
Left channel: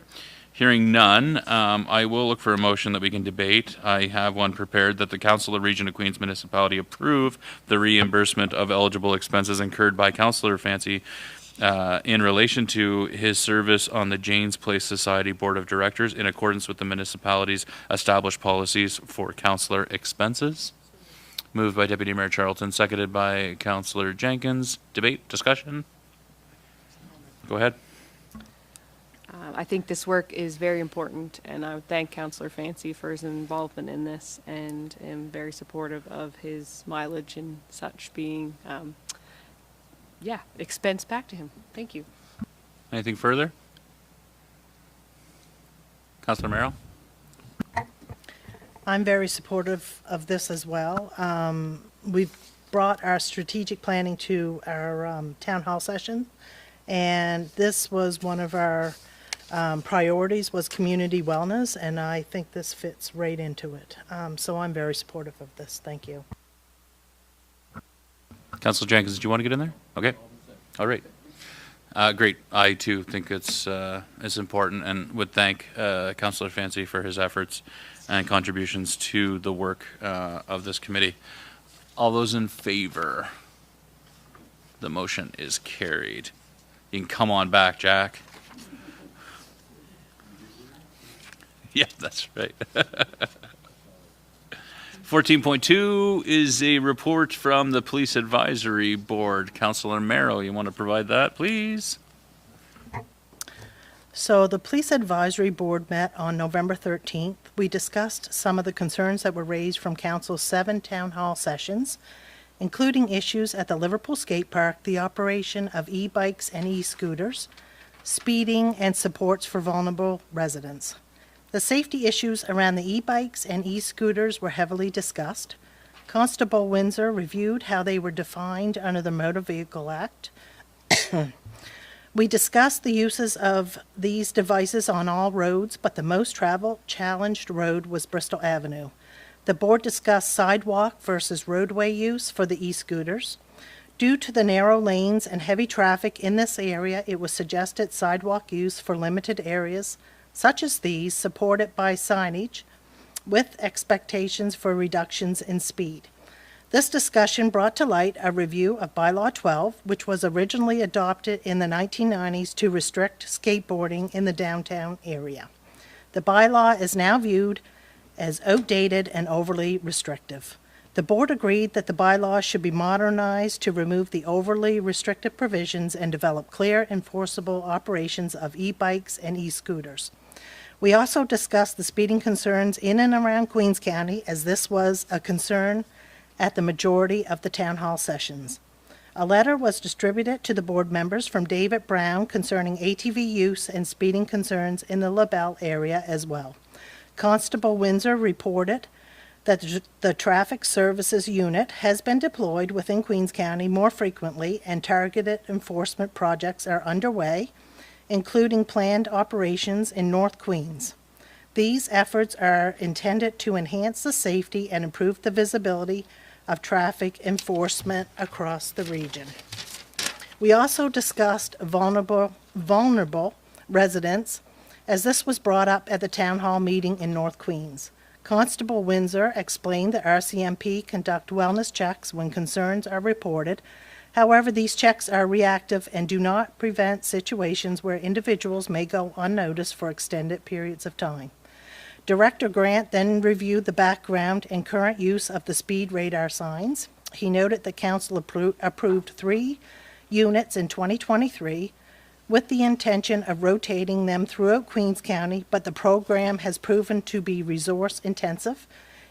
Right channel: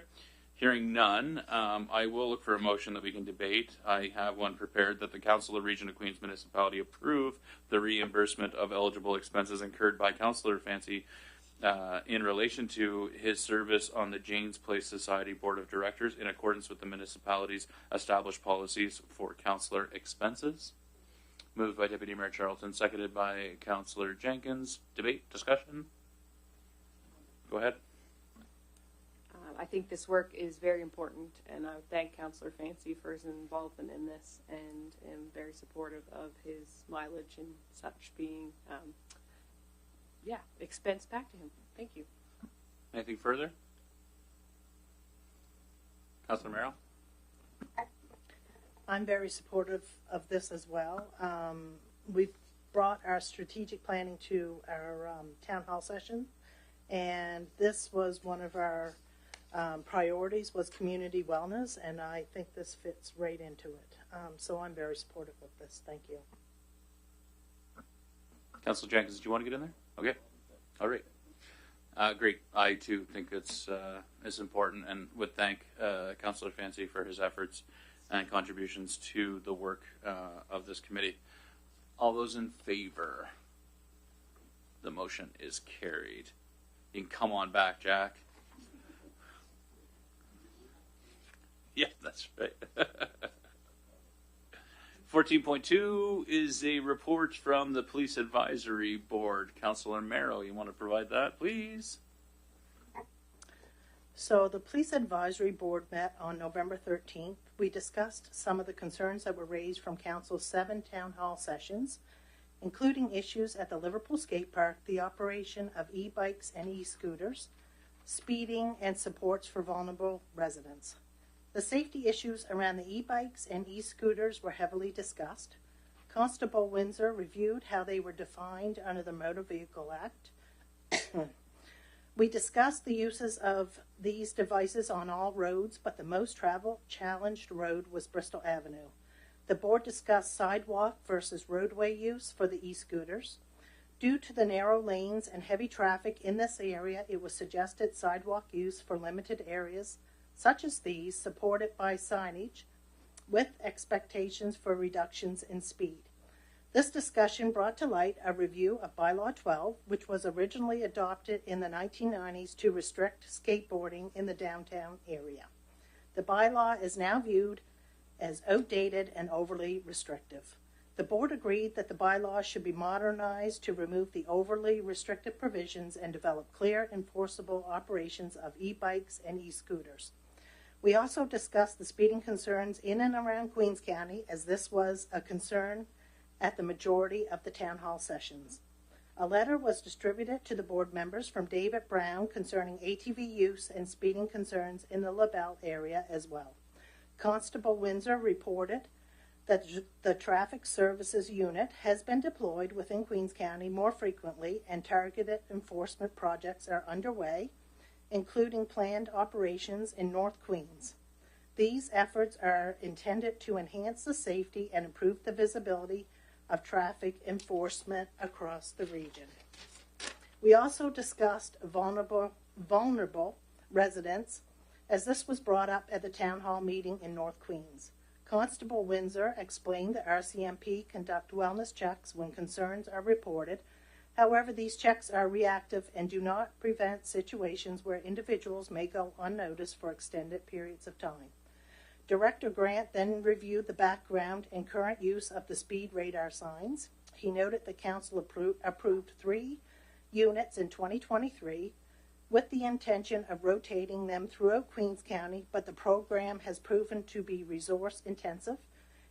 Hearing none, I will look for a motion that we can debate. I have one prepared that the Council of Region of Queens Municipality approve the reimbursement of eligible expenses incurred by Councillor Fancy in relation to his service on the Jane's Place Society Board of Directors in accordance with the municipality's established policies for councillor expenses. Moved by Deputy Mayor Charlton, seconded by Councillor Jenkins. Debate, discussion? Go ahead. I think this work is very important, and I would thank Councillor Fancy for his involvement in this, and am very supportive of his mileage and such being, expense back to him. Thank you. Anything further? Councillor Merrill? I'm very supportive of this as well. We've brought our strategic planning to our town hall session, and this was one of our priorities was community wellness, and I think this fits right into it. So I'm very supportive of this. Thank you. Councillor Jenkins, did you want to get in there? Okay. All right. Great. I too think it's important, and would thank Councillor Fancy for his efforts and contributions to the work of this committee. All those in favor? The motion is carried. You can come on back, Jack. Yeah, that's right. 14.2 is a report from the Police Advisory Board. Councillor Merrill, you want to provide that, please? So the Police Advisory Board met on November 13th. We discussed some of the concerns that were raised from Council's 7 town hall sessions, including issues at the Liverpool Skate Park, the operation of e-bikes and e-scooters, speeding, and supports for vulnerable residents. The safety issues around the e-bikes and e-scooters were heavily discussed. Constable Windsor reviewed how they were defined under the Motor Vehicle Act. We discussed the uses of these devices on all roads, but the most traveled challenged road was Bristol Avenue. The board discussed sidewalk versus roadway use for the e-scooters. Due to the narrow lanes and heavy traffic in this area, it was suggested sidewalk use for limited areas, such as these, supported by signage, with expectations for reductions in speed. This discussion brought to light a review of Bylaw 12, which was originally adopted in the 1990s to restrict skateboarding in the downtown area. The bylaw is now viewed as outdated and overly restrictive. The board agreed that the bylaw should be modernized to remove the overly restrictive provisions and develop clear, enforceable operations of e-bikes and e-scooters. We also discussed the speeding concerns in and around Queens County, as this was a concern at the majority of the town hall sessions. A letter was distributed to the board members from David Brown concerning ATV use and speeding concerns in the LaBelle area as well. Constable Windsor reported that the Traffic Services Unit has been deployed within Queens County more frequently, and targeted enforcement projects are underway, including planned operations in North Queens. These efforts are intended to enhance the safety and improve the visibility of traffic enforcement across the region. We also discussed vulnerable residents, as this was brought up at the town hall meeting in North Queens. Constable Windsor explained that RCMP conduct wellness checks when concerns are reported. However, these checks are reactive and do not prevent situations where individuals may go unnoticed for extended periods of time. Director Grant then reviewed the background and current use of the speed radar signs. He noted that council approved 3 units in 2023 with the intention of rotating them throughout Queens County, but the program has proven to be resource intensive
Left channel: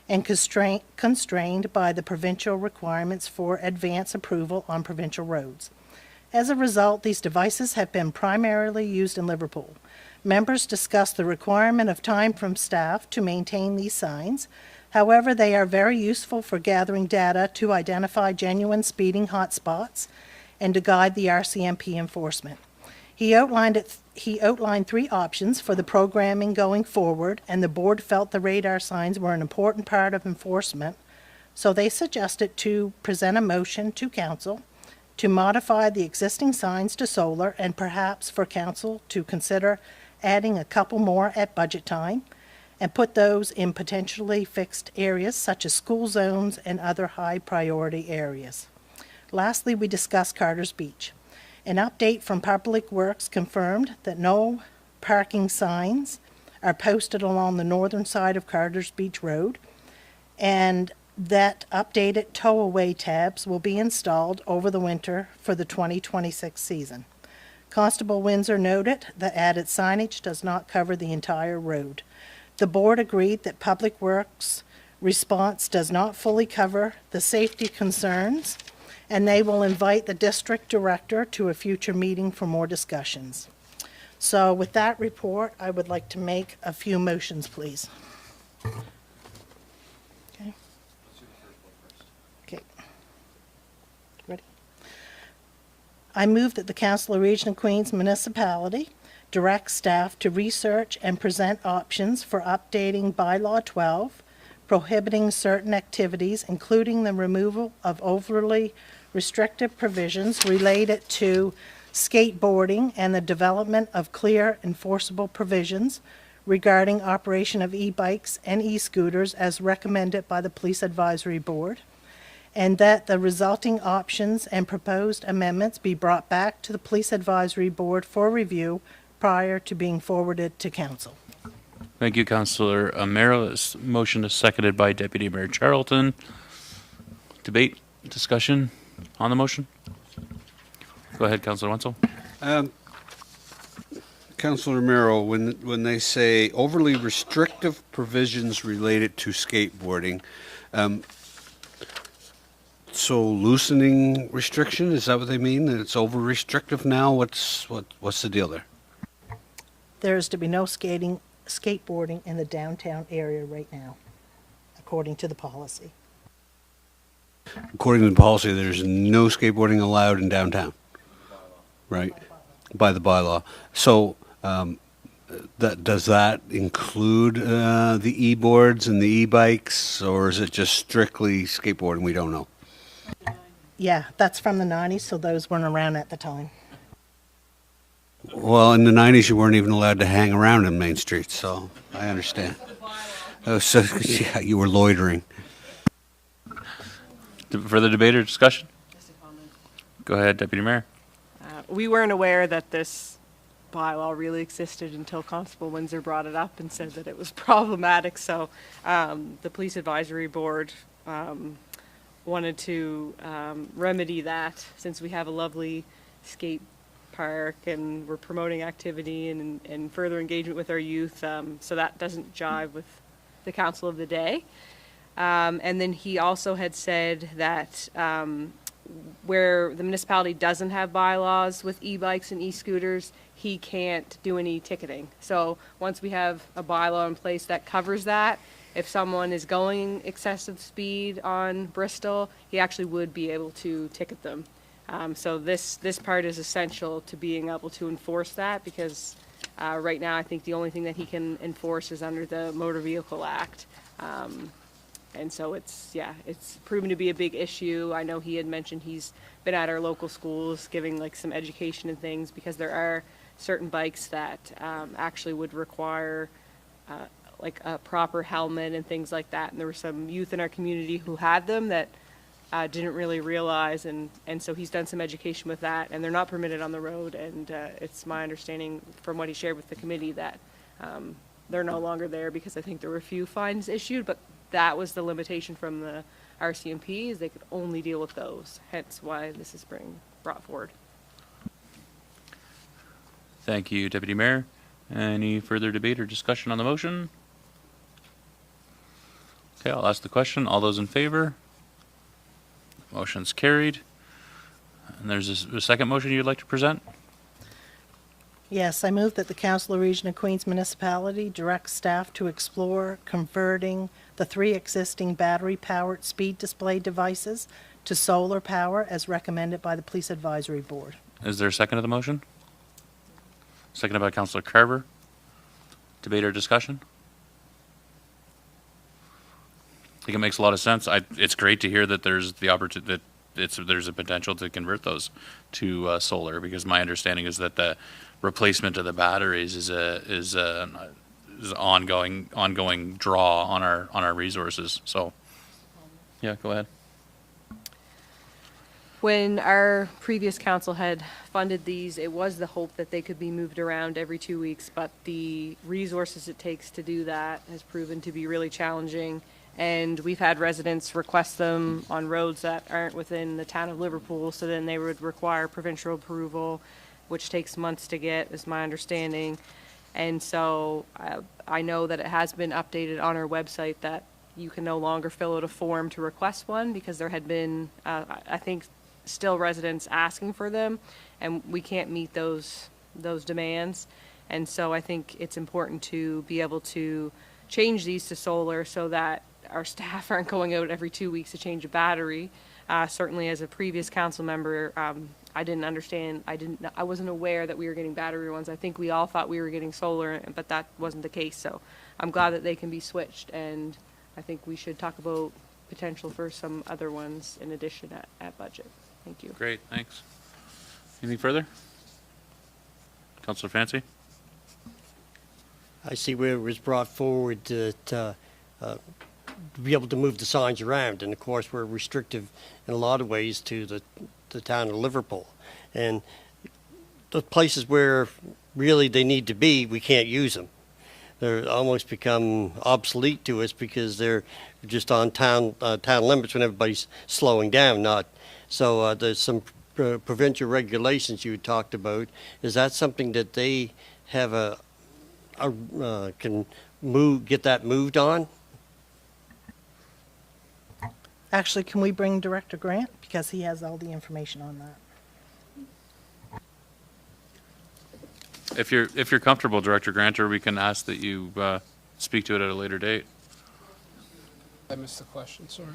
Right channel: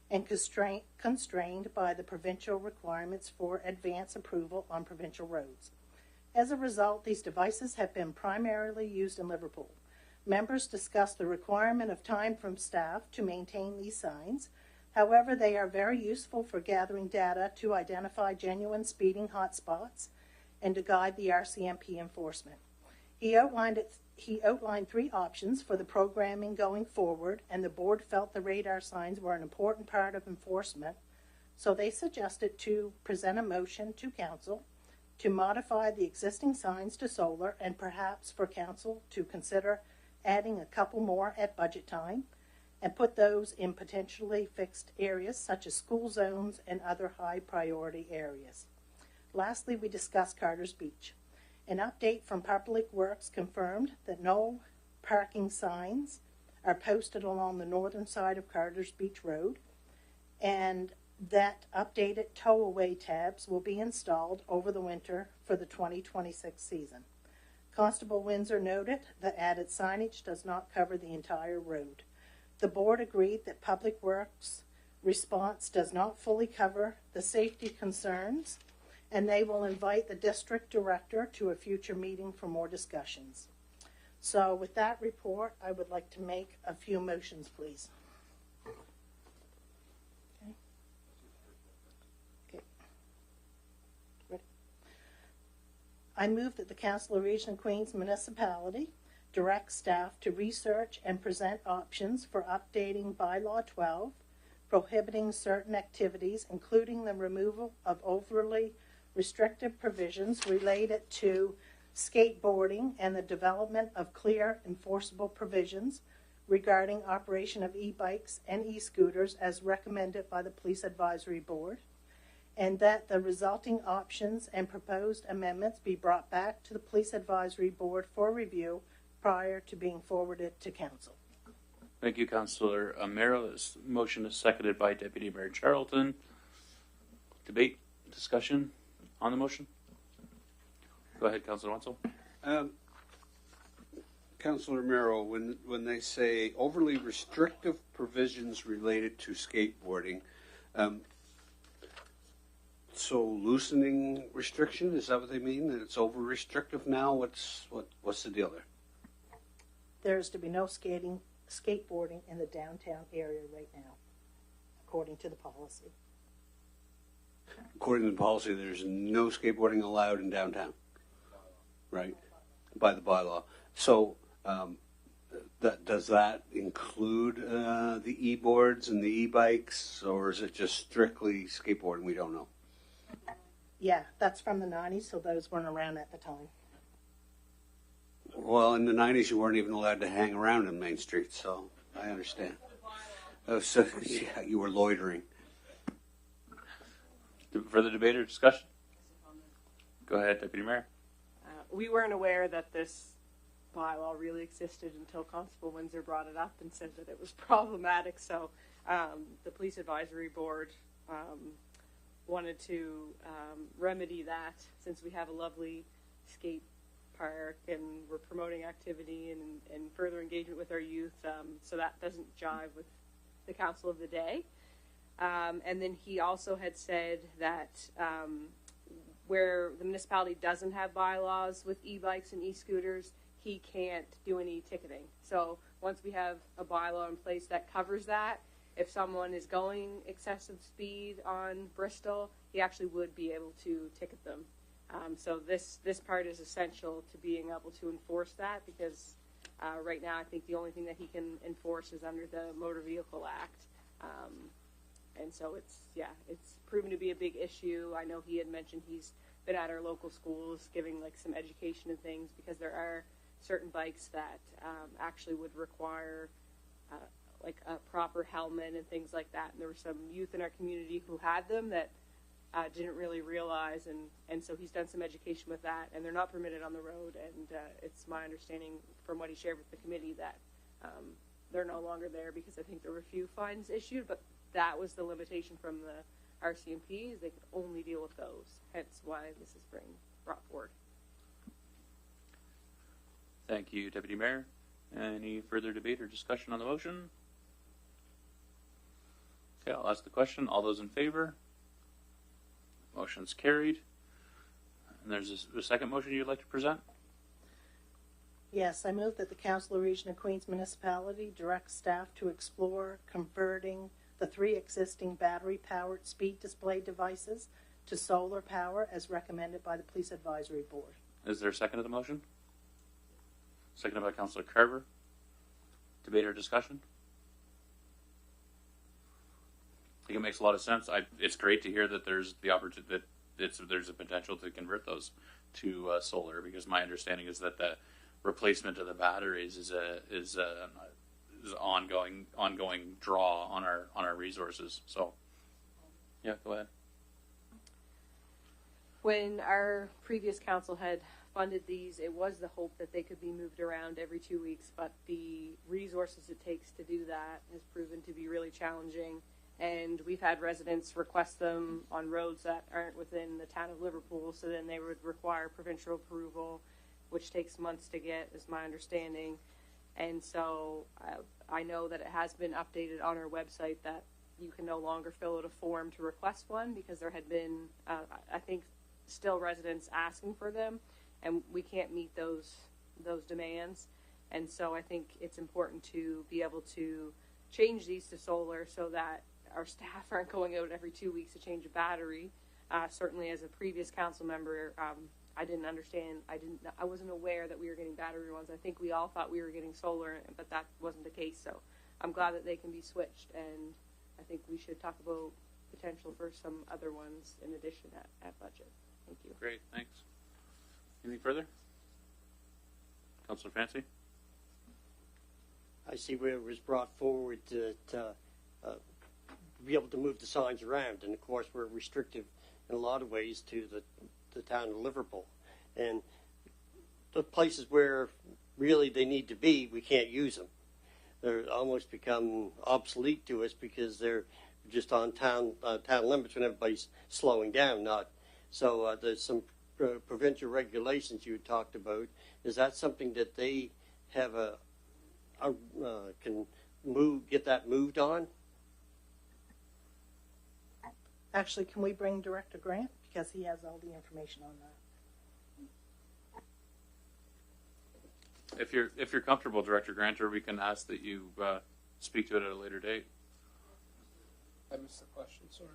and constrained by the provincial requirements for advance approval on provincial roads. As a result, these devices have been primarily used in Liverpool. Members discussed the requirement of time from staff to maintain these signs. However, they are very useful for gathering data to identify genuine speeding hotspots and to guide the RCMP enforcement. He outlined 3 options for the programming going forward, and the board felt the radar signs were an important part of enforcement, so they suggested to present a motion to council to modify the existing signs to solar, and perhaps for council to consider adding a couple more at budget time, and put those in potentially fixed areas such as school zones and other high priority areas. Lastly, we discussed Carter's Beach. An update from Public Works confirmed that no parking signs are posted along the northern side of Carter's Beach Road, and that updated tow-away tabs will be installed over the winter for the 2026 season. Constable Windsor noted that added signage does not cover the entire road. The board agreed that Public Works' response does not fully cover the safety concerns, and they will invite the district director to a future meeting for more discussions. So with that report, I would like to make a few motions, please. Okay. Okay. Ready? I move that the Council of Region of Queens Municipality direct staff to research and present options for updating Bylaw 12, prohibiting certain activities, including the removal of overly restrictive provisions related to skateboarding and the development of clear enforceable provisions regarding operation of e-bikes and e-scooters as recommended by the Police Advisory Board, and that the resulting options and proposed amendments be brought back to the Police Advisory Board for review prior to being forwarded to council. Thank you, Councillor Merrill. This motion is seconded by Deputy Mayor Charlton. Debate, discussion on the motion? Go ahead, Councillor Wenzel. Councillor Romero, when they say overly restrictive provisions related to skateboarding, so loosening restriction, is that what they mean? That it's over restrictive now? What's the deal there? There is to be no skateboarding in the downtown area right now, according to the policy. According to the policy, there's no skateboarding allowed in downtown, right? By the bylaw. So does that include the e-boards and the e-bikes, or is it just strictly skateboarding? We don't know. Yeah, that's from the 90s, so those weren't around at the time. Well, in the 90s, you weren't even allowed to hang around in Main Street, so I understand. So, yeah, you were loitering. Further debate or discussion? Go ahead, Deputy Mayor. We weren't aware that this bylaw really existed until Constable Windsor brought it up and said that it was problematic. So the Police Advisory Board wanted to remedy that, since we have a lovely skate park and we're promoting activity and further engagement with our youth. So that doesn't jive with the council of the day. And then he also had said that where the municipality doesn't have bylaws with e-bikes and e-scooters, he can't do any ticketing. So once we have a bylaw in place that covers that, if someone is going excessive speed on Bristol, he actually would be able to ticket them. So this part is essential to being able to enforce that, because right now I think the only thing that he can enforce is under the Motor Vehicle Act. And so it's proven to be a big issue. I know he had mentioned he's been at our local schools giving like some education and things, because there are certain bikes that actually would require like a proper helmet and things like that. And there were some youth in our community who had them that didn't really realize, and so he's done some education with that, and they're not permitted on the road. And it's my understanding from what he shared with the committee that they're no longer there, because I think there were a few fines issued, but that was the limitation from the RCMP, is they could only deal with those, hence why this is being brought forward. Thank you, Deputy Mayor. Any further debate or discussion on the motion? Okay, I'll ask the question. All those in favor? Motion's carried. And there's a second motion you'd like to present? Yes, I move that the Council of Region of Queens Municipality direct staff to explore converting the 3 existing battery-powered speed display devices to solar power as recommended by the Police Advisory Board. Is there a second to the motion? Seconded by Councillor Carver. Debate or discussion? I think it makes a lot of sense. It's great to hear that there's the opportunity that there's a potential to convert those to solar, because my understanding is that the replacement of the batteries is an ongoing draw on our resources. So, yeah, go ahead. When our previous council had funded these, it was the hope that they could be moved around every 2 weeks, but the resources it takes to do that has proven to be really challenging. And we've had residents request them on roads that aren't within the town of Liverpool, so then they would require provincial approval, which takes months to get, is my understanding. And so I know that it has been updated on our website that you can no longer fill out a form to request one, because there had been, I think, still residents asking for them, and we can't meet those demands. And so I think it's important to be able to change these to solar, so that our staff aren't going out every 2 weeks to change a battery. Certainly as a previous council member, I didn't understand, I wasn't aware that we were getting battery ones. I think we all thought we were getting solar, but that wasn't the case. So I'm glad that they can be switched, and I think we should talk about potential for some other ones in addition at budget. Thank you. Great, thanks. Anything further? Councillor Fancy? I see where it was brought forward that be able to move the signs around. And of course, we're restrictive in a lot of ways to the town of Liverpool. And the places where really they need to be, we can't use them. They're almost become obsolete to us because they're just on town limits when everybody's slowing down. Not so. There's some provincial regulations you talked about. Is that something that they have can get that moved on? Actually, can we bring Director Grant? Because he has all the information on that. If you're comfortable, Director Granter, we can ask that you speak to it at a later date. I missed the question, sorry.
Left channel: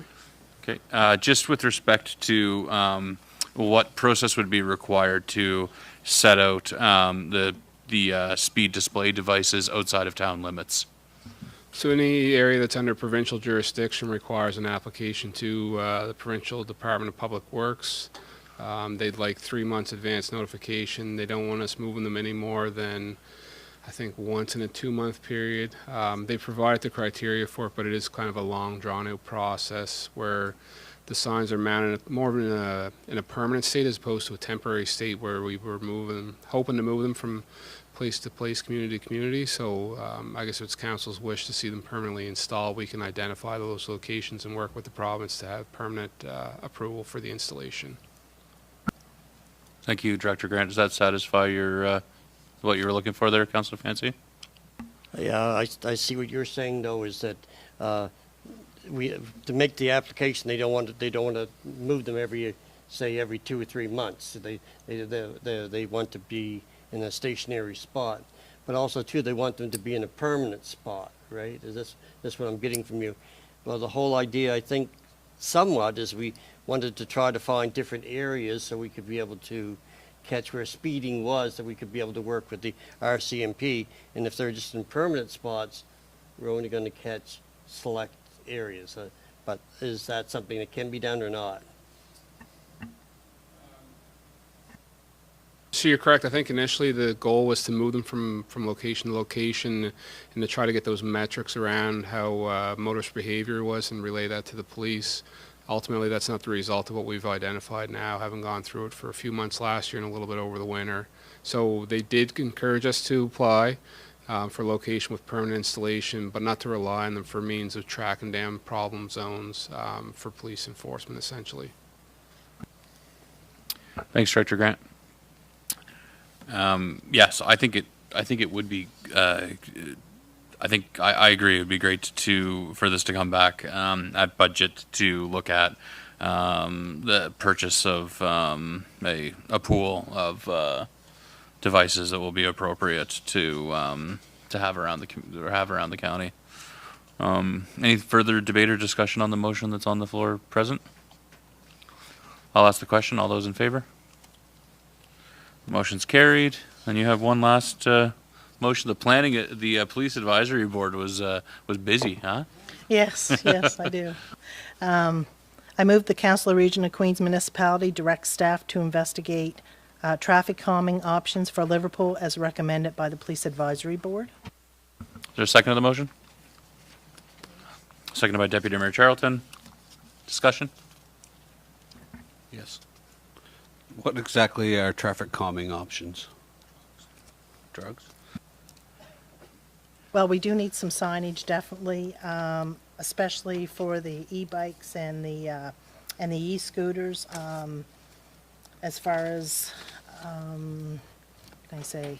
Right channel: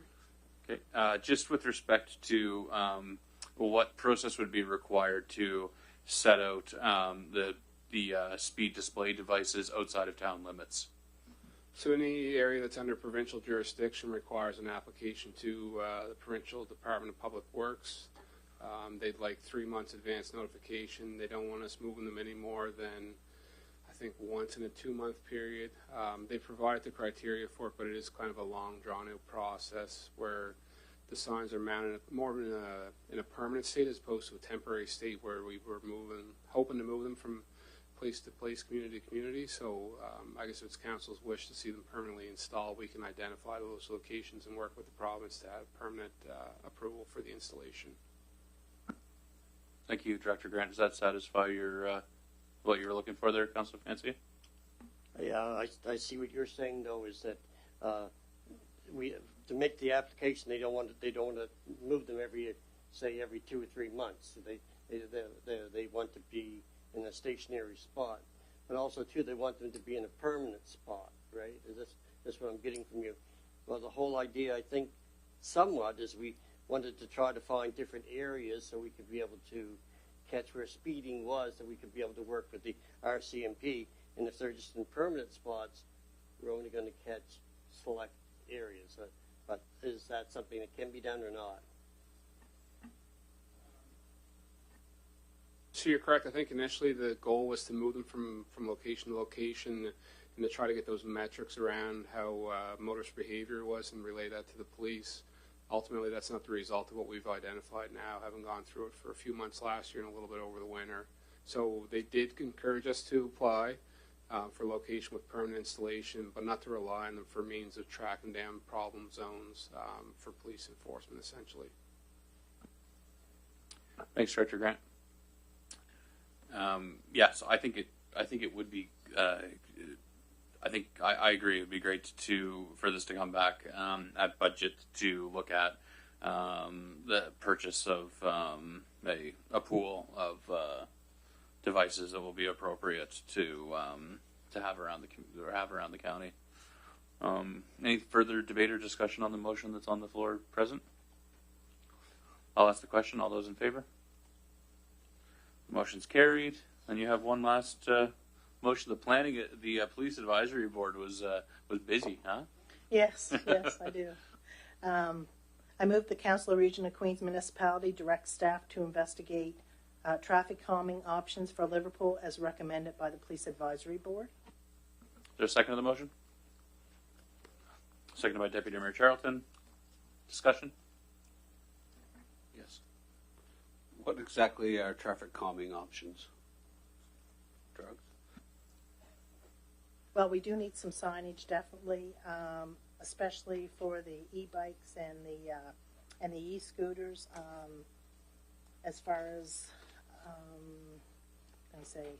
Okay, just with respect to what process would be required to set out the speed display devices outside of town limits. So any area that's under provincial jurisdiction requires an application to the Provincial Department of Public Works. They'd like 3 months advance notification. They don't want us moving them any more than, I think, once in a 2-month period. They provided the criteria for it, but it is kind of a long, drawn-out process where the signs are mounted more in a permanent state as opposed to a temporary state where we were hoping to move them from place to place, community to community. So I guess it's council's wish to see them permanently installed. We can identify those locations and work with the province to have permanent approval for the installation. Thank you, Director Grant. Does that satisfy your what you were looking for there, Councilor Fancy? Yeah, I see what you're saying though, is that to make the application, they don't want to move them every 2 or 3 months. They want to be in a stationary spot, but also too they want them to be in a permanent spot, right? Is this what I'm getting from you? Well, the whole idea, I think, somewhat is we wanted to try to find different areas so we could be able to catch where speeding was, that we could be able to work with the RCMP, and if they're just in permanent spots, we're only going to catch select areas. But is that something that can be done or not? So you're correct. I think initially the goal was to move them from location to location and to try to get those metrics around how motorist behavior was and relay that to the police. Ultimately, that's not the result of what we've identified now, having gone through it for a few months last year and a little bit over the winter. So they did encourage us to apply for location with permanent installation, but not to rely on them for means of tracking down problem zones for police enforcement, essentially. Thanks, Director Grant. Yes, I think it would be. I think I agree. It would be great for this to come back at budget to look at the purchase of a pool of devices that will be appropriate to have around the county. Any further debate or discussion on the motion that's on the floor present? I'll ask the question. All those in favor? Motion's carried. And you have one last motion. The police advisory board was busy, huh? Yes, yes, I do. I move the Council of Region of Queens Municipality direct staff to investigate traffic calming options for Liverpool as recommended by the Police Advisory Board. Is there a second to the motion? Seconded by Deputy Mayor Charlton. Discussion? Yes. What exactly are traffic calming options? Drugs? Well, we do need some signage, definitely, especially for the e-bikes and the e-scooters. As far as, can I say,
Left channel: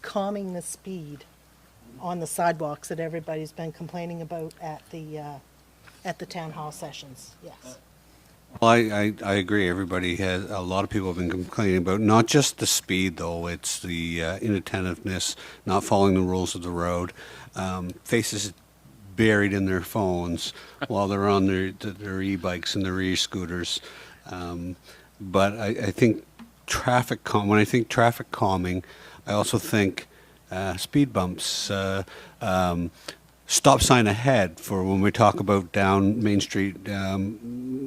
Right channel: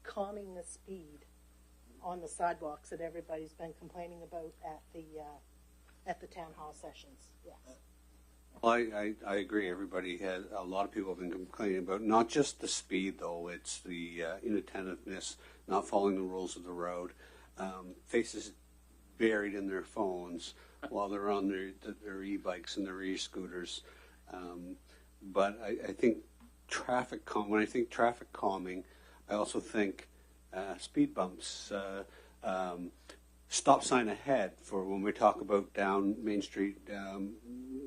calming the speed on the sidewalks that everybody's been complaining about at the town hall sessions. Yes. Well, I agree. A lot of people have been complaining about not just the speed, though. It's the inattentiveness, not following the rules of the road, faces buried in their phones while they're on their e-bikes and their e-scooters. But I think when I think traffic calming, I also think speed bumps, stop sign ahead for when we talk about down Main Street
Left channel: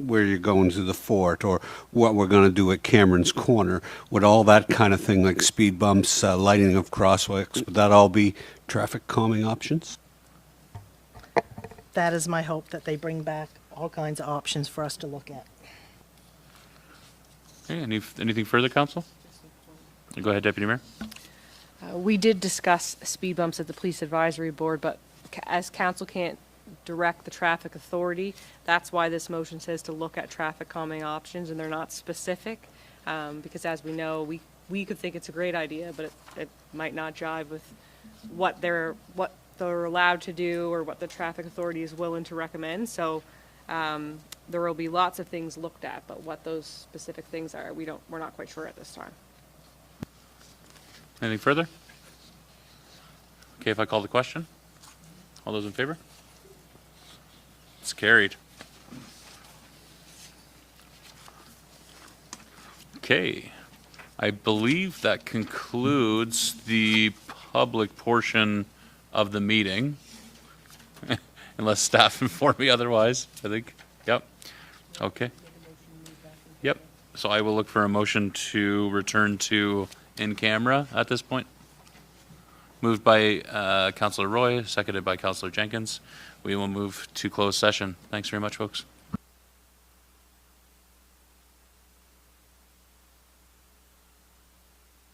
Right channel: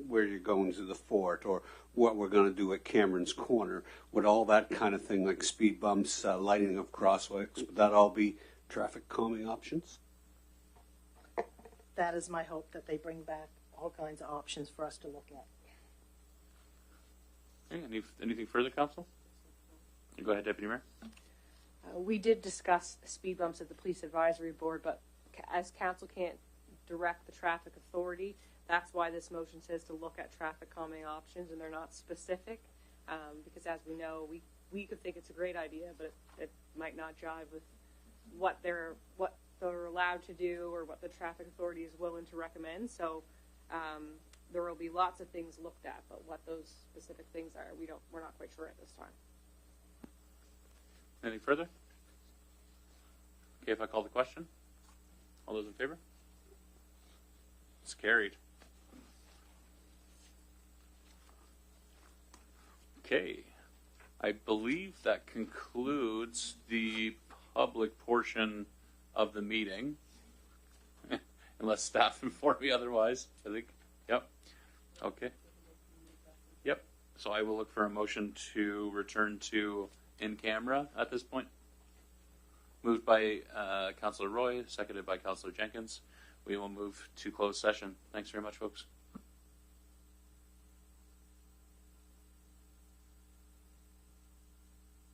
where you're going to the fort, or what we're going to do at Cameron's Corner. Would all that kind of thing, like speed bumps, lighting of crosswalks, would that all be traffic calming options? that is my hope, that they bring back all kinds of options for us to look at. Okay, anything further, council? Go ahead, Deputy Mayor. We did discuss speed bumps at the police advisory board, but as council can't direct the traffic authority, that's why this motion says to look at traffic calming options, and they're not specific. Because as we know, we could think it's a great idea, but it might not jive with what they're allowed to do or what the traffic authority is willing to recommend. So there will be lots of things looked at, but what those specific things are, we're not quite sure at this time. Anything further? Okay, if I call the question, all those in favor? It's carried. Okay, I believe that concludes the public portion of the meeting. Unless staff inform me otherwise, I think. Yep. Okay. Yep. So I will look for a motion to return to in camera at this point. Moved by Councillor Roy, seconded by Councillor Jenkins. We will move to closed session. Thanks very much, folks.